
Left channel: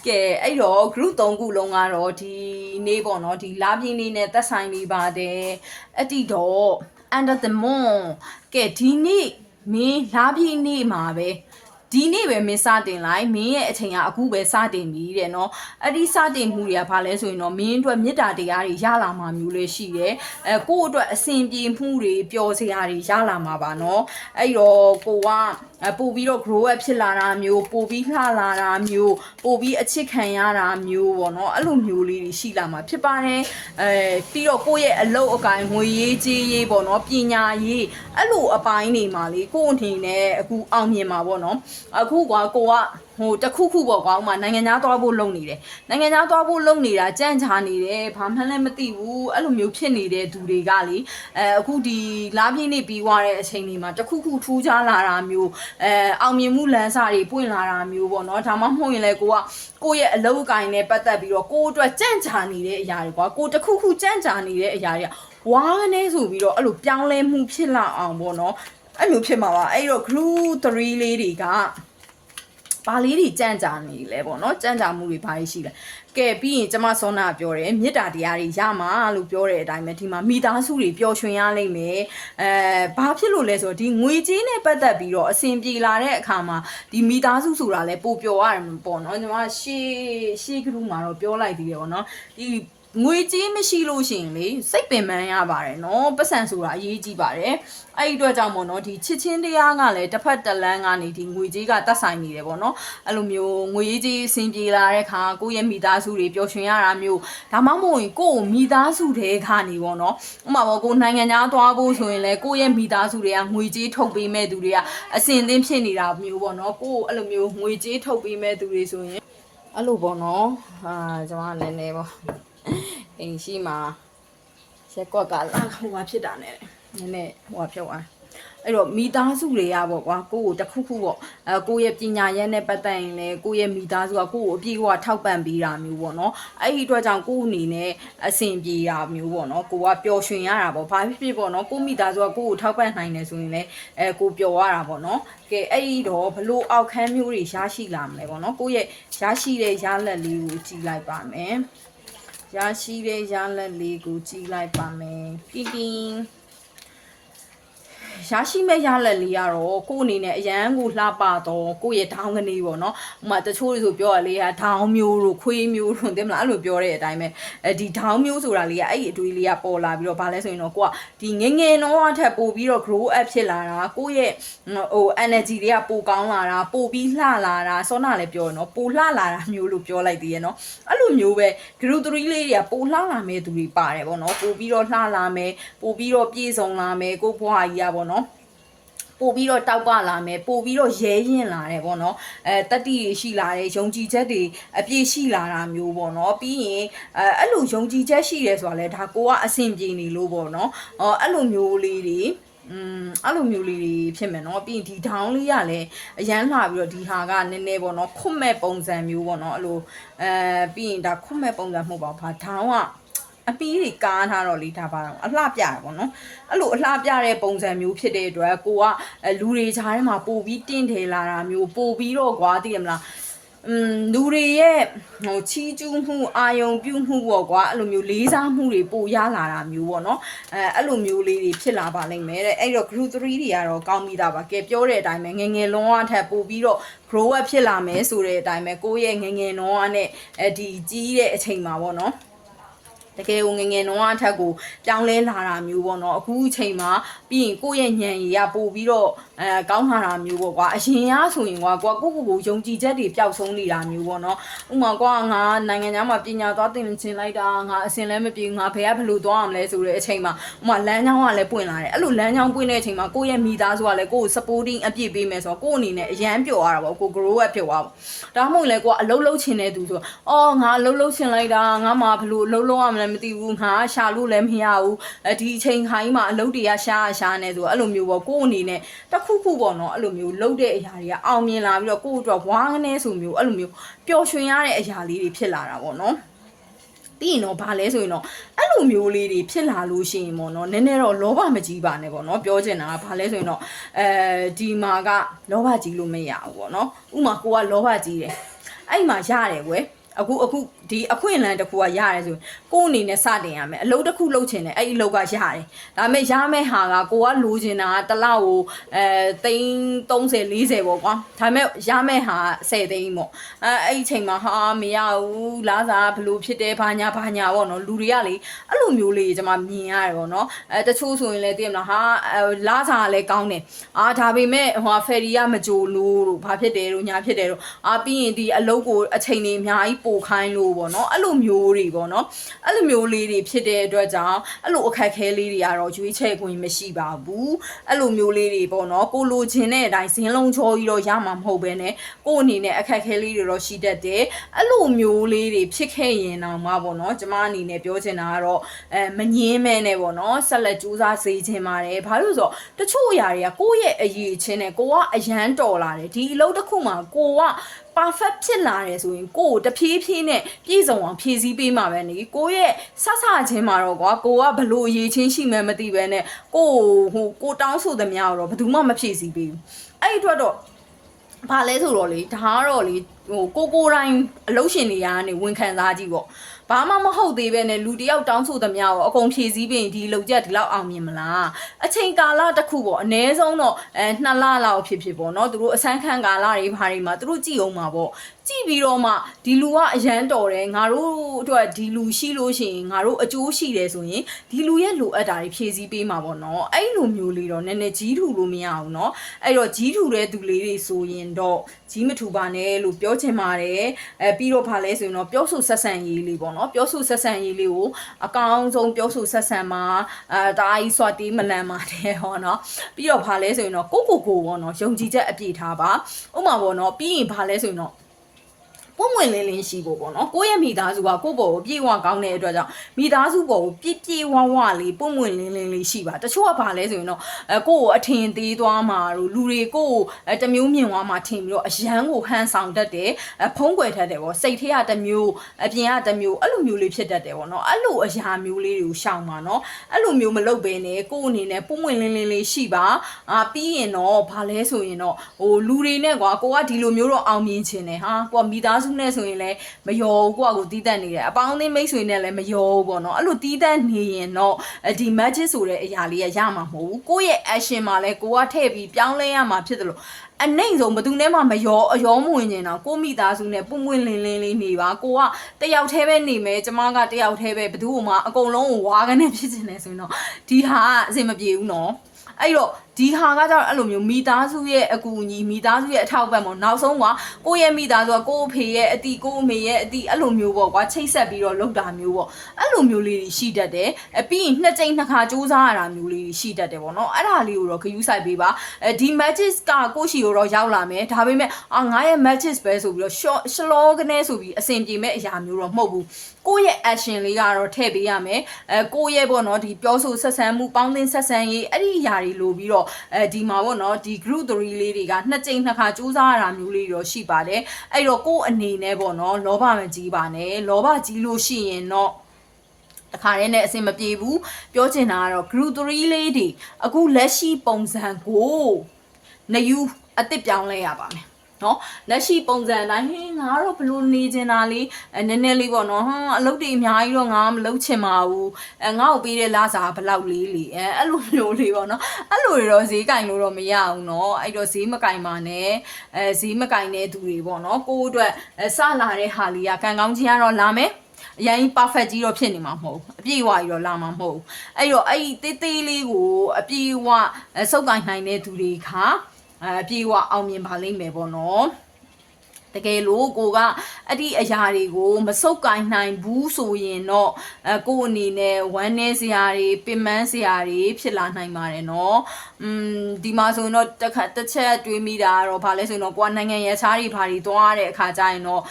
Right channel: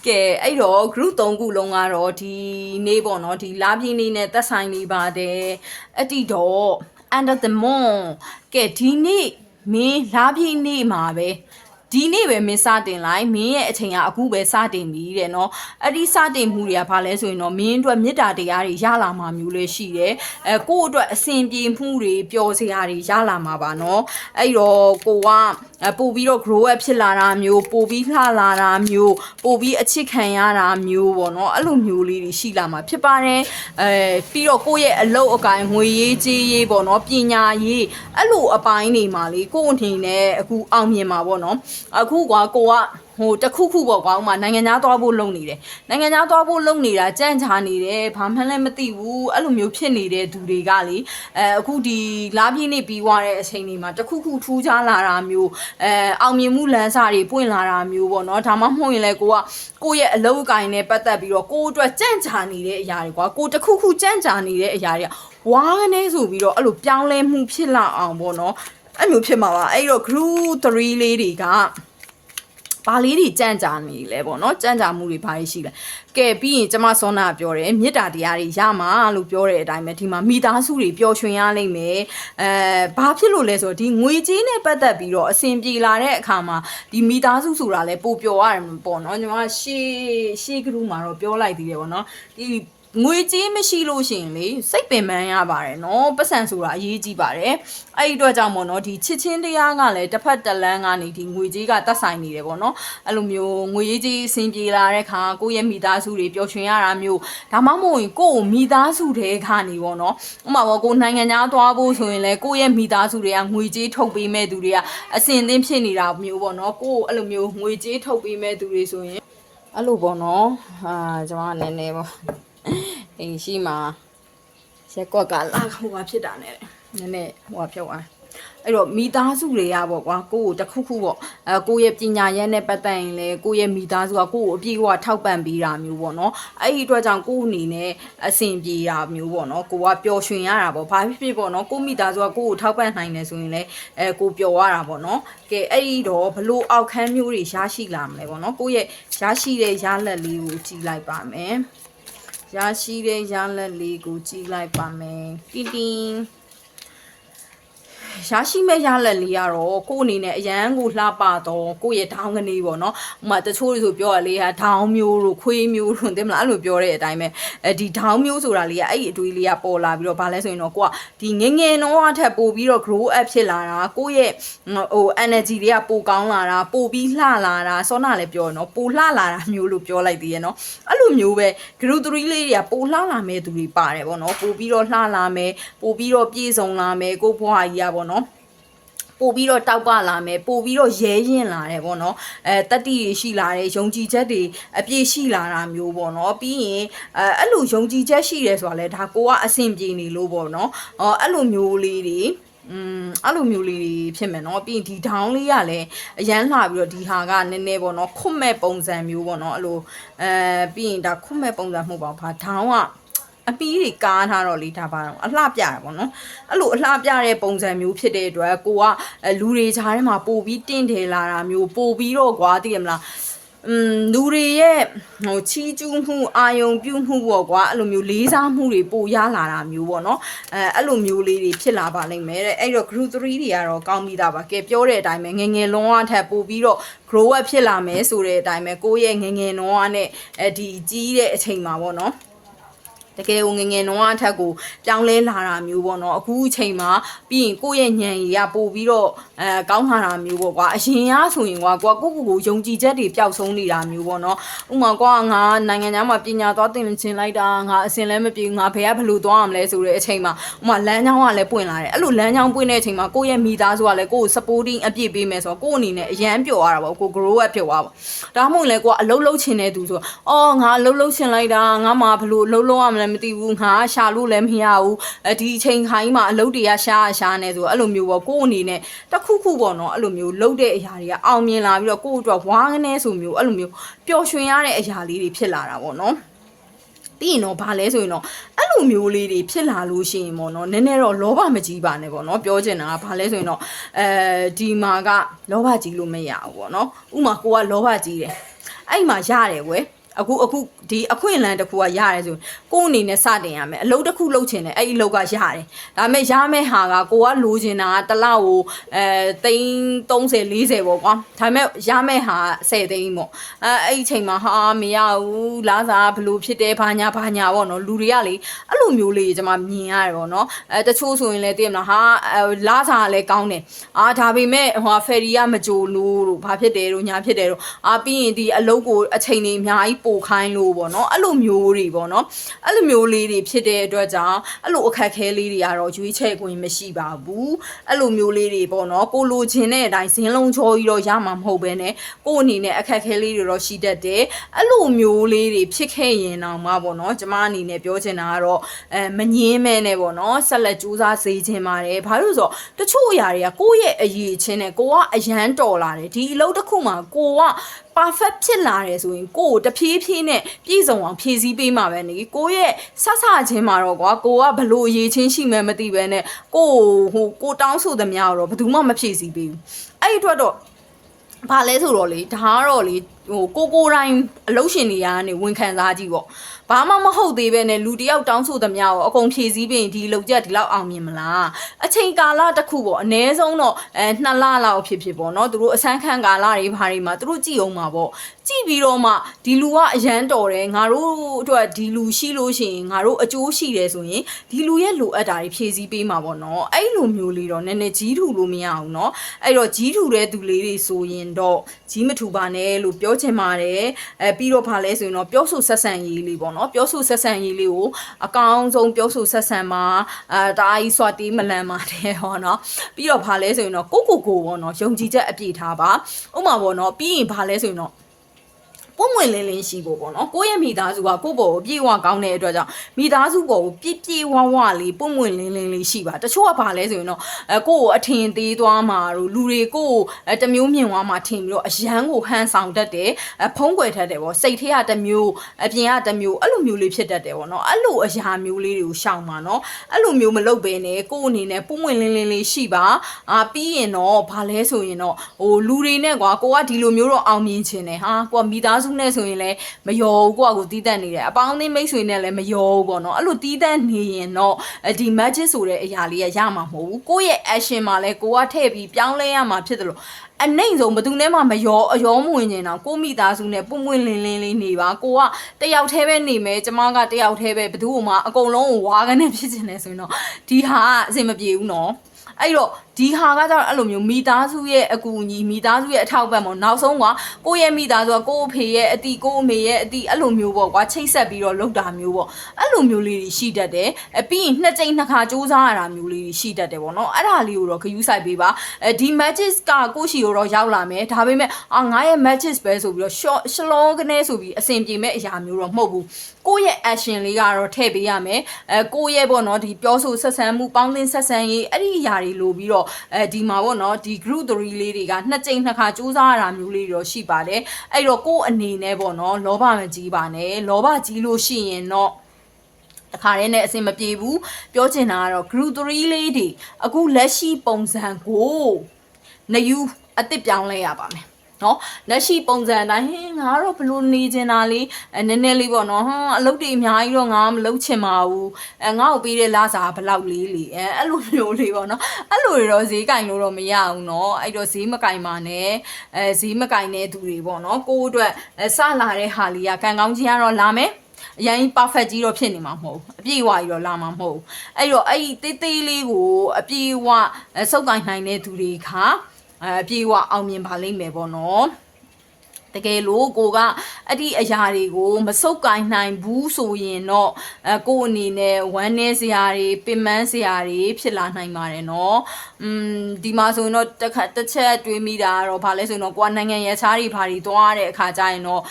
ကဲအဲ့တော့ group 3ခုလုံးကတော့ဒီနေ့ပေါ့နော်ဒီလာပြင်းနေနဲ့သက်ဆိုင်နေပါတယ်အဲ့ဒီတော့ under the moon ကဲဒီနေ့မင်းလာပြင်းနေမှာပဲဒီနေ့ပဲမင်းစတင်လိုက်မင်းရဲ့အချိန်ကအခုပဲစတင်ပြီတဲ့နော်အဲ့ဒီစတင်မှုတွေကဘာလဲဆိုရင်တော့မင်းအတွက်မေတ္တာတရားတွေရလာမှာမျိုးလေးရှိတယ်ကိုယ့်အတွက်အစဉ်ပြေမှုတွေပျော်စရာတွေရလာမှာပါနော်အဲ့တော့ကိုကပို့ပြီးတော့ grow up ဖြစ်လာတာမျိုးပို့ပြီးလှလာတာမျိုးပို့ပြီးအချစ်ခံရတာမျိုးပေါ့နော်အဲ့လိုမျိုးလေးတွေရှိလာမှာဖြစ်ပါတယ်ပြီးတော့ကိုယ့်ရဲ့အလုပ်အကိုင်ငွေရေးကြေးရေးပေါ့နော်ပညာရေးအဲ့လိုအပိုင်းတွေမှာလေကိုယ့်အနေနဲ့အခုအောင်မြင်မှာပေါ့နော်အခုကကိုကဟိုတခုခုပေါ့ကွာဥမာနိုင်ငံသားသွားဖို့လုပ်နေတယ်နိုင်ငံသားသွားဖို့လုပ်နေတာကြန့်ချာနေတယ်ဘာမှလည်းမသိဘူးအဲ့လိုမျိုးဖြစ်နေတဲ့သူတွေကလေအခုဒီလာပြင်းနေပြီးွားတဲ့အချိန်တွေမှာတခုခုထူးခြားလာတာမျိုးအောင်မြင်မှုလမ်းစာတွေပွင့်လာတာမျိုးပေါ့နော်ဒါမှမဟုတ်ရင်လည်းကိုယ့်ရဲ့အလုပ်အကိုင်နဲ့ပတ်သက်ပြီးတော့ကိုယ့်အတွက်ကြန့်ချာနေတဲ့အရာတွေကွာကိုတခုခုကြန့်ချာနေတဲ့အရာတွေကဝါးနေဆိုပြီးတော့အဲ့လိုပြောင်းလဲမှုဖြစ်လာအောင်ပေါ့နော်အဲ့လိုဖြစ်မှာပါအဲ့တော့ group 3လေးတွေကဘာလေးတွေကြံ့ကြာနေလဲပေါ့နော်ကြံ့ကြာမှုတွေဘာတွေရှိလဲကဲပြီးရင်ကျမစောနာပြောတယ်မေတ္တာတရားတွေရမှာလို့ပြောတဲ့အတိုင်းပဲဒီမှာမိသားစုတွေပျော်ရွှင်ရလိမ့်မယ်ဘာဖြစ်လို့လဲဆိုတော့ဒီငွေကြေးနဲ့ပတ်သက်ပြီးတော့အစဉ်ပြေလာတဲ့အခါမှာဒီမိသားစုဆိုတာလဲပိုပျော်ရတယ်ပေါ့နော်ညီမရှေးကလူမှာတော့ပြောလိုက်သေးတယ်ပေါ့နော်ဒီ ငွေကြေးမရှိလို့ရှိရင်လေစိတ်ပင်ပန်းရပါတယ်နော်ပတ်စံဆိုတာအရေးကြီးပါတယ်အဲ့ဒီအတွက်ကြောင့်မို့နော်ဒီချစ်ချင်းတရားကလည်းတစ်ဖက်တစ်လမ်းကနေဒီငွေကြေးကတက်ဆိုင်နေတယ်ပေါ့နော်အဲ့လိုမျိုးငွေကြေးအဆင်ပြေလာတဲ့ခါကိုယ့်ရဲ့မိသားစုတွေပျော်ရွှင်ရတာမျိုးဒါမှမဟုတ်ရင်ကိုယ့်ကိုမိသားစုတွေခါနေပေါ့နော်ဥပမာပေါ့ကိုနိုင်ငံသားသွားဖို့ဆိုရင်လည်းကိုယ့်ရဲ့မိသားစုတွေကငွေကြေးထုတ်ပေးမဲ့သူတွေကအဆင်သင့်ဖြစ်နေတာမျိုးပေါ့နော်ကိုယ့်အဲ့လိုမျိုးငွေကြေးထုတ်ပေးမဲ့သူတွေဆိုရင်အဲ့လိုပေါ့နော်ကျွန်မနည်းနည်းပေါ့အိမ်ရှိမှာရက်ကွက်ကလာဟိုဟာဖြစ်တာနဲ့နည်းနည်းဟိုဟာဖြုတ်အောင်အဲ့တော့မိသားစုတွေကပေါ့ကွာကိုယ့်ကိုတခုခုပေါ့ကိုယ့်ရဲ့ပညာရေးနဲ့ပတ်သက်ရင်လည်းကိုယ့်ရဲ့မိသားစုကကိုယ့်ကိုအပြည့်အဝထောက်ပံ့ပေးတာမျိုးပေါ့နော်အဲ့ဒီအတွက်ကြောင့်ကိုယ့်အနေနဲ့အဆင်ပြေတာမျိုးပေါ့နော်ကိုကပျော်ရွှင်ရတာပေါ့ဘာဖြစ်ဖြစ်ပေါ့နော်ကိုယ့်မိသားစုကကိုယ့်ကိုထောက်ပံ့နိုင်တယ်ဆိုရင်လည်းကိုပျော်ရတာပေါ့နော်ကဲအဲ့ဒီတော့ဘလို့အောက်ခန်းမျိုးတွေရရှိလာမလဲပေါ့နော်ကိုယ့်ရဲ့ရရှိတဲ့ရလက်လေးကိုကြည့်လိုက်ပါမယ်ရရှိတဲ့ရလက်လေးကိုကြည့်လိုက်ပါမယ်တင်းတင်းရရှိမဲ့ရလက်လေးကတော့ကို့အနေနဲ့အရန်ကိုလှပတော့ကိုယ့်ရဲ့ဒေါင်းကနေပေါ့နော်ဥမာတချို့တွေဆိုပြောရလေဟာဒေါင်းမျိုးတို့ခွေးမျိုးတို့သိမလားအဲ့လိုပြောတဲ့အတိုင်းပဲဒီဒေါင်းမျိုးဆိုတာလေးကအဲ့ဒီအတွေးလေးကပေါ်လာပြီးတော့ဗာလဲဆိုရင်တော့ကိုကဒီငငယ်တော့အထက်ပို့ပြီးတော့ grow up ဖြစ်လာတာကိုယ့်ရဲ့ဟို energy တွေကပိုကောင်းလာတာပိုပြီးလှလာတာစောနာလည်းပြောရနော်ပိုလှလာတာမျိုးလို့ပြောလိုက်သေးရဲ့နော်အဲ့လိုမျိုးပဲ group 3လေးတွေကပိုလှလာမဲ့သူတွေပါတယ်ပေါ့နော်ပိုပြီးတော့လှလာမယ်ပိုပြီးတော့ပြည့်စုံလာမယ်ကိုယ့်ဘဝကြီးอ่ะပေါ့နော်ပို့ပြီးတော့တောက်ပလာမယ်ပို့ပြီးတော့ရဲရင်လာတယ်ပေါ့နော်တတိတွေရှိလာတယ်ယုံကြည်ချက်တွေအပြည့်ရှိလာတာမျိုးပေါ့နော်ပြီးရင်အဲ့လိုယုံကြည်ချက်ရှိတယ်ဆိုတာလဲဒါကိုကအဆင်ပြေနေလို့ပေါ့နော်အဲ့လိုမျိုးလေးတွေအဲ့လိုမျိုးလေးတွေဖြစ်မယ်နော်ပြီးရင်ဒီဒေါင်းလေးကလည်းအရန်လာပြီးတော့ဒီဟာကနည်းနည်းပေါ့နော်ခွတ်မဲ့ပုံစံမျိုးပေါ့နော်အဲ့လိုပြီးရင်ဒါခွတ်မဲ့ပုံစံမဟုတ်ပါဘူးဘာဒေါင်းကအပီးတွေကားထားတော့လေဒါပါတော့အလှပြတာပေါ့နော်အဲ့လိုအလှပြတဲ့ပုံစံမျိုးဖြစ်တဲ့အတွက်ကိုကလူတွေကြားထဲမှာပို့ပြီးတင့်တယ်လာတာမျိုးပို့ပြီးတော့ကွာသိရမလားလူတွေရဲ့ဟိုချီးကျူးမှုအာယုံပြုမှုပေါ့ကွာအဲ့လိုမျိုးလေးစားမှုတွေပိုရလာတာမျိုးပေါ့နော်အဲ့လိုမျိုးလေးတွေဖြစ်လာပါလိမ့်မယ်တဲ့အဲ့တော့ group 3တွေကတော့ကောင်းပြီးသားပါကဲပြောတဲ့အတိုင်းပဲငငယ်လုံးအထက်ပို့ပြီးတော့ grow up ဖြစ်လာမယ်ဆိုတဲ့အတိုင်းပဲကိုယ့်ရဲ့ငငယ်လုံးအနဲ့ဒီကြီးတဲ့အချိန်မှာပေါ့နော်တကယ်ကိုငငယ်တော့အထက်ကိုပြောင်းလဲလာတာမျိုးပေါ့နော်အခုအချိန်မှာပြီးရင်ကိုယ့်ရဲ့ညံရီကပို့ပြီးတော့ကောင်းလာတာမျိုးပေါ့ကွာအရင်ကဆိုရင်ကွာကိုကိုယုံကြည်ချက်တွေပျောက်ဆုံးနေတာမျိုးပေါ့နော်ဥမာကွာငါနိုင်ငံသားမှာပညာသွားသင်ချင်လိုက်တာငါအစင်လည်းမပြေငါဘယ်ကဘလို့သွားရမလဲဆိုတဲ့အချိန်မှာဥမာလမ်းကြောင်းကလည်းပွင့်လာတယ်အဲ့လိုလမ်းကြောင်းပွင့်တဲ့အချိန်မှာကိုယ့်ရဲ့မိသားစုကလည်းကိုယ့်ကို supporting အပြည့်ပေးမယ်ဆိုတော့ကိုယ့်အနေနဲ့အရန်ပျော်ရတာပေါ့ကို grow up ဖြစ်သွားပေါ့ဒါမှမဟုတ်လေကိုကအလုံးလုံးချင်တဲ့သူဆိုအော်ငါအလုံးလုံးချင်လိုက်တာငါမှဘလို့အလုံးလုံးရမလဲမသိဘူးငါရှာလို့လည်းမရဘူးဒီအချိန်ခိုင်းမှာအလုပ်တွေကရှာနေဆိုအဲ့လိုမျိုးပေါ့ကိုယ့်အနေနဲ့တခုခုပေါ့နော်အဲ့လိုမျိုးလုပ်တဲ့အရာတွေကအောင်မြင်လာပြီးတော့ကိုယ့်အတွက်ဝါးကနေဆိုမျိုးအဲ့လိုမျိုးပျော်ရွှင်ရတဲ့အရာလေးတွေဖြစ်လာတာပေါ့နော်ပြီးရင်တော့ဗာလဲဆိုရင်တော့အဲ့လိုမျိုးလေးတွေဖြစ်လာလို့ရှိရင်ပေါ့နော်နည်းနည်းတော့လောဘမကြီးပါနဲ့ပေါ့နော်ပြောချင်တာကဗာလဲဆိုရင်တော့ဒီမှာကလောဘကြီးလို့မရဘူးပေါ့နော်ဥမာကိုကလောဘကြီးတယ်အဲ့မှာရတယ်ကွယ်အခုဒီအခွင့်အလမ်းတစ်ခုကရတယ်ဆိုကိုယ်အနေနဲ့စတင်ရမယ်အလုပ်တစ်ခုလုပ်ချင်တယ်အဲ့ဒီအလုပ်ကရတယ်ဒါပေမဲ့ရမယ့်ဟာကကိုကလိုချင်တာတစ်လောက်ကိုသိန်း30 40ပေါ့ကွာဒါပေမဲ့ရမယ့်ဟာ10သိန်းပေါ့အဲ့ဒီချိန်မှာဟာမရဘူးလားစားဘလို့ဖြစ်တယ်ဘာညာပေါ့နော်လူတွေကလေအဲ့လိုမျိုးလေးကျွန်မမြင်ရတယ်ပေါ့နော်တချို့ဆိုရင်လည်းသိရမလားဟာလားစားလည်းကောင်းတယ်ဒါပေမဲ့ဟိုဖယ်ရီကမကြိုလို့ဘာဖြစ်တယ်တို့ညာဖြစ်တယ်တို့ပြီးရင်ဒီအလုပ်ကိုအချိန်တွေအများကြီးပိုခိုင်းလို့ပေါ့နော်အဲ့လိုမျိုးတွေပေါ့နော်အဲ့လိုမျိုးလေးတွေဖြစ်တဲ့အတွက်ကြောင့်အဲ့လိုအခက်ခဲလေးတွေကတော့ရွေးချယ်ခွင့်မရှိပါဘူးအဲ့လိုမျိုးလေးတွေပေါ့နော်ကိုလိုချင်တဲ့အတိုင်းဇင်းလုံးချောကြီးတော့ရမှာမဟုတ်ဘဲနဲ့ကိုအနေနဲ့အခက်ခဲလေးတွေတော့ရှိတတ်တယ်အဲ့လိုမျိုးလေးတွေဖြစ်ခဲ့ရင်တော့မှပေါ့နော်ကျမအနေနဲ့ပြောချင်တာကတော့မငင်းမဲနဲ့ပေါ့နော်ဆက်လက်ကြိုးစားစေချင်ပါတယ်ဘာလို့ဆိုတော့တချို့အရာတွေကကိုယ့်ရဲ့အရေးချင်းနဲ့ကိုကအရန်တော်လာတယ်ဒီအလုပ်တစ်ခုမှာကိုကperfect ဖြစ်လာတယ်ဆိုရင်ကိုတဖြည်းဖြည်းနဲ့ပြည့်စုံအောင်ဖြည့်ဆည်းပေးမှာပဲနေကိုရဲ့ဆဆချင်းမှာတော့ကွာကိုကဘလို့အရေးချင်းရှိမှမသိပဲနဲ့ကိုတောင်းဆိုသမျှတော့ဘယ်သူမှမဖြည့်ဆည်းပေးဘူးအဲ့ဒီအတွက်တော့ဘာလဲဆိုတော့လေဒါကတော့လေကိုတိုင်းအလုပ်ရှင်တွေကနေဝန်ခံစားကြည့်ပေါ့ဘာမှမဟုတ်သေးပဲနဲ့လူတယောက်တောင်းဆိုသမျှကိုအကုန်ဖြည့်ဆည်းပြီးဒီလုံချက်ဒီလောက်အောင်မြင်မလားအချိန်ကာလတစ်ခုပေါ့အနည်းဆုံးတော့2 လလောက်ဖြစ်ပေါ့နော်သူတို့အစမ်းခံကာလတွေဘာတွေမှာသူတို့ကြည့်အောင်မှာပေါ့ ကြည့်ပြီးတော့မှဒီလူကအရန်တော်တယ်ငါတို့အတွက်ဒီလူရှိလို့ရှိရင်ငါတို့အကျိုးရှိတယ်ဆိုရင်ဒီလူရဲ့လိုအပ်တာတွေဖြည့်ဆည်းပေးမှာပေါ့နော်အဲ့လိုမျိုးလေးတော့နည်းနည်းကြီးထူလို့မရအောင်เนาะအဲ့တော့ကြီးထူတဲ့သူလေးတွေဆိုရင်တော့ကြီးမထူပါနဲ့လို့ပြောချင်ပါတယ်ပြီးတော့ဗာလဲဆိုရင်တော့ပြောဆိုဆက်ဆံရေးလေးပေါ့နော်ပြောဆိုဆက်ဆံရေးလေးကိုအကောင်းဆုံးပြောဆိုဆက်ဆံမှာတားကြီးစွာတေးမလန်ပါတယ်ဟောနော်ပြီးတော့ဗာလဲဆိုရင်တော့ကိုပေါ့နော်ယုံကြည်ချက်အပြည့်ထားပါဥပမာပေါ့နော်ပြီးရင်ဗာလဲဆိုရင်တော့ပုံမွင်လင်းလင်းရှိဖို့ပေါ့နော်ကိုယ့်ရဲ့မိသားစုကကိုယ့်ဘောကိုပြေဝကောင်းတဲ့အတွက်ကြောင့်မိသားစုဘောကိုပြေဝလေးပုံမွင်လင်းလင်းလေးရှိပါတချို့ကဘာလဲဆိုရင်တော့ကိုယ့်ကိုအထင်သေးသွားမှာတို့လူတွေကိုတမျိုးမြင်သွားမှာထင်ပြီးတော့အရန်ကိုဟန်ဆောင်တတ်တယ်ဖုံးကွယ်တတ်တယ်ပေါ့စိတ်ထဲကတမျိုးအပြင်ကတမျိုးအဲ့လိုမျိုးလေးဖြစ်တတ်တယ်ပေါ့နော်အဲ့လိုအရာမျိုးလေးတွေကိုရှောင်ပါနော်အဲ့လိုမျိုးမလုပ်ဘဲနဲ့ကိုယ့်အနေနဲ့ပုံမွင်လင်းလင်းလေးရှိပါပြီးရင်တော့ဘာလဲဆိုရင်တော့လူတွေနဲ့ကွာကိုကဒီလိုမျိုးတော့အောင်မြင်ခြင်းတယ်ဟာကိုကမိသားစုနဲ့ဆိုရင်လည်းမယောကိုကကိုတီးတက်နေတယ်အပေါင်းအသင်းမိတ်ဆွေနဲ့လည်းမယောပေါ့နော်အဲ့လိုတီးတက်နေရင်တော့ဒီ magic ဆိုတဲ့အရာလေးရမှာမဟုတ်ဘူးကိုယ့်ရဲ့ action မှာလည်းကိုကထည့်ပြီးပြောင်းလဲရမှာဖြစ်တယ်လို့အနိုင်ဆုံးဘယ်သူနဲ့မှမယောအယောမဝင်နေတော့ကိုမိသားစုနဲ့ပုံပွင့်လင်းလင်းလေးနေပါကိုကတယောက်တည်းပဲနေမယ်ကျမကတယောက်တည်းပဲဘယ်သူမှအကုန်လုံးကိုဝါကနေဖြစ်နေတယ်ဆိုရင်တော့ဒီဟာအဆင်မပြေဘူးနော်အဲ့တော့ဒီဟာကကြောင့်အဲ့လိုမျိုးမိသားစုရဲ့အကူအညီမိသားစုရဲ့အထောက်ပံ့ပေါ့နောက်ဆုံးကကိုယ့်ရဲ့မိသားစုကကိုယ့်အဖေရဲ့အတီကိုယ့်အမေရဲ့အတီအဲ့လိုမျိုးပေါ့ကွာချိတ်ဆက်ပြီးတော့လုပ်တာမျိုးပေါ့အဲ့လိုမျိုးလေးတွေရှိတတ်တယ်ပြီးရင်နှစ်ကြိမ်နှစ်ခါစူးစမ်းရတာမျိုးလေးတွေရှိတတ်တယ်ပေါ့နော်အဲ့ဒါလေးကိုတော့ဂရုစိုက်ပေးပါဒီ magic ကကိုရှိကိုတော့ရောက်လာမယ်ဒါပေမဲ့ငါရဲ့ magic ပဲဆိုပြီးတော့ရှလောကနေဆိုပြီးအဆင်ပြေမဲ့အရာမျိုးတော့မဟုတ်ဘူးကိုယ့်ရဲ့ action လေးကတော့ထည့်ပေးရမယ်ကိုယ့်ရဲ့ပေါ့နော်ဒီပြောဆိုဆက်ဆံမှုပေါင်းသင်းဆက်ဆံရေးအဲ့ဒီအရာတွေလိုပြီးတော့ဒီမှာပေါ့နော်ဒီ group 3လေးတွေကနှစ်ကြိမ်နှစ်ခါစူးစမ်းရတာမျိုးလေးတော့ရှိပါတယ်အဲ့တော့ကိုယ့်အနေနဲ့ပေါ့နော်လောဘမကြီးပါနဲ့လောဘကြီးလို့ရှိရင်တော့အခါရဲနဲ့အဆင်မပြေဘူးပြောချင်တာကတော့ group 3လေးတွေအခုလက်ရှိပုံစံကိုနယူအစ်စ်ပြောင်းလဲရပါမယ်နော်လက်ရှိပုံစံတိုင်းဟင်းငါတော့ဘလို့နေချင်တာလေးနည်းနည်းလေးပေါ့နော်အလုပ်တွေအများကြီးတော့ငါမလုပ်ချင်ပါဘူးငါ့ကိုပေးတဲ့လစာဘလောက်လေးလေအဲ့လိုမျိုးလေးပေါ့နော်အဲ့လိုတွေတော့ဈေးကင်လို့တော့မရဘူးနော်အဲ့တော့ဈေးမကင်ပါနဲ့ဈေးမကင်တဲ့သူတွေပေါ့နော်ကိုယ့်အတွက်စလာတဲ့ဟာလေးကကံကောင်းခြင်းကတော့လာမယ်အရင် perfect ကြီးတော့ဖြစ်နေမှာမဟုတ်ဘူးအပြည့်အဝကြီးတော့လာမှာမဟုတ်ဘူးအဲ့တော့အဲ့ဒီတေးသေးလေးကိုအပြည့်အဝစုပ်ကိုင်နိုင်တဲ့သူတွေကအပြေဝအောင်မြင်ပါလိမ့်မယ်ပေါ့နော်တကယ်လို့ကိုကအဒီအရာတွေကိုမစုပ်ကိုင်နိုင်ဘူးဆိုရင်တော့ကိုအနေနဲ့ဝမ်းနည်းစရာတွေပင်ပန်းစရာတွေဖြစ်လာနိုင်ပါတယ်နော်ဒီမှာဆိုရင်တော့တစ်ချက်တွေးမိတာကတော့ဗာလဲဆိုရင်တော့ကိုကနိုင်ငံရဲ့ခြားတွေဘာတွေသွားတဲ့အခါကျရင်တော့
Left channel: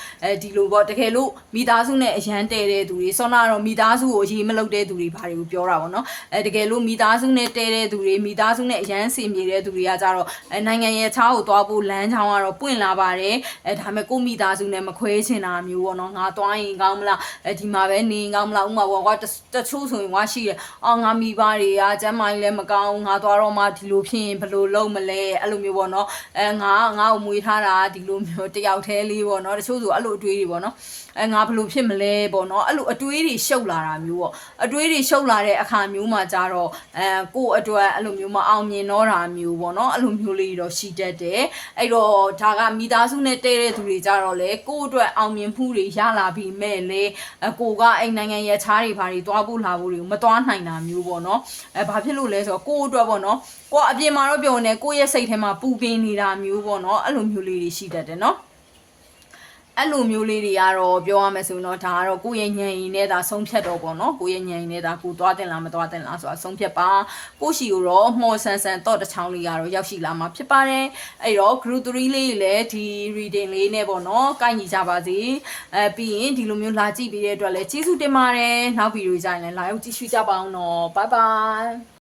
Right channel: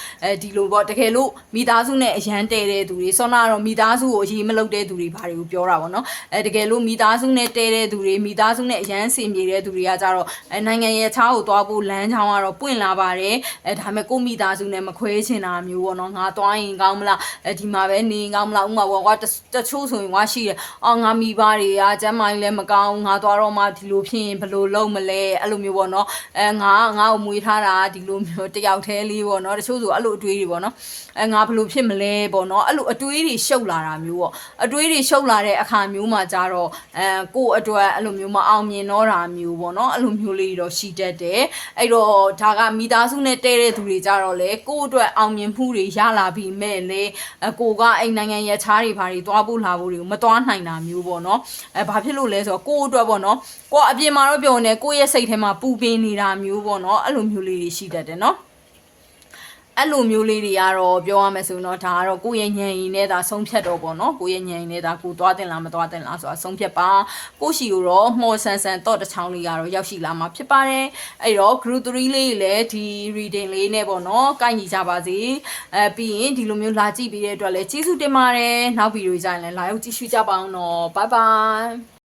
ဒီလိုပေါ့တကယ်လို့မိသားစုနဲ့အရန်တဲတဲ့သူတွေဆောနာတော့မိသားစုကိုအရေးမလုပ်တဲ့သူတွေဘာတွေကိုပြောတာပေါ့နော်တကယ်လို့မိသားစုနဲ့တဲတဲ့သူတွေမိသားစုနဲ့အရန်စင်ပြေတဲ့သူတွေကကြတော့နိုင်ငံရဲ့ခြားကိုသွားဖို့လမ်းကြောင်းကတော့ပွင့်လာပါတယ်ဒါပေမဲ့ကိုမိသားစုနဲ့မခွဲချင်တာမျိုးပေါ့နော်ငါသွားရင်ကောင်းမလားဒီမှာပဲနေကောင်းမလားဥမာပေါ့ကွာတချို့ဆိုရင်ကွာရှိတယ်ငါမိဘတွေကကျမ်းမာရင်လည်းမကောင်းငါသွားတော့မှဒီလိုဖြစ်ရင်ဘယ်လိုလုပ်မလဲအဲ့လိုမျိုးပေါ့နော်ငါ့ကိုမွေးထားတာဒီလိုမျိုးတယောက်တည်းလေးပေါ့နော်တချို့ဆိုအဲ့လိုအတွေးတွေပေါ့နော်ငါဘယ်လိုဖြစ်မလဲပေါ့နော်အဲ့လိုအတွေးတွေရှုပ်လာတာမျိုးပေါ့အတွေးတွေရှုပ်လာတဲ့အခါမျိုးမှာကြတော့ကိုယ့်အတွက်အဲ့လိုမျိုးမအောင်မြင်တော့တာမျိုးပေါ့နော်အဲ့လိုမျိုးလေးတော့ရှိတတ်တယ်အဲ့တော့ဒါကမိသားစုနဲ့တဲတဲ့သူတွေကြတော့လေကိုယ့်အတွက်အောင်မြင်မှုတွေရလာပြီးမဲ့လေကိုကအဲ့နိုင်ငံရဲ့ခြားတွေဘာတွေသွားဖို့လာဖို့တွေကိုမသွားနိုင်တာမျိုးပေါ့နော်ဘာဖြစ်လို့လဲဆိုတော့ကိုယ့်အတွက်ပေါ့နော်ကိုအပြင်မှာတော့ပြောနေကိုယ့်ရဲ့စိတ်ထဲမှာပူပင်နေတာမျိုးပေါ့နော်အဲ့လိုမျိုးလေးတွေရှိတတ်တယ်နော်အဲ့လိုမျိုးလေးတွေကတော့ပြောရမယ်ဆိုရင်တော့ဒါကတော့ကိုယ့်ရဲ့ဉာဏ်ရည်နဲ့ဒါဆုံးဖြတ်တော့ပေါ့နော်ကိုယ့်ရဲ့ဉာဏ်ရည်နဲ့ဒါကိုသွားတင်လားမသွားတင်လားဆိုတာဆုံးဖြတ်ပါကိုရှိကိုတော့မှော်ဆန်ဆန်တော့တစ်ချောင်းလေးကတော့ရောက်ရှိလာမှာဖြစ်ပါတယ်အဲ့တော့ group 3လေးလည်းဒီ reading လေးနဲ့ပေါ့နော်ကိုက်ညီကြပါစေပြီးရင်ဒီလိုမျိုးလာကြည့်ပြီးတဲ့အတွက်လည်းကျေးဇူးတင်ပါတယ်နောက်ဗီဒီယိုကြရင်လည်းလာရောက်ကြည့်ရှုကြပါအောင်နော် bye bye